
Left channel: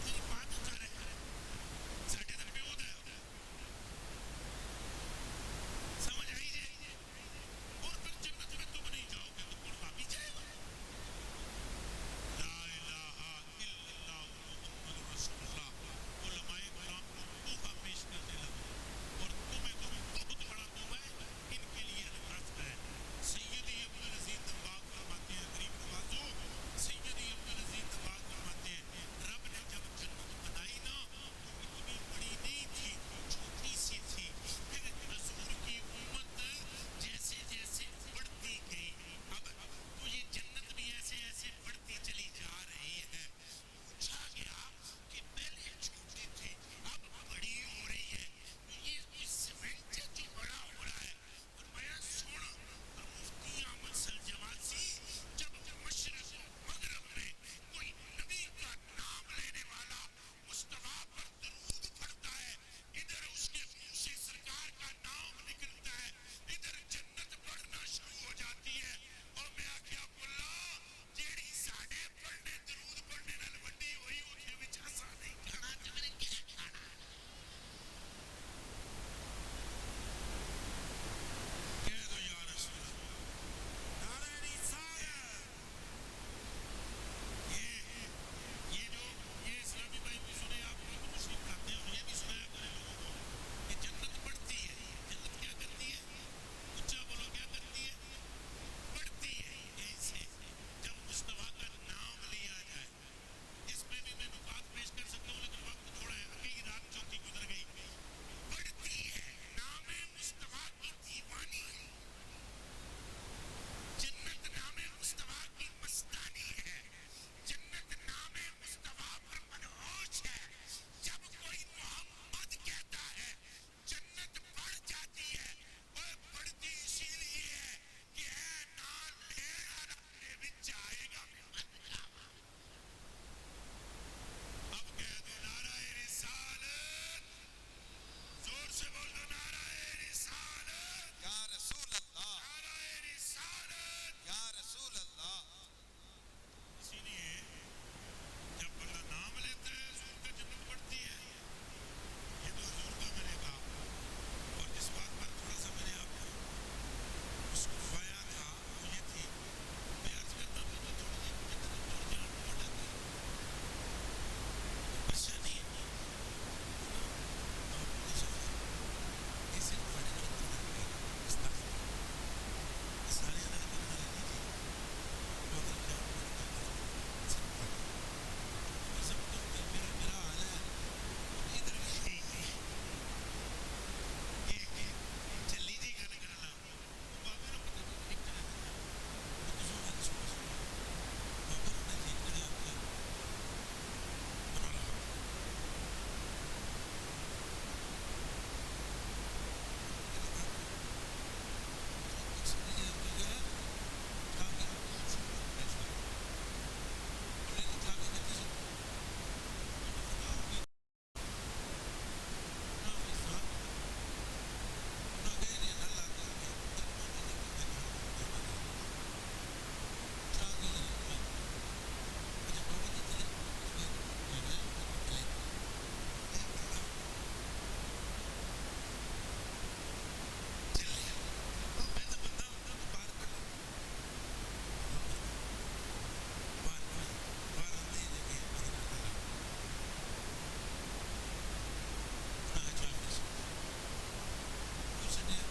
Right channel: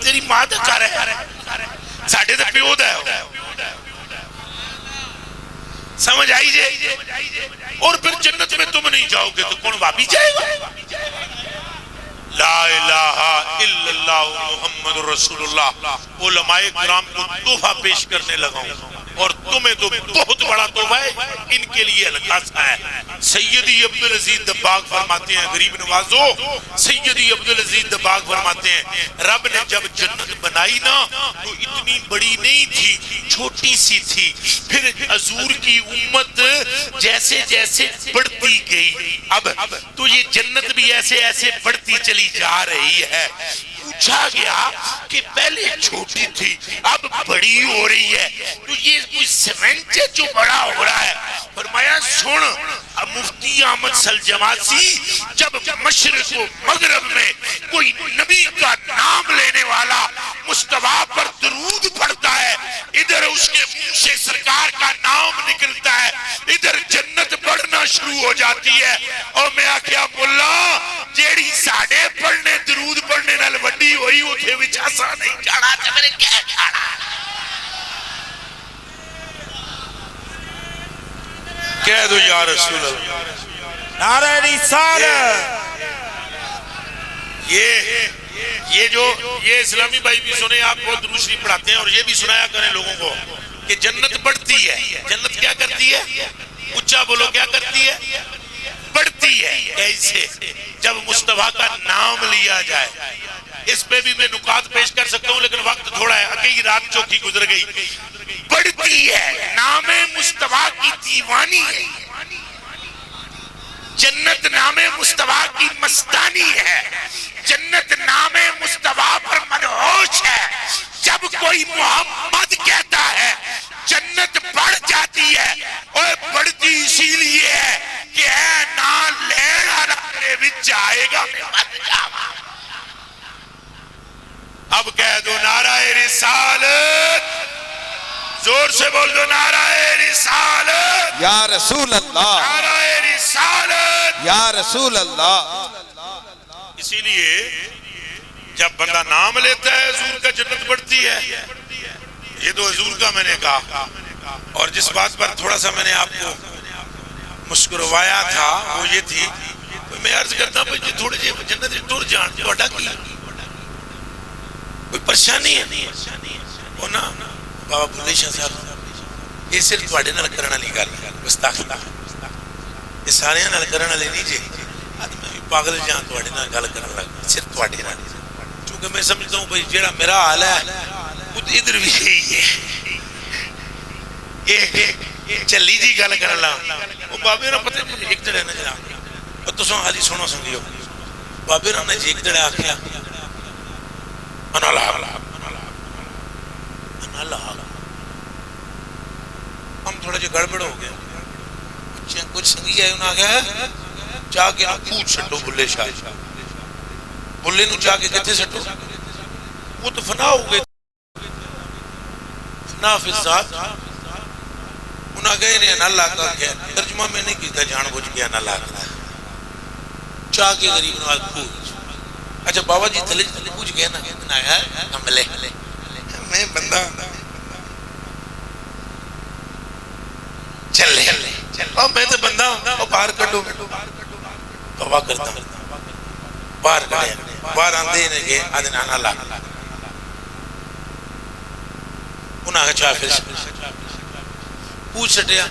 تیری ماں دا گھر ہے، ساڈے تے پیو دا ہے. سمجھ آئی جائے. اور پھر جنت میں تم نہیں جاؤ گے تو کون وابی جائے گا؟ لا الہ الا اللہ محمد رسول اللہ. علماء کرام کو تحفہ پیش کرنے لگا ہوں اور تمہیں تو بہت بڑا تحفہ ہے، ان کے لیے القاصہ ہے. سیدی عبدالعزیز دباغ فرماتے ہیں غریب نوازو، سیدی عبدالعزیز دباغ فرماتے ہیں رب نے جب جنت بنائی نا تو اتنی بڑی نہیں تھی، چھوٹی سی تھی. پھر حضور کی امت جیسے جیسے بڑھتی گئی، اب تو یہ جنت بھی ایسے ایسے بڑھتی چلی جا رہی ہے. پوچھا گیا کہ پہلے چھوٹی تھی اب بڑی ہو رہی ہے تو یہ کوئی سیمنٹ ہے جو بڑا ہو رہا ہے؟ فرمایا سن، اب مفتی احمد سلجماسی جب مشرق و مغرب میں کوئی نبی کا نام لینے والا مصطفیٰ پر درود پڑھتا ہے، ادھر اس کے منہ سے سرکار کا نام نکلتا ہے، ادھر جنت بڑھنا شروع ہو جاتی ہے. اور میں آکھیا ملا جیڑی ساڑے پڑھنے درود پڑھنے نال وڈی ہوئی اتھے وچ اساں نہیں جانا تے میرے کیا کھانا. کہہ دو یا رسول اللہ. نعرہ رسالت. یہ اسلامی بھائی بھی سنے، آپ کو درود شریف پڑھاتے ہیں اور یہ بھی سنایا کریں لوگوں کو کہ جنت بڑھتی ہے. جنت کیا کرتی ہے؟ اچھا بولو کیا کرتی ہے؟ بڑھتی ہے. کیسے؟ جب مصطفیٰ کا نام لیا جائے. اس پہ بھی میں نکات پیش کر سکتا ہوں لیکن وقت تھوڑا ہے، اکیلی رات چوکی گزر گئی. بڑھتی ہے، نام مصطفیٰ کی دیوانی ہے. جنت نام مصطفیٰ کی مستانی ہے. جنت نام مصطفیٰ پر منحوس ہے. جب کوئی محمد کہتا ہے جنت بڑھ جاتی ہے. اور بڑھتی اسی لیے ہے کہ اے نہ لین والا میرے وچ آئے گا میں مر جاواں. اب کہہ دو نعرہ رسالت، زور سے بول دو نعرہ رسالت، یا رسول اللہ، نعرہ رسالت۔ یا رسول اللہ۔ اسی لیے جب بندہ نام لیتا ہے حضور کا جنت بڑھتی ہے۔ یہ تو حضور کا میں نے کہا، اور جس بات پر تھوڑا سا میں نے آپ کو مسکروایا تھا وہ یہ تھی، میں عرض کرتا ہوں جی تھوڑے جی جنت ٹور جان توڑا کی کوئی پریشانی ہے وہ نا بابا بلے شاہ صاحب یہ صرف تواڈے نال کرن والی گل ہے، گستاخی یہ سارے نال کرن والی نہیں جی، میں بھی پاگل جان تواڈے نال گل کرن لگ صرف تواڈے نال، کیونکہ میں سمجھتا ہوں بھائی جیڑا میرا حال ہے وہ ادھر بھی یہی ہے، یہ چلی جی گل کرن لگ وہ بابے نہ پتہ ایک جڑے نہ جناب اور تساں حالی سنو سنگیو بابے نے جی ایک جڑے آکھیا انا لا ہم تھوڑا جی گڑبڑ ہو گیا، کچھ سنگی آئے انہوں نے آگیا چاہ کے پھوٹ سٹو بلے شاہ، بلے نو چاہ کے کہتے سٹو وہ تو فنا ہو گئے، فنا فی الذات، انہوں نے کہا انہیں اللہ کا کیا ترجمہ میں نہیں کیتا جان بوجھ کے اللہ کا چاہ کے غریب نواز پھوٹ۔ اچھا بابا جی تھلے پوچھ گئے نا کملے میں بندہ چلے اور میں تو بندہ اور باہر کٹو توبہ کرتا ہوں باہر کٹے باہر آندے نے کہ آدھے نانا لا انہاں کا چاہ پھر پوچھ سٹیا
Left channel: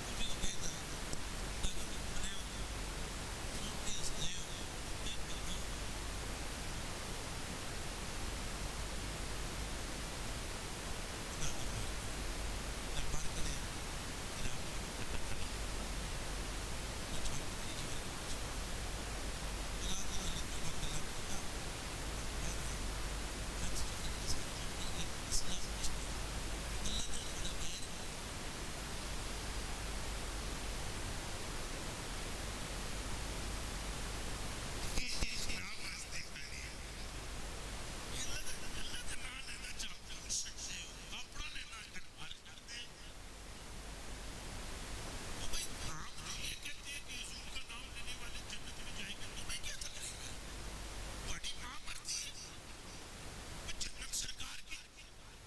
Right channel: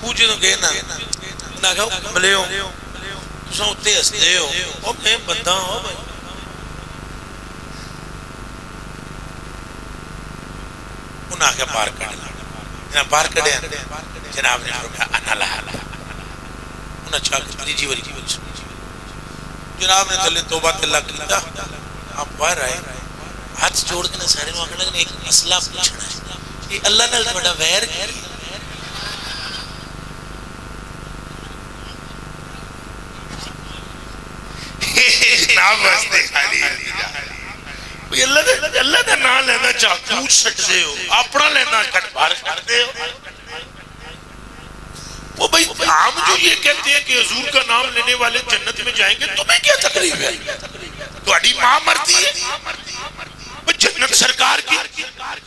پوچھے تو گئے نا انہاں کہا کملے ہو تساں اتے ہستے ہو اور میں بندہ ہوں بھائی انہاں کا باہر کٹے جناب باہر کٹے جناب نے فرمایا انا لہا انہاں چاہ کے تریجی وری کی جناب نے تلے توبہ تلہ کیتا آپ باہر آئے ہاتھ جوڑ کے سارے نو آکھنے لگے ایک مسئلہ پوچھنا ہے کہ اللہ نال بڑا ویر کی جناب واسطے خالی اللہ دا نام لینا چاہ پوچھ سکتے ہو اپنا لینا کٹ بار کرتے ہو وہ بھئی عام جو یہ کہتے ہیں کہ حضور کا نام لینے والے جنت میں جائیں گے تمہیں کیا تکلیف ہے تو اڈی ماں مرتی ہے جنت سرکار کی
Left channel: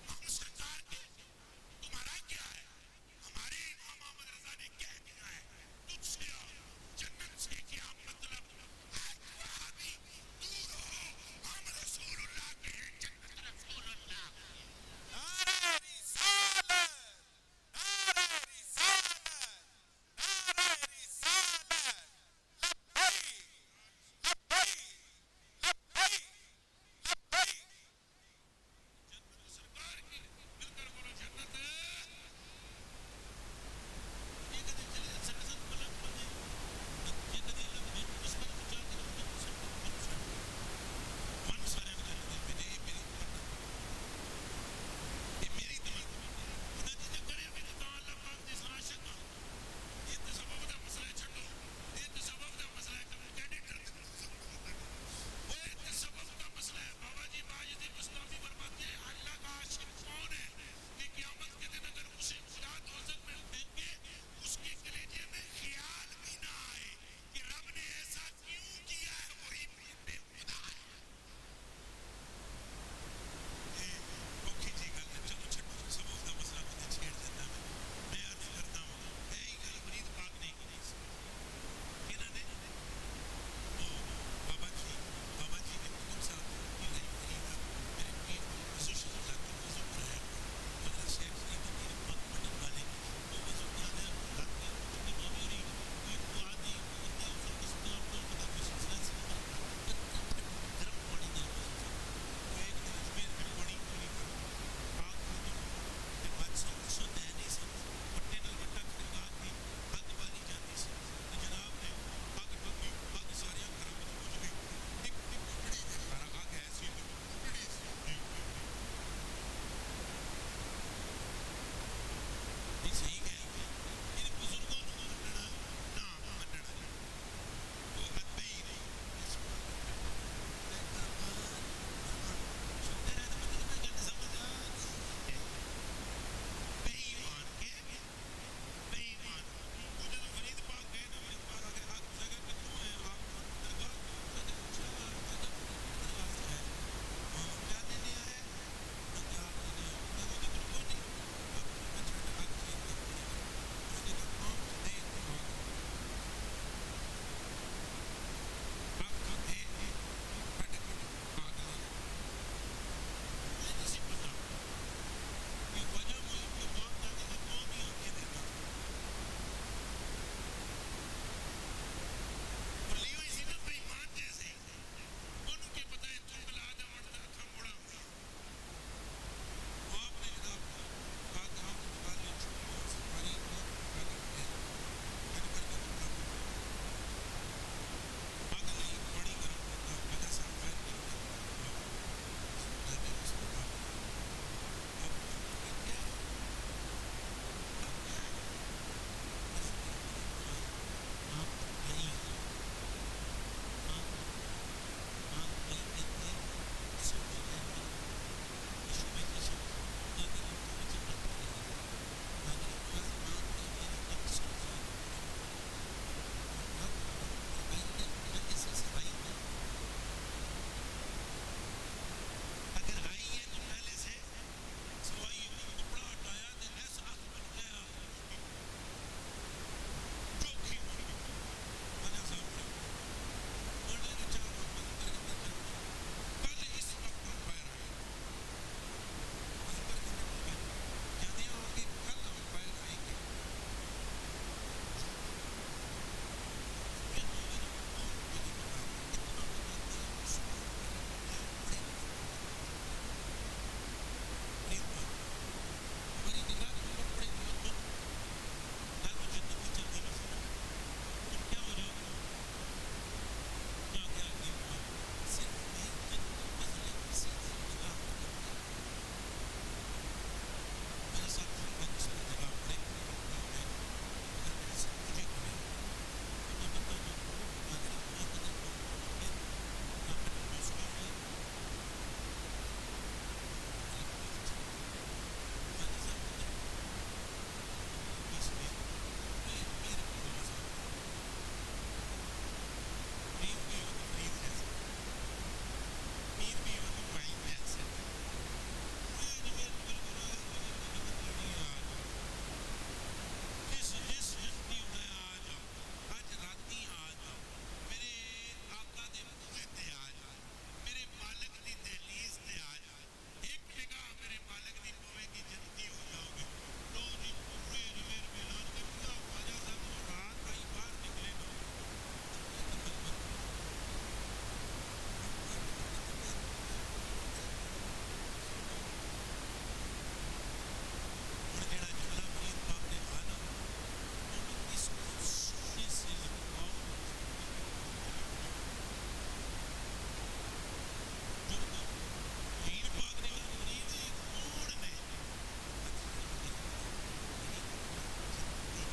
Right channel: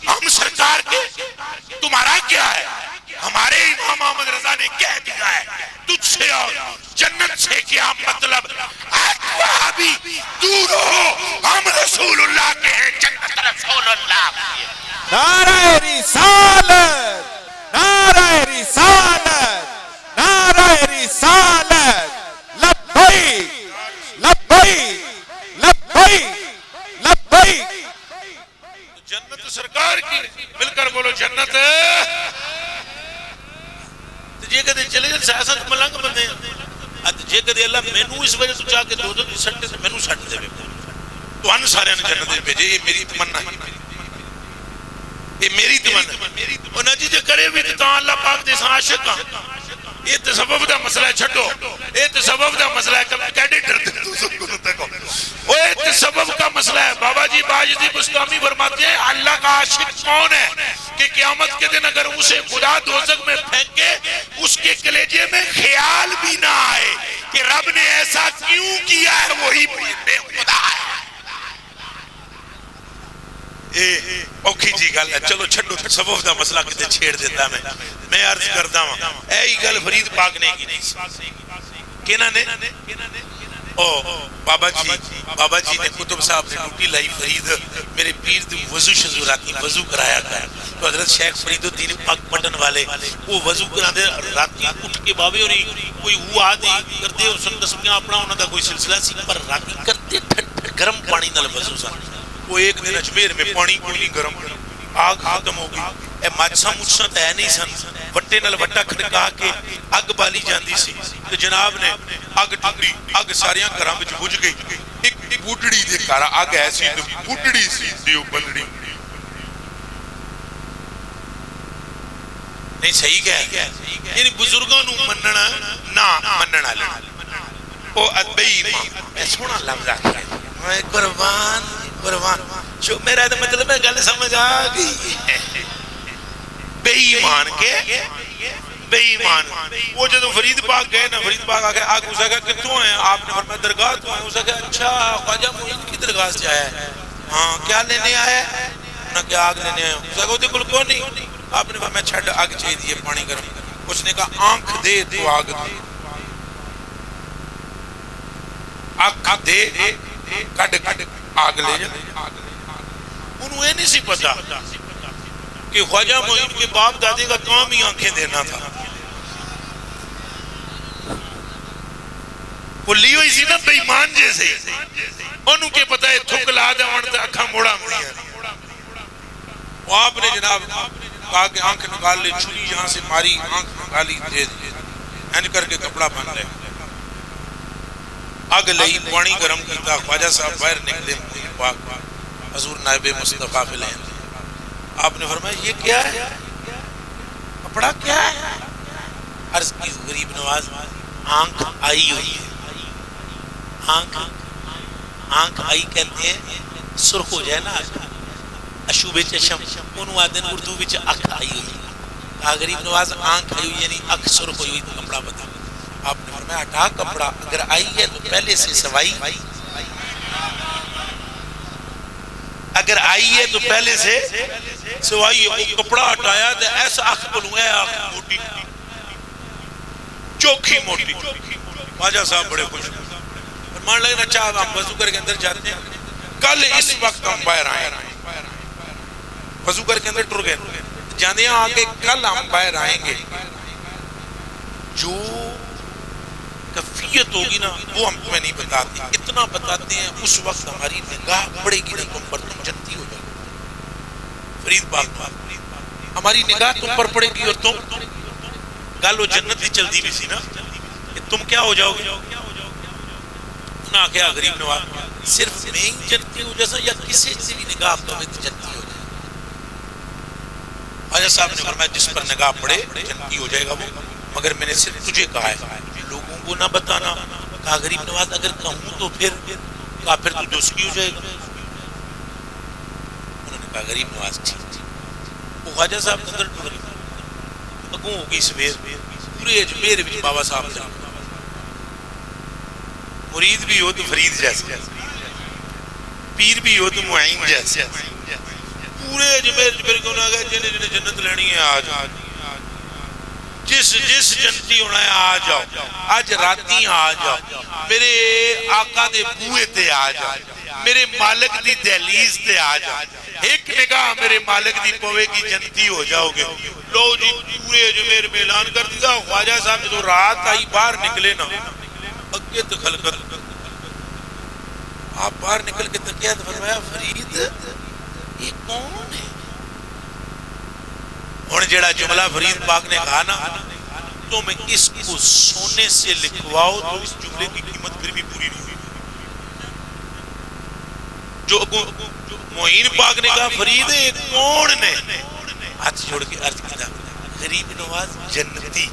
ہم سرکار کے تمہارا کیا ہے ہمارے امام احمد رضا نے کہہ دیا ہے تجھ سے اور جنت سے کیا مطلب ابھی دور ہو ہم رسول اللہ کے ہیں جنت رسول اللہ نعرہ رسالت، نعرہ رسالت، نعرہ رسالت، لبیک لبیک لبیک لبیک۔ جنت سرکار کی مل کر بولو جنت جے کدے چلے جن سیاست ملنگ بندے جے کدے اللہ مینو اس وجہ تو چاہ کے دو سٹے سے مینو سٹ دے تو ان سارے نے جنت میں بھیجے یہ میری تمنا ہے یہ میری تمنا اور نجی جے کرے بھی تو اللہ پاک دے عاشق ہاں یہ تسبب دا مسئلہ ہے چھٹو یہ تسبب دا مسئلہ ہے کب کیڈے ڈرتے تو سب کو تکو وہ یہ تسبب کا مسئلہ ہے بابا جی باجدی بستامی فرماتے ہیں اللہ کا عاشق کون ہے کہ قیامت کے دن اگر اسے خدا دوزخ میں پھینکے اس کے کلیجے میں خیال بھی نہ آئے کہ رب نے ایسا کیوں کیا ہے وہی بے خدا ہے اوکھی جی گل ہے چلو چھڑو تصوف دا مسئلہ کتے چھیڑ دیتا میں عرض کرتا ہوں اے ہی گل فرید پاک نے کی نہیں کینا نے بابا جی نے کتب صاحب نے ڈوٹی لائی فرید میرے پیر دی وضو شضو راتی وضو کرایا گیا تو حضرت شیخ فرید الدین پاک پٹن والے وہ وضو کرا دے راتی اٹھ کے بابے اور کوئی ہوا دی کرتے اور سن قسمیاں اپنا انہوں دا کوئی سلسلہ سی پر راتی کرتے گرم پانی نال وضو سا وہ ایک دن اجمیر میں پانی کوئی گرم آگ ختم ہو گئی اے ماچسا مجھسا تو ہے نہیں سن وٹے نل وٹا کھڑکا کے اگ بالی جاندی سی تو جناب نے اگ ٹوٹی اگ ساریاں گھراں وچ بجھ گئی ایک بوٹڑی دے کارا اگ ایسی تو بوٹڑی سی دیو بندڑی نہیں صحیح کہہ یعنی بزرگوں نو مننا نہ مننا لے او ادبی میں سونا لفظ آکھیا میں قربان قربان جو میرا مطلب ہے گل سمجھ آ گئی بے ایمان کے بے ایمان وہ جب فرید پاک گئے نا فرید پاک آگے آگ اسے کہا کتوں ہیں آپ نے فرمایا درگاہ تو ہیں اسے کہا اچھا خواجہ معین کی درگاہ سے آیا ہے ہاں کیا لینے آیا ہے نہ کیا آگ لینے آیا اسے کہا دیکھو کون نہیں آپ نے فرمایا چھڑ آگ چاہیے دیئے پانی گرم اس نے کہا آنکھ دے تو آگ دے آنکھ دے کڑ آگ لے جائے انہوں یہ نہیں سی پتا کہ خواجہ معین کے باپ دادے کا کام ہی آنکھیں دینا تھا وہ لی ہوئی سی نا بے ایمان جیسے انہوں کے پتہ ہے تھک لا دے ونڈا اکھا موڑا موڑی وہ آپ نے جناب کہا کہ آنکھ نکال لے چھری یہاں سے ماری آنکھ نکالی دے این کر کے کپڑا بن لے آگ لئی پانی گرم کیتا خواجہ صاحب باہر نکلے معین پاک حضور نائب مصطفیٰ فلین آپ نے فرمایا یہ کیا ہے کپڑا کیا ہے عرض کی غریب نواز آنکھ آئی ہوئی ہے آنکھ آئی کہتے ہیں سرخ ہو جائے نا اشوب چشم انہوں آدھن اردو بچ اکھ آئی ہوئی کہا غریب نواز آنکھ آئی ہوئی یعنی اکھ سرخ ہوئی تو کپڑا بتا آپ نے فرمایا ہٹا کپڑا اگر آئی ہے تو پہلے سے سوائی اگر آئی ہے تو پہلے سے سوائی ہے وہ کپڑا ہٹایا تو ایسا اکھ بلوں ہے آنکھ موٹی چوکھی موٹی خواجہ صاحب بڑے خوش فرمان لگے نا چاہب ہم وضو کر کے اندر جاتے ہیں کل اس وقت ہم باہر آئیں وضو کر کے اندر ٹر گئے جانے ہیں آگے کل ہم باہر آئیں گے جو کفیت ہوگی نا وہ ہم تمہیں نہیں بتاتے اتنا بتاتے ہیں اس وقت ہماری نگاہ پڑے گی نا تم پر تم جنتی ہو جاؤ فرید پاک ہماری نگاہ تم پر پڑے گی اور تم گالو جنت ہی چلتی بھی سی نا کہ تم کیا ہو جاؤ گے انہاں کیا غریب نواز صرف میں ہی جنتی ہو جیسا یا کسی سے بھی نگاہ تمہیں جنتی ہو جائے خواجہ صاحب نے فرمایا جس پر نگاہ پڑے جنتی ہو جائے گا وہ مگر میں نے صرف تجھے کہا ہے لوگوں کو نہ بتانا کہا غریب نواز اگر کہوں تو پھر کہا پھر تو دوسری ہو جائے گا انہوں نے کہا غریب نواز ٹھیک وہ خواجہ صاحب نے اندر ٹھوڑ اگوں ہوگی سویر پورے اجمیر بھی بابا صاحب جانا مرید بھی ہو تو فرید جیسے پیر بھی ہو تو معین جیسے پورے اجمیر کو نہ گئے جنہیں جنہیں جنت لینی ہے آج جس جنتی ہونا ہے آ جاؤ آج راتی آ جاؤ میرے آقا دے بوئے تے آ جاؤ میرے مالک دی دہلیز تے آ جاؤ ایک نگاہ میرے مالک دی پوے کی جنتی ہو جاؤ گے لو جی پورے اجمیر میں اعلان کر دیا خواجہ صاحب جو رات آئی باہر نکلے نا اگے دخل کر آپ باہر نکل کے تقیت فرمایا فرید یہ کون ہے اور جڑا جملہ فرید پاک نے کہا نا تو میں اس کو سونے سے لکھواؤ تو اس جملے کی قیمت پھر بھی پوری نہیں ہوئی جو معین پاک نے کہا فرید یہ کون نے ہاتھ جوڑ کے عرض کیا غریب نواز جنتی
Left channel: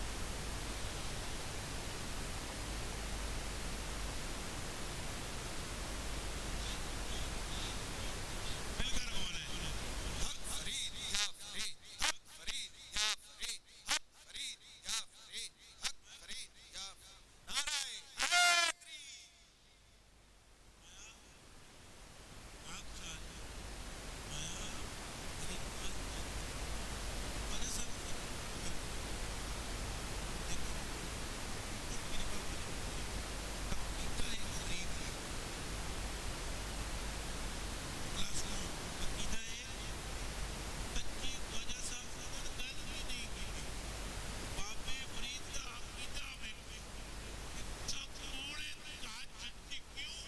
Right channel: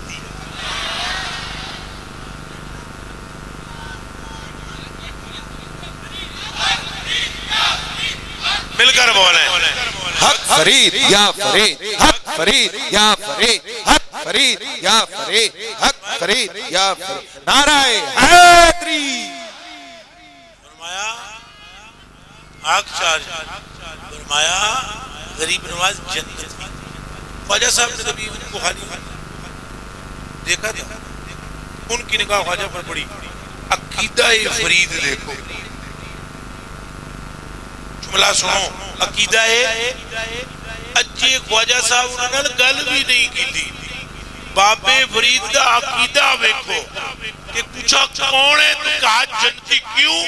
مل کر بولیں حق فرید یا فرید حق فرید یا فرید حق فرید یا فرید حق فرید یا فرید نعرہ حیدری فرمایا آگ چارج فرمایا غریب نواز جنت خواجہ صاحب نے کبھی ان کو خالی دیکھا تھا ان کی نگاہ خواجہ پر پڑی عقیدہ فرید دیکھو جملہ سنو عقیدہ اجے خواجہ صاحب انہوں نے گل بھی نہیں کی تھی بابے فرید دا عقیدہ ویکھو کہ پوچھا کون ہے تو کہا جنتی کیوں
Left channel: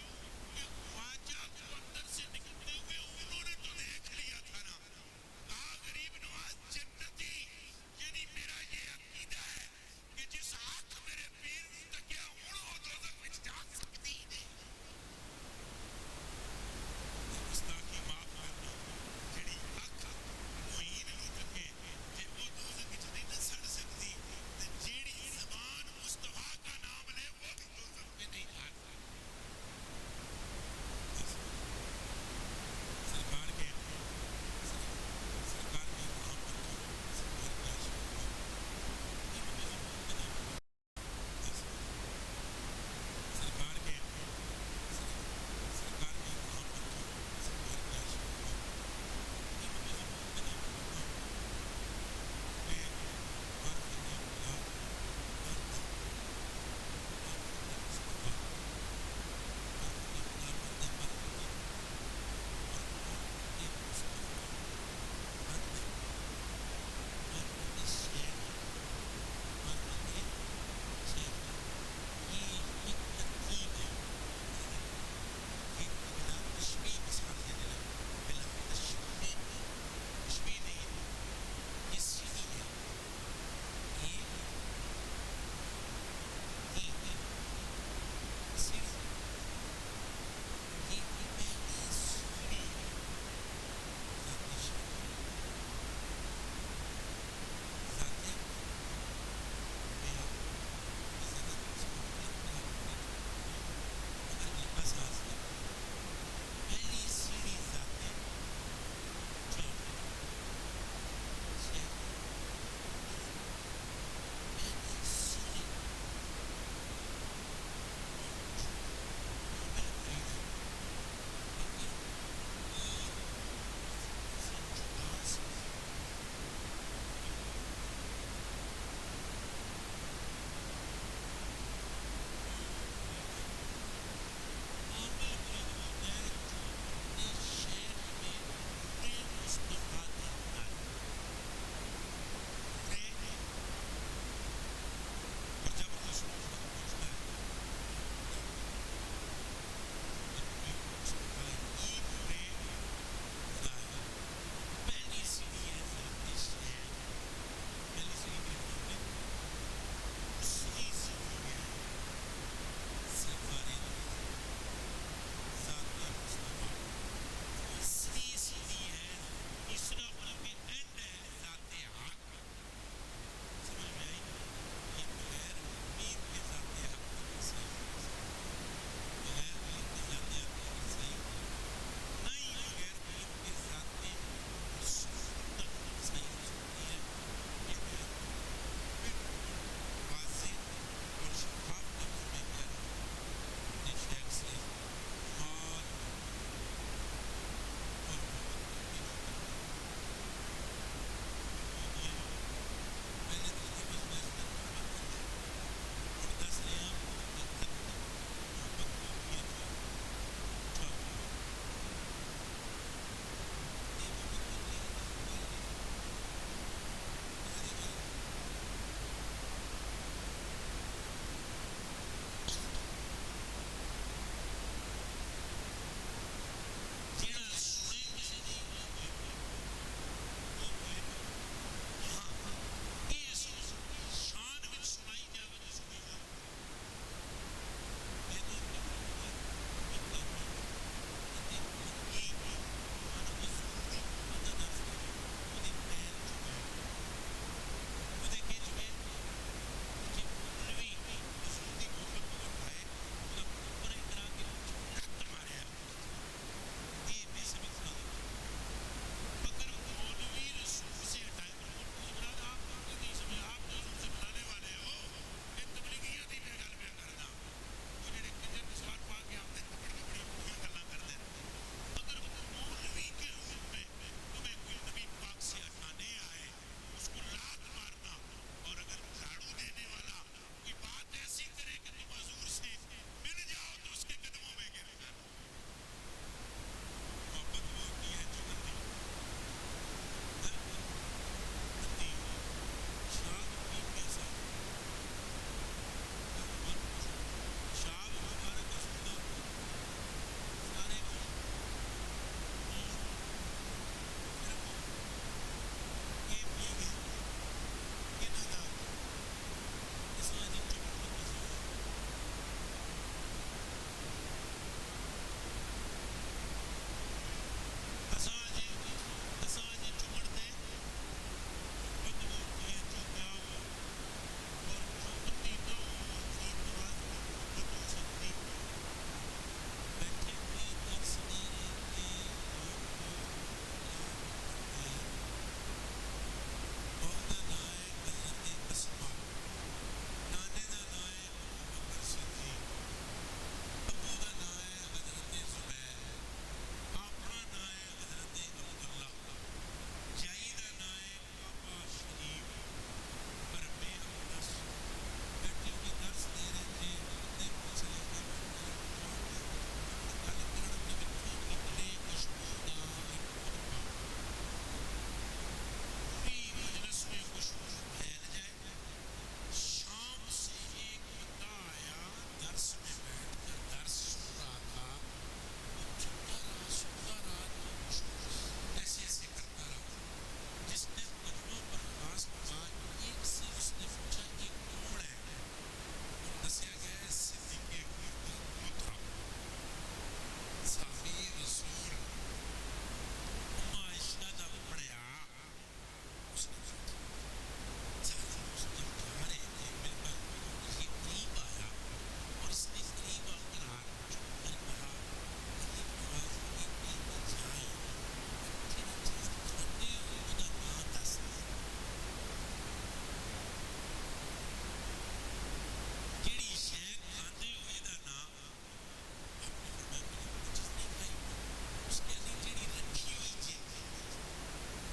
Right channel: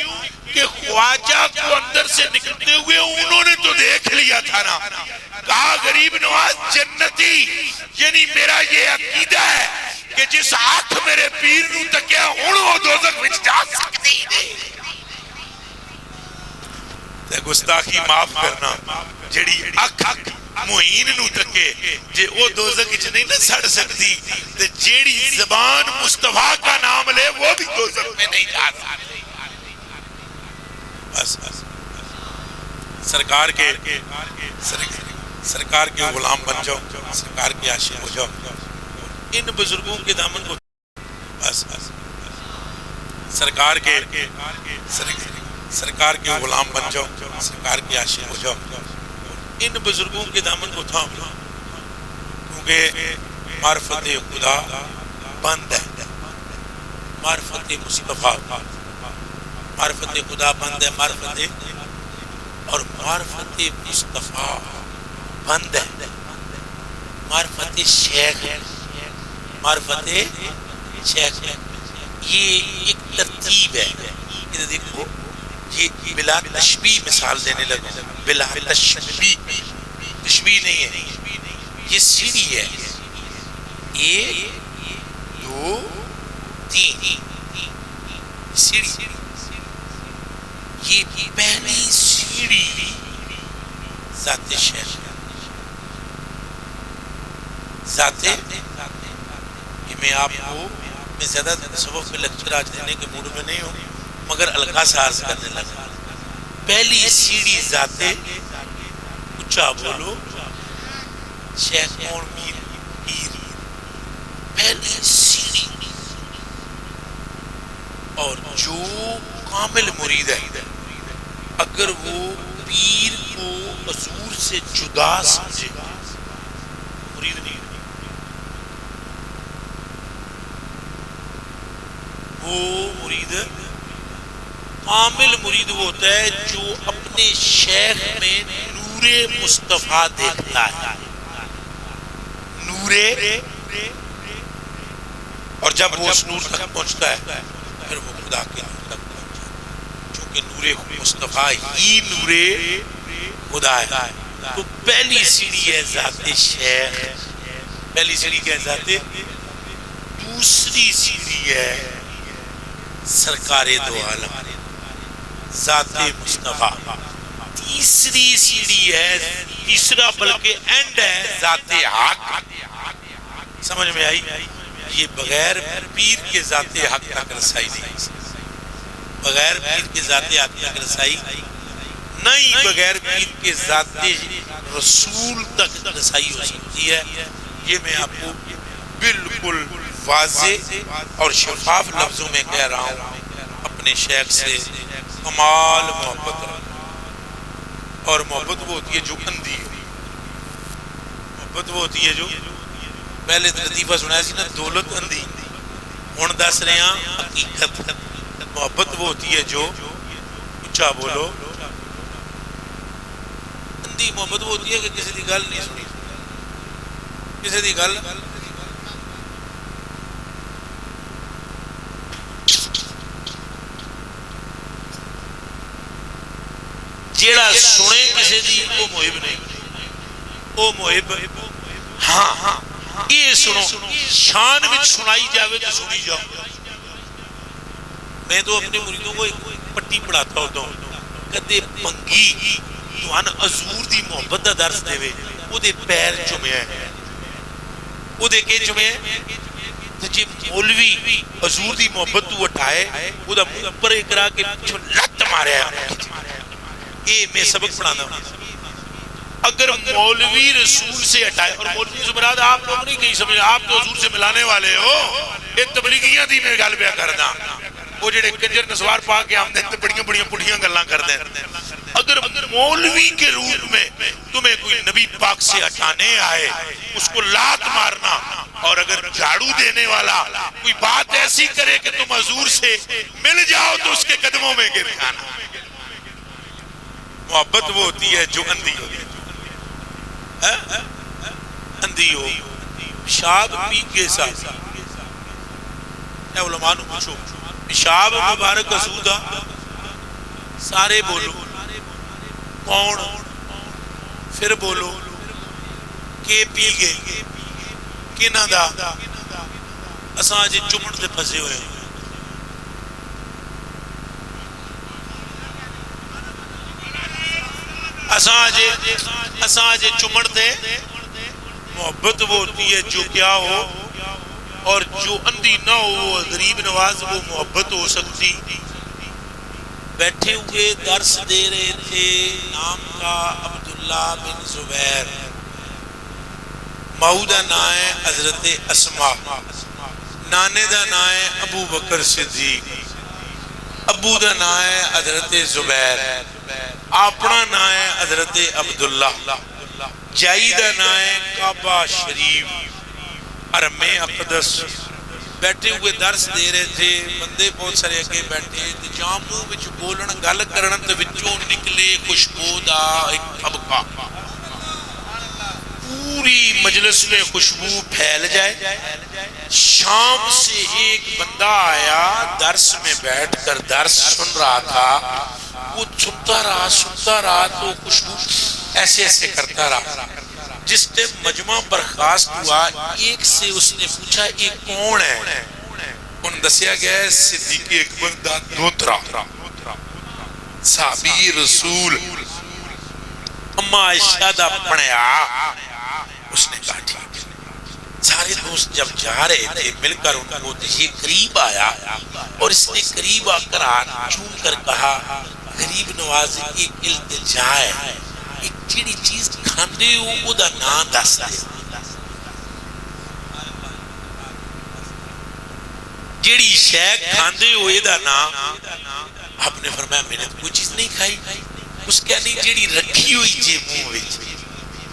کہ خواجہ کو اندر سے نکلتے ہوئے انہوں نے تو دیکھ لیا تھا نا کہا غریب نواز جنتی یعنی میرا یہ عقیدہ ہے کہ جس آنکھ میرے پیر نو تکیا انہوں دوزخ وچ جا سکتی نہیں گستاخی معاف کرنا جڑی اکھ معین نو تکے جے او دوزخ وچ نہیں نہ سڑ سکتی تے جیڑی زبان مصطفیٰ کا نام لے وہ بھی دوزخ میں نہیں جا سکتی بس سرکار کے غلام بن جاؤ، سرکار کے عاشق ہو جاؤ، ان بزرگوں کے دامن کو بس سرکار کے غلام بن جاؤ، سرکار کے عاشق ہو جاؤ، ان بزرگوں کے دامن کو تھام لو، کیونکہ معرفت خدا بند ہے، معرفت مصطفیٰ، معرفت خدا بند ہے، معرفت مصطفیٰ بند ہے، معرفت شیخ ہے، معرفت شیخ ہے، یہ ایک ترتیب ہے، یہ دیکھو، یہ بلا تشبیہ مثال دینے لگا، بلا تشبیہ نہیں ہے، یہ سیڑھی ہے، 1 2 3 سیڑھی، یہ پہلی سیڑھی ذات شیخ، ذات، کہ میں آپ کو، میں زیادہ تصوف میں لیکچر آج دینے کے موڈ میں نہیں ہوں، مگر الگا سے عرض کرنے لگا، پہلی سیڑھی ذات، اچھا بولو، شیخ کون؟ پیر، پہلی سیڑھی، اور جو کامل مرید ہے اگر وہ پیر کو حضور سے جدا سمجھے، مرید نہیں، وہ مرید، کامل مرید وہ ہوتا ہے جو اپنے شیخ میں نور مصطفیٰ دیکھتا ہے، نور، اور جب وہ اس نور تک پہنچتا ہے پھر وہ خدا کے نور تک پہنچتا ہے، چونکہ نور مصطفیٰ ہی نور خدا ہے۔ تو پہلی سیڑھی ہے ذات شیخ، پہلی سیڑھی کیا ہے؟ ذات، دوسری سیڑھی ہے سرکار دو عالم، ذات مصطفیٰ، تیسری سیڑھی ہے، تیسرا بلکہ اینڈ ہے ذات حق، سمجھ میں آئی؟ یہ بغیر پیر کے ذات حق تک رسائی نہیں، بغیر پیر کے ذات حق تک رسائی نہیں، بغیر پیر کے ذات رسول تک رسائی ہو سکتی ہے۔ یہ میں آپ کو بالکل واضح اور شفاف لفظوں میں کہہ رہا ہوں، اپنے شیخ سے کمال محبت رکھو، اور محبت وہ ہوتی ہے جو اندھی ہے، محبت وہ ہوتی ہے جو، پہلے لطیفہ سنایا سی نا، دولت اندھی، ہن دس رہے ہیں حقیقت، محبت وہ ہوتی ہے جو، اچھا بولو، اندھی محبت وہ ہوتی ہے کہ کسی دی گل نہیں سنی، کسی دی گل جیڑا سنے کسی دی وہ محب نہیں، وہ محب، ہاں یہ سنو، شان وچ سنائی جاوے تو سنی جاؤ۔ میں تو اپنے مریدوں کو ایک پٹی پڑھاتا ہوتا ہوں، کدے پنگی توان حضور دی محبت دا درس دے وے، وہ دے پیر چمے ہیں، وہ دے کے چمے ہیں، جی مولوی حضور دی محبت تو اٹھائے، وہ دا منہ پر اکرا کے پیچھو لت مارے ہیں، یہ میں سبق پڑھانا ہوں۔ اگر مولوی رسول سے ہٹائے، اور مولوی سے مراد آپ لوگ نہیں کہیں سمجھے، آپ تو حضور سے ملانے والے ہو، یہ تبلیغیاں دی میں گل پیا کرنا، وہ جڑے کنجر نسوار پا کے آمدے ہیں بڑیاں بڑیاں پڑھیاں گلاں کردے ہیں۔ اگر مولوی کے روپ میں تمہیں کوئی نبی پاک سے ہٹانے آئے، اس کو لات مارنا، اور اگر جھاڑو دینے والا کوئی بات ایسی کرے کہ تم حضور سے مل جاؤ تو اس کے قدموں میں گر جانا۔ محبت وہ ہوتی ہے جو اندھی ہوتی ہے، اندھی ہو، پیشاب پی کے ساتھ، اے علماء نو پوچھو، پیشاب مبارک حضور، سارے بولو کون، پھر بولو کہ پی گئے، کنہ دا، اساں جے چمڑ دے پھسے ہوئے، اساں جے چمڑ دے، محبت وہ ہوتی ہے جو کیا ہو، اور جو اندھی نہ ہو، وہ غریب نواز، وہ محبت ہو سکتی بیٹھے ہوئے درس دے رہے تھے، نام کا عبداللہ بن زبیر، ماؤ دا نام ہے حضرت اسما، نانے دا نام ہے ابو بکر صدیق، ابو دا نام ہے حضرت زبیر، اپنا نام ہے حضرت عبداللہ، جائی دا نام ہے کعبہ شریف، حرم اقدس۔ بیٹھے ہوئے درس دے رہے تھے، بندے بہت سارے اگے بیٹھے تے جہاں منہ وچ بولن گل کرن تے وچوں نکلے خوشبو دا ایک طبقہ، پوری مجلس میں خوشبو پھیل جائے۔ شام سے ایک بندہ آیا، درس میں بیٹھ کر درس سن رہا تھا، وہ سنتا رہا تو خوشبو ایسے ایسے کرتا رہا۔ جس نے مجمع برخاست ہوا، ایک سے اس نے پوچھا یہ کون ہے؟ ان دسیا گیا ہے صدیق اکبر دا دوترا، صحابی رسول، اما عائشہ دا پڑھیا۔ اس نے کہا ٹھیک ہے۔ سارے دوست جب جا رہے تھے مل کر ان کو یہ قریب آیا اور اس نے قریب آ کر ہاتھ چوم کر کہا، غریب نواز ایک التجا ہے، ایک جیڑی چیز کھاندے ہو وہ دا نام دس دے، جیڑی شے کھاندے ہو یہ دا نام۔ آپ نے فرمایا میں نے کوئی چیز نہیں کھائی۔ اس کیا نہیں جیڑی رکھی ہوئی جے منہ وچ،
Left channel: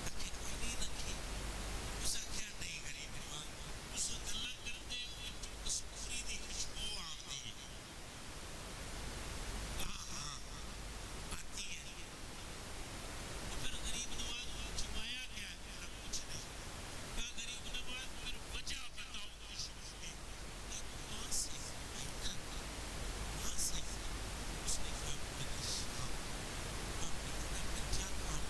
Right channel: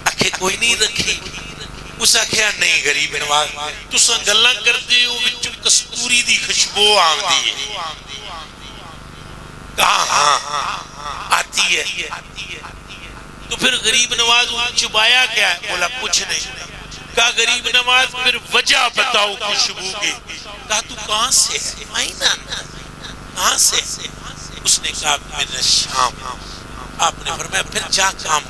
آکھے کوئی نہیں رکھی۔ اس آکھیا نہیں غریب نواز تساں گلاں کردے ہو وچوں کستوری دی خوشبو آندی ہے۔ کہا ہاں آتی ہے۔ تو پھر غریب نواز چبایا کیا ہے؟ بولا کچھ نہیں۔ کہا غریب نواز پھر وجہ بتاؤ خوشبو کی۔ کہا تو کہاں سے ہے؟ مائنہ کہاں سے؟ اس نے کہا من الشام۔ آپ نے فرمایا پھر جا کام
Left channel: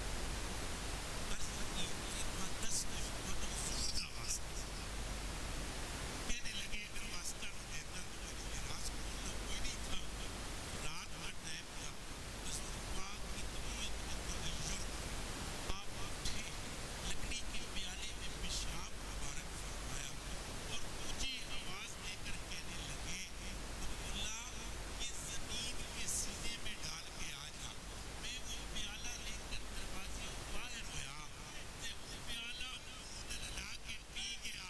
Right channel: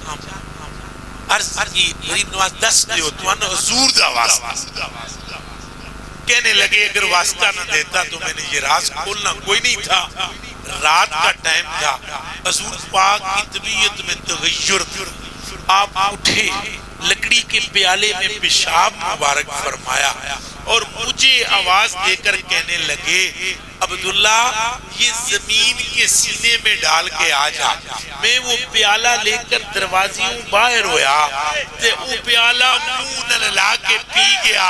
عرض کی غریب نواز دس دیو تو انہا حضور دا واسطہ۔ کہنے لگے اگر واسطہ نہ دیتا تو میں نے یہ راز کھولنا کوئی نہیں تھا۔ رات کا ٹائم تھا، حضور پاک کی طبیعت میں تغیر تھا۔ آپ اٹھے، لکڑی کے پیالے میں پیشاب مبارک فرمایا اور مجھے آواز دے کر کہنے لگے عبداللہ یہ زمین کے سینے میں ڈال کے آ جا۔ میں وہ پیالہ لے کر دروازیوں باہر ہویا تے وہ پیالہ منہ نللا کے پی گیا۔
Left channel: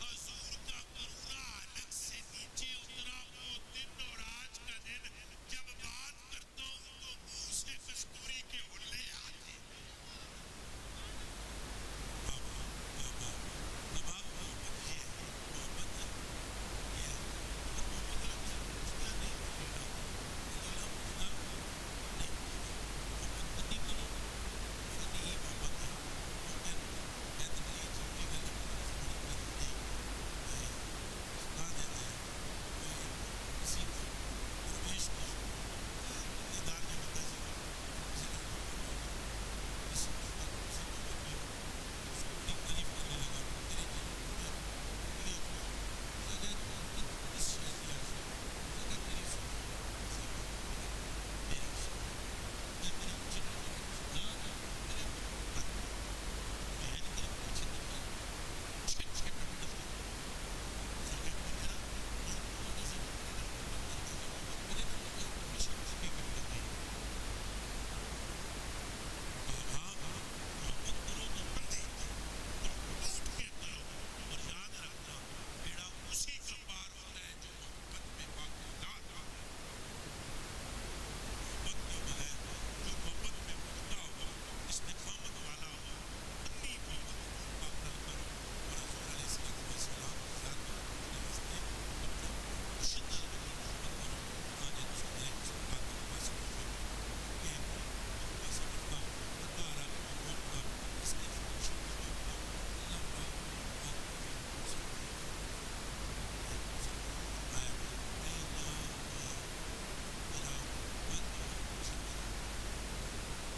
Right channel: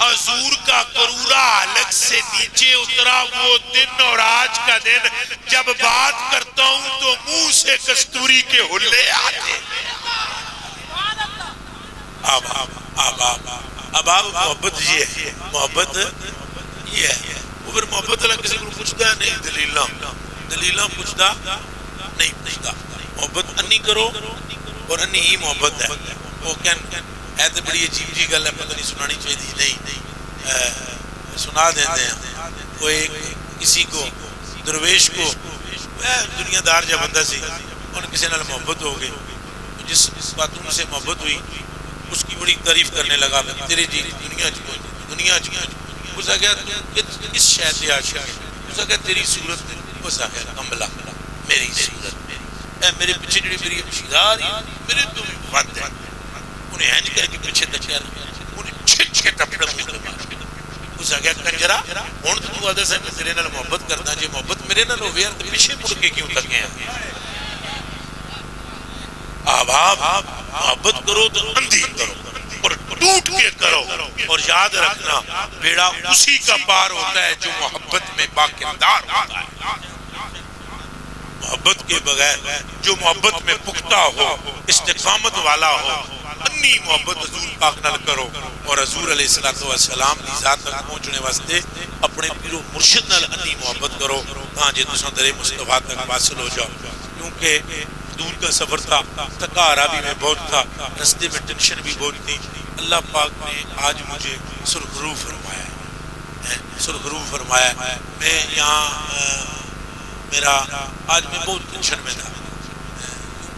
حضور کا قرورہ حلق سے نیچے اترا۔ وہ دن اور آج کا دن جب بات کرتا ہوں تو منہ سے کستوری کے ہلے آتے۔ اب آپ محبت یہ ہے، محبت یہ ہے۔ وہ پھر محبت اللہ کسی کو پوچھتا ہے نہیں، دلیلہ پوچھتا نہیں پوچھتا۔ محبت انی کرو اور انی ہی محبت ہے۔ وہ ہے تو بڑی عجیب جی گل ہے، پتہ نہیں سنانی چاہیے نہیں سنا دیتے ہیں۔ وہ ایک کسی کو درویش کو دنیا دار جب بندہ سی اور کسی نال محبت ہو گئی، جس خاتون سے محبت ہوئی اس کی بڑی تعریف کرنے لگا، تیرے جی دنیا چکی۔ اس نے کہا اس شہد یا شہد، اس نے کہا تیری صورت، اس نے کہا کمبلا میری صورت، میرے پیچھے جڑی میری مشیدہ آ رہی میرے تو بھی بات ہے۔ انہیں ہینج کر کے پیچھے تکیا رہا، انہیں چھٹ کے ٹپڑا مجھے مار کے۔ اس نے کہا کنجرہ ہون تو آدھا سے میں تیرے نال محبت کرنا، جی محبت میرے نال ہوئے تو پیچھے مڑ کے کیوں تکے ہیں؟ آپ محبت کرو تو اندھی کرو اور ٹوٹ کے کرو، اور یاد رکھنا بیڑا اسی کا پار ہوتا ہے جو محبت میں باکردار ہوتا ہے۔ محبت کے بغیر جو محبت میں پختہ ہو، استقامت والا ہو، انی محبت حضور پاک نال کرو اور حضور علیہ السلام کی ذات تک پہنچنے واسطے اپنے پیر و مرشد نال انی محبت کرو تاں جے تساں درے مصطفیٰ تک واصل ہو جاؤ۔ کیونکہ دور کا سفر تھا، تھکا عرابی میں بہت تھا، رستے میں ٹینشن بھی بہت تھی۔ اللہ پاک نے آج مجھے سرخرو فرمایا ہے، سرخرو فرمایا ہے۔ میں یہاں میرا آج میں بہت ٹینشن میں تھا،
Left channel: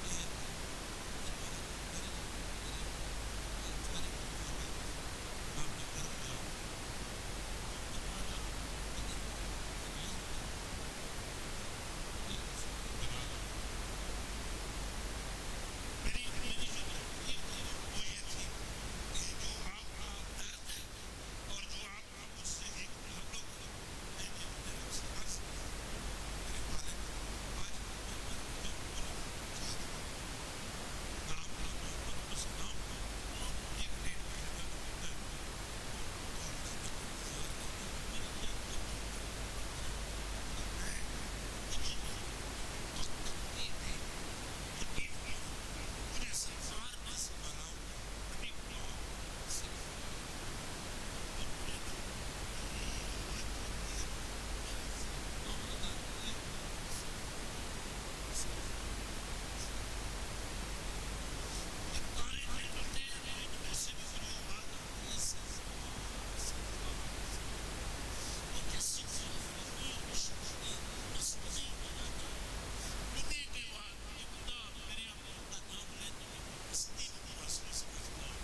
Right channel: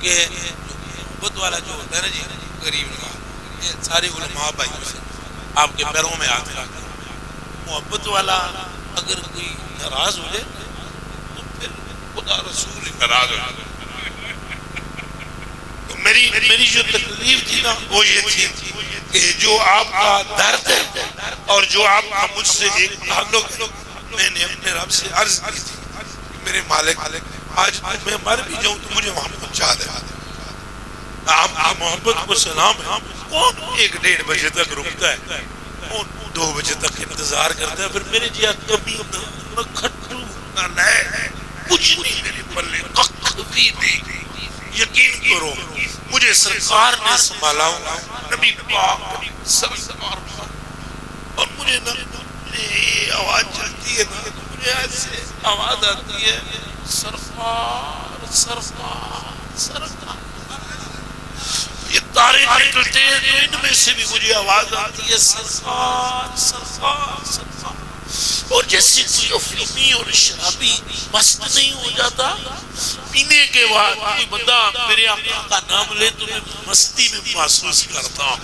کیونکہ محبت والا جو ہوتا ہے نا جی غریب نواز، یہ سارے علماء بھائیوں سے آپ کے پیروں میں ہاتھ رکھ کر، محبت والا اگر کوئی ناراض ہو جائے تو پھر خدا رسول ناراض ہو جائے۔ تو میری جو تکلیف تھی نا وہ یہ تھی کہ جو آپ کا درد ہے اور جو آپ کا مجھ سے ایک تعلق ہے، میں نے اپنے رب سے عرض کی تھی میرے مالک آج میں مر بھی جاؤں تو مجھے وہاں پہنچا دے. آپ کی محبت کو سلام ہے. کون 1-1.5 بجے تک رکتا ہے, کون 2 بجے تک انتظار کرتا ہے. پھر میرے جی کبھی نہ کھٹو نہ لے, کچھ نہیں میرے پلے, کخ بھی نہیں. یقین کرو مجھے سرکار نے سنبھالا, نبی پاک سرکار, اور مجھے نا آواز چلتی ہے نا, مجھے ایسے آواز آتی ہے سرکار سرکار سرکار. یہ تارے نکلتے ہیں تو ان میں سے بھی مجھے آواز آتی ہے سرکار سرکار سرکار. اور جیسے کوئی افیمی اور شرابی مست نہیں ہو جاتا, پینے کے بعد کوئی بندہ میرے آقا کا نام لے تو میں مستی میں محسوس کرتا ہوں,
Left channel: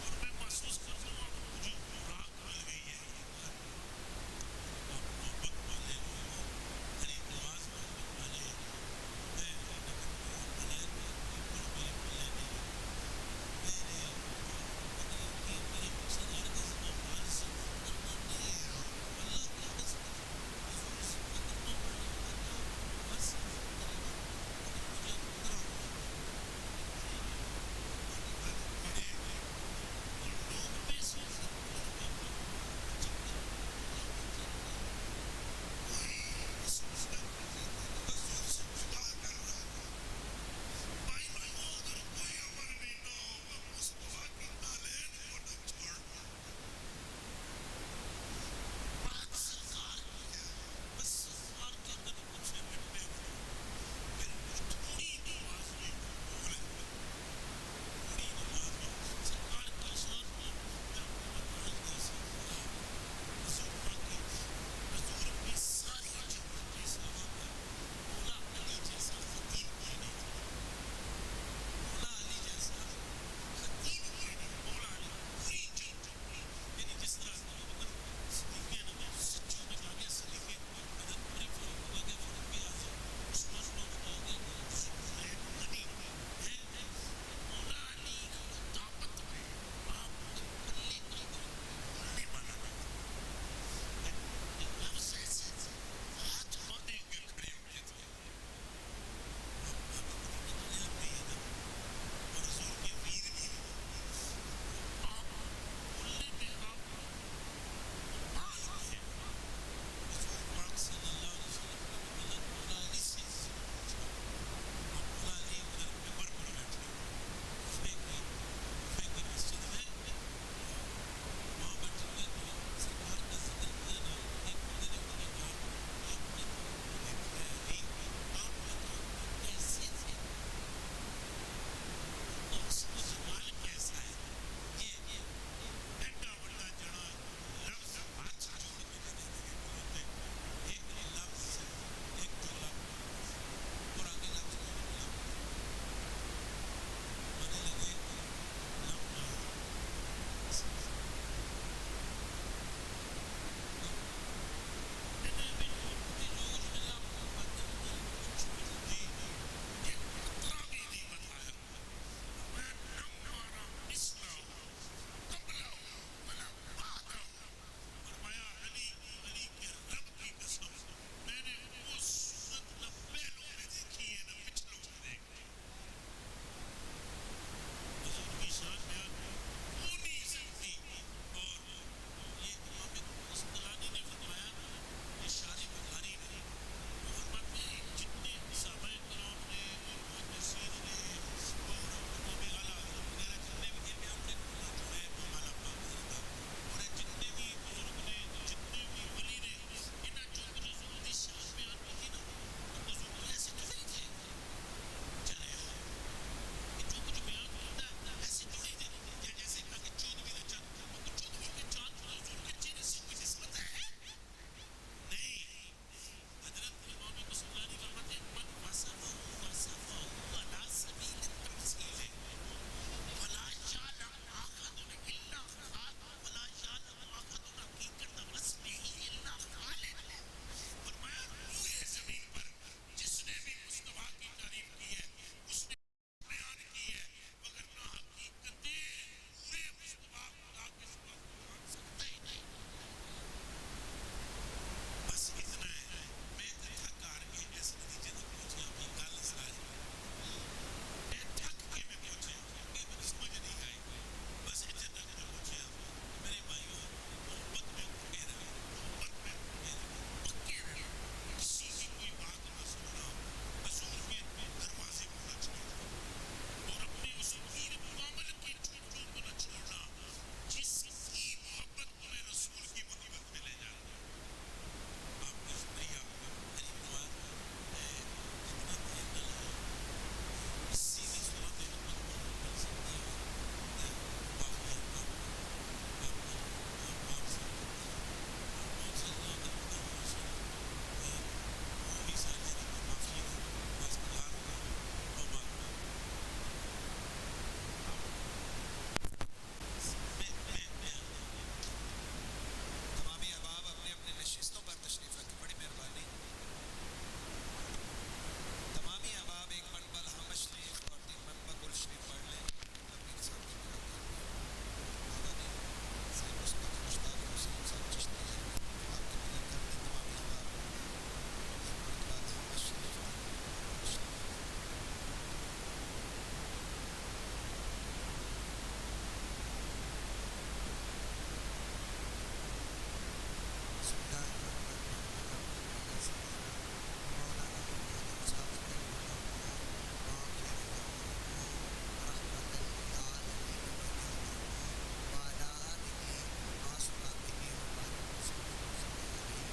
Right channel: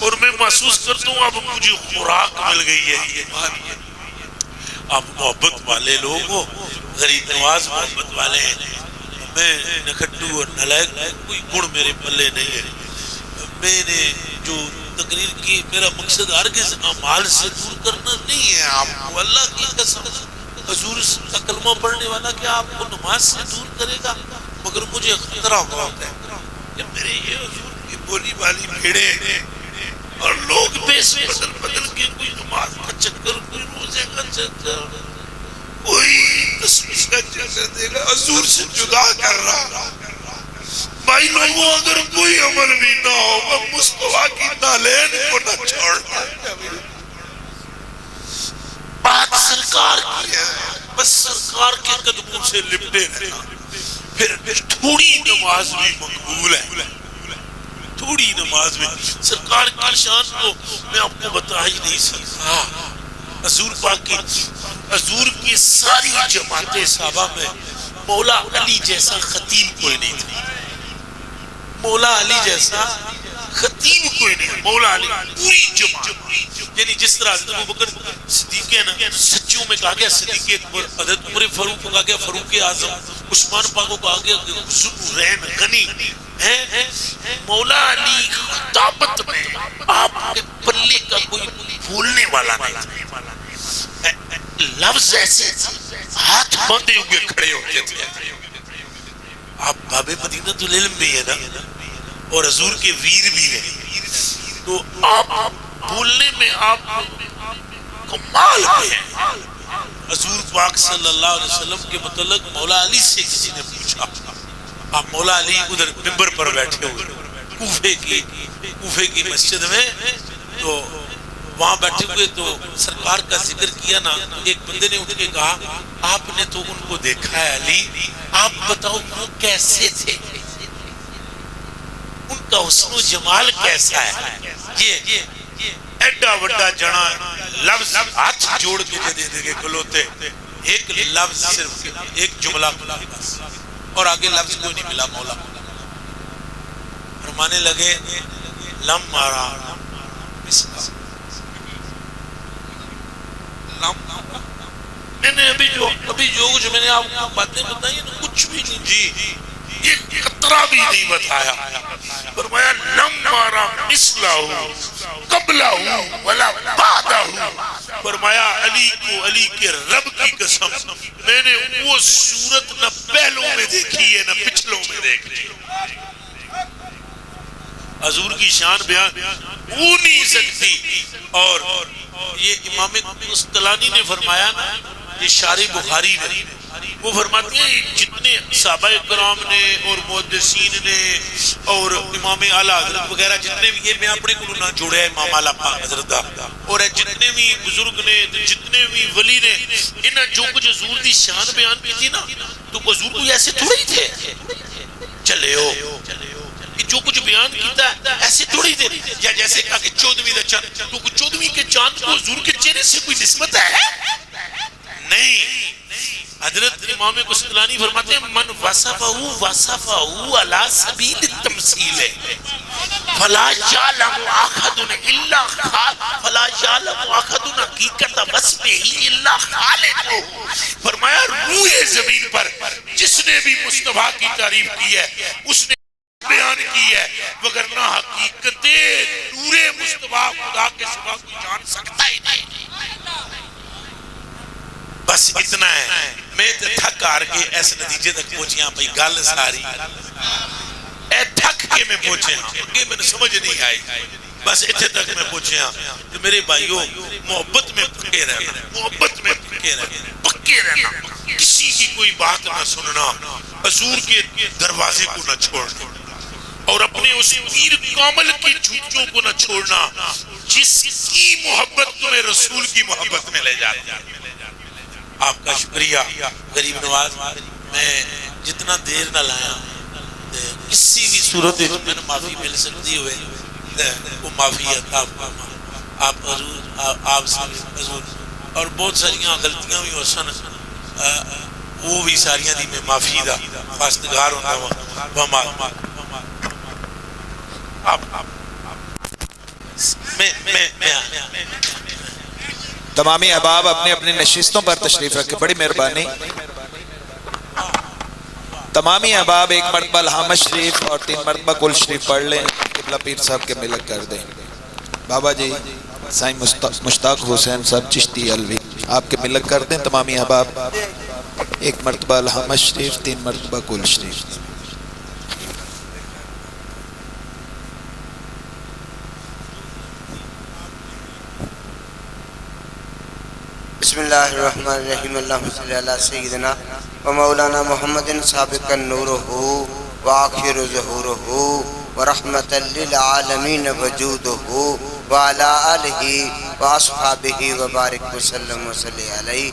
اور میں محسوس کرتا ہوں اب مجھے خوراک مل گئی ہے. یہ آپ محبت والے لوگ ہو, غریب نواز محبت والے ہیں. میں نکھٹو اور نلائق کوئی گڑ میرے پلے نہیں ہے. میں نے جو تقریر کی, میرا مقصد ہرگز اعمال سے دور کرنا نہیں ہے آپ کو. اللہ کی قسم, حضور کا کلمہ پڑھنے والا کیا آپ کو نماز سے دور کرے گا؟ مگر مجھے خطرہ بہت ہے کہ میرے یہ حضور کی بولی والی بھیڑیں ہیں اور لوگ بیس بدل بدل کے, کوئی نماز کا چکر, کوئی روزے کا چکر, کوئی تسبیح کا چکر دے گا, حضور سے جدا کر رہا. بھائی لوگوں اگر کوئی عمل بھی نہ ہوگا مصطفیٰ کی نالین کو نہ چھوڑنا. بات سرکار کی ہے, بس سرکار کے قدموں سے لپٹے رہنا. پھر تھوڑی نماز بھی مقبول ہے, تھوڑی نماز میں سرکار کی شان کو میں آپ کو بتا ہی نہیں سکتا. حضور پاک کی, حضور کی ساری جماعت صحابہ میں مولا علی جیسا خطیب کوئی نہیں تھا. مولا علی جیسا خطیب کوئی نہیں. مولا علی پوری جماعت, یعنی جس طرح حضرت ابوبکر صدیق ہے نا, سچیوں میں کہا گیا صدیق اکبر, حضرت عمر فاروق کو کہا گیا فاروق اعظم, عثمان پاک کو کہا گیا ذوالنورین غنی ہے. مولا علی خطابت میں آپ کے پلے کا کوئی بھولنے والا نہیں تھا. لفظ ایسے ہاتھ باندھے ہوئے کھڑے ہوتے تھے. آپ باب مدینہ العلم بھی ہے نا, اور حضور کے ویر بھی ہیں, تو آپ بولنے میں آپ کمال پہ ہیں. حضور پاک صلی اللہ علیہ وسلم کے متعلق مولا علی سے کسی نے پوچھا, آپ مولا علی ادھر منبر پر بیٹھے ہوئے کوفے کی مسجد میں, تو وہاں بیٹھے ہوئے تو سرکار کا ذکر کیا نا, ایک بندے نے اٹھ کے کہا آپ نے تو ان کو دیکھا ہے علی, آپ بتاؤ وہ کیسے تھے, ان کا حسن و جمال کیسا ہے. یہ ایڈا وڈا جنا لفظ ہاتھ جوڑ کے دے دے کے کھلوتے, ایک لفظ صرف ایک جملہ بس, اور آگے لفظ کوئی نہیں ملا. مولا فرمانے لگے لم مارا میں نے ابھی جو کچھ میں نے آپ کو باتیں بتائی نا, کچھ بھی نہیں جی, ایک قطرہ بھی نہیں بتایا. فرمایا لم مارا مثلہ قبلہ ولا بعدہ. فرمایا علی کو علی کے رب کی قسم میں نے وہ صورت نہ پہلوں میں دیکھی ہے نہ پچھلوں میں دیکھی. حضور کی شان بیان ہو نہیں سکتی. اور یہ امام قسطلانی نے فرمایا نا, یہ شارح بخاری نے, وہ فرماتے ہیں جتنے صحابہ کرام نے اور محدثین نے اور امام اعلیٰ حضرت وغیرہ جتنے بھی, یہ میں اپنے کو نہ جوڑے ہیں امام اعلیٰ حضرت, اور جتنے بھی بزرگ نے جتنے بھی ولی نے, انہیں جو کچھ حضور دی شان بیان کی تھی نا, تو حضور کو ایسے تھوڑی تھے چلے ہو, جو کچھ بیان کیتا ہے ایسے تھوڑی تھے. یا جیسے کہا کہ 14ویں دا چاند, تو 14ویں کے چاند کو حضور کے چہرے سے کوئی نسبت ہے نہیں. حضرت امام قسطلانی فرماتے ہیں من وصفہ علی سبیل التمثیل فلا یعلم احد الا فلا یعلم احد حقیقت وصفہ الا خالقہ. فرمایا روح زمین پر جس نے بھی مصطفیٰ کی تعریف کی ہے اس نے بیان کی ہے, وگرنہ حقیقت نور مصطفیٰ خدا کے سوا کوئی جان سکتا ہی نہیں. بس اتنا ہے میں تے تھک ہار کے اس نتیجے تک پہنچیاں بھئی گل ساری اے تھک کے میں پہنچے ہاں کہ میں نے سمجھ نہیں آئی بس اتنے تک میں پہنچے ہاں تو میرے بھائیوں محبت میں پکے رہنا محبت میں پکے رہنا کسی کی کوئی بات نہ سننا حضور کے دروازے کو نہ چھوڑنا اور اپنے اس پیر کامل کی جھوٹوں کو نہ چھوڑنا جس کی محبت تمہیں رسول کی محبت میں لے جاتی ہے آپ کا شکریہ غریب نواز میں جتنا دیر نہ لایا کسی بھی صورت میں معافی مل سکتی ہوئے وہ معافی عطا فرما آپ حضور آپ سے حضور اور بہت ساریاں غلطیاں بھی ہو سن وہ بھی ساریاں دی میں معافی دا خواستگار ہوتا ہوں تمامی احباب اپنے اپنے نشستوں پر تشریف رکھے بڑی مہربانی تمامی احباب ایک مرتبہ الحامد شریف اور 3 مرتبہ کل شریف پڑھ لیں قبلہ پیر صاحب کے ملک کر دیں بابا جی سائیں مشتاق حسین صاحب چشتی علوی آپ کے ملک کر دیں تمامی احباب ایک مرتبہ الحامد شریف 3 مرتبہ کل شریف بسم اللہ الرحمن الرحیم اللہم صلی علی سیدنا و مولانا محمد سابقا نورہ وآخر ظہورہ ورحمتا للعالمین وجودہ وعلا آلہ واصحابہ وبارک وسلم وصلی علیہ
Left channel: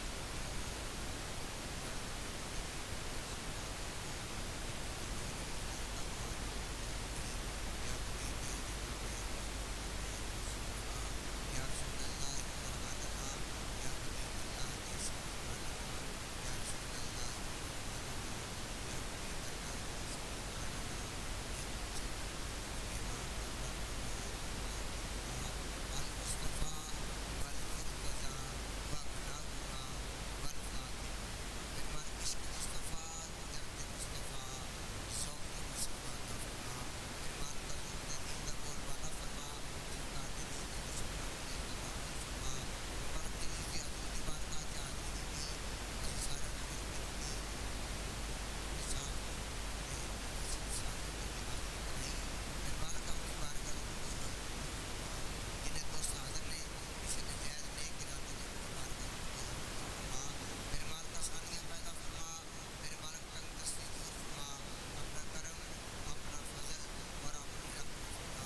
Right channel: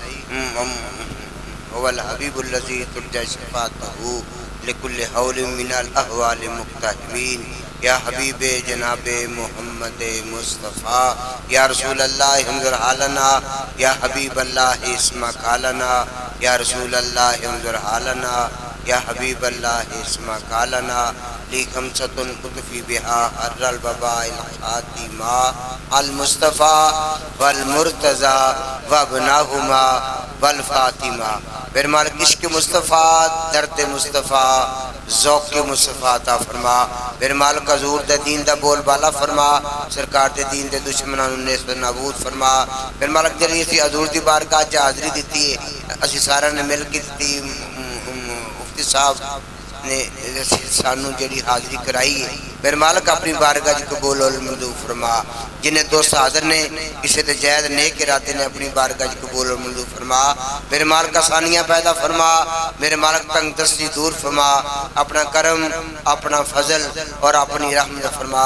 والحبیب اللذی ترجى شفاعتہ لکل حول من الاحوال مقتحمین یا حبیب جناب محمد مصطفیٰ یا رسول اللہ انظر حالنا یا حبیب اللہ اسمع قالنا یا رسول اللہ انظر حالنا یا حبیب اللہ اسمع قالنا لی خمسۃ قطفی بہا حر البباء الخاتمہ المصطفیٰ والمرتضی وابناہما والفاطمہ پھر مالک عشق مصطفیٰ درد مصطفیٰ ذوق مصطفیٰ عطا فرما پھر مالک حضور دے دین دا بول بالا فرما سرکار دے دین دے دشمنان نیست نابود فرما پھر مالک جلی اسی حضور دی بارگاہ جا حاضری دیتی ہے اسی سارا نے مل کے دیتی مفتی صاحب نے سانو جڑی حاضری کرائی ہے پھر مالک اپنی بارگاہ جی قبول والمنظور فرما جنہیں دوست حاضر نے کسی تے جائد نیک ارادے نے اپنی بارگاہ جی قبول والمنظور فرما میرے مالک آسانیاں پیدا فرما میرے مالک تنگ دستی دور فرما اپنا کرم اپنا فضل اور اپنی رحمت فرما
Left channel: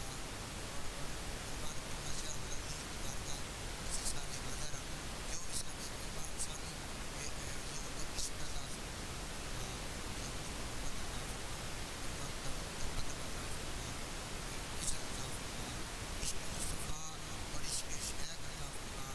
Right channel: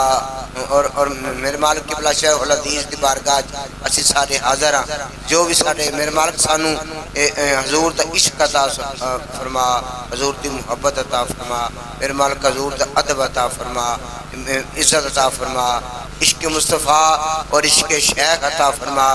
اور میرے مالک کی بلا شیخ الحدیث دی بارگاہ اسی سارے حاضر ہیں جو بھی سارے میرے مالک سانو حضور دا عشق عطا فرما حضور دی محبت عطا فرما میرے مالک حضور دا ادب عطا فرما عزت عطا فرما عشق مصطفیٰ اور عشق شیخ عطا فرما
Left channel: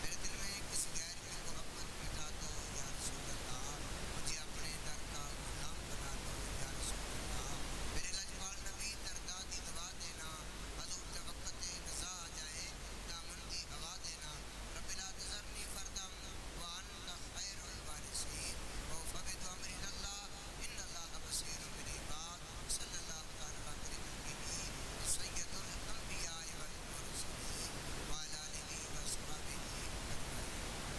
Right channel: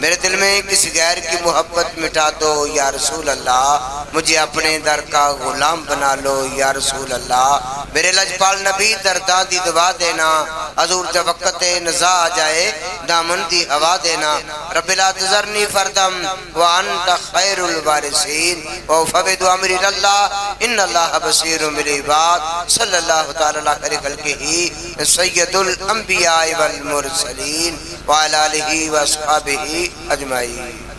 میرے دل میں کسی غیر کی محبت مٹا دو یا رسول اللہ مجھے اپنے در کا غلام بنا لو یا رسول اللہ میرے لجپال نبی دردادی دعا دینا حضور جب وقت نزا آ جائے دامن دی ہوا دینا رب لا تذرنی فردم وانت خیر الوارثین وفوض امری اللہ ان اللہ بصیر بالعباد صلی اللہ تعالی علیہ خلقہ سید الانبیاء والمرسلین وعلى آلہ واصحابہ اجمعین.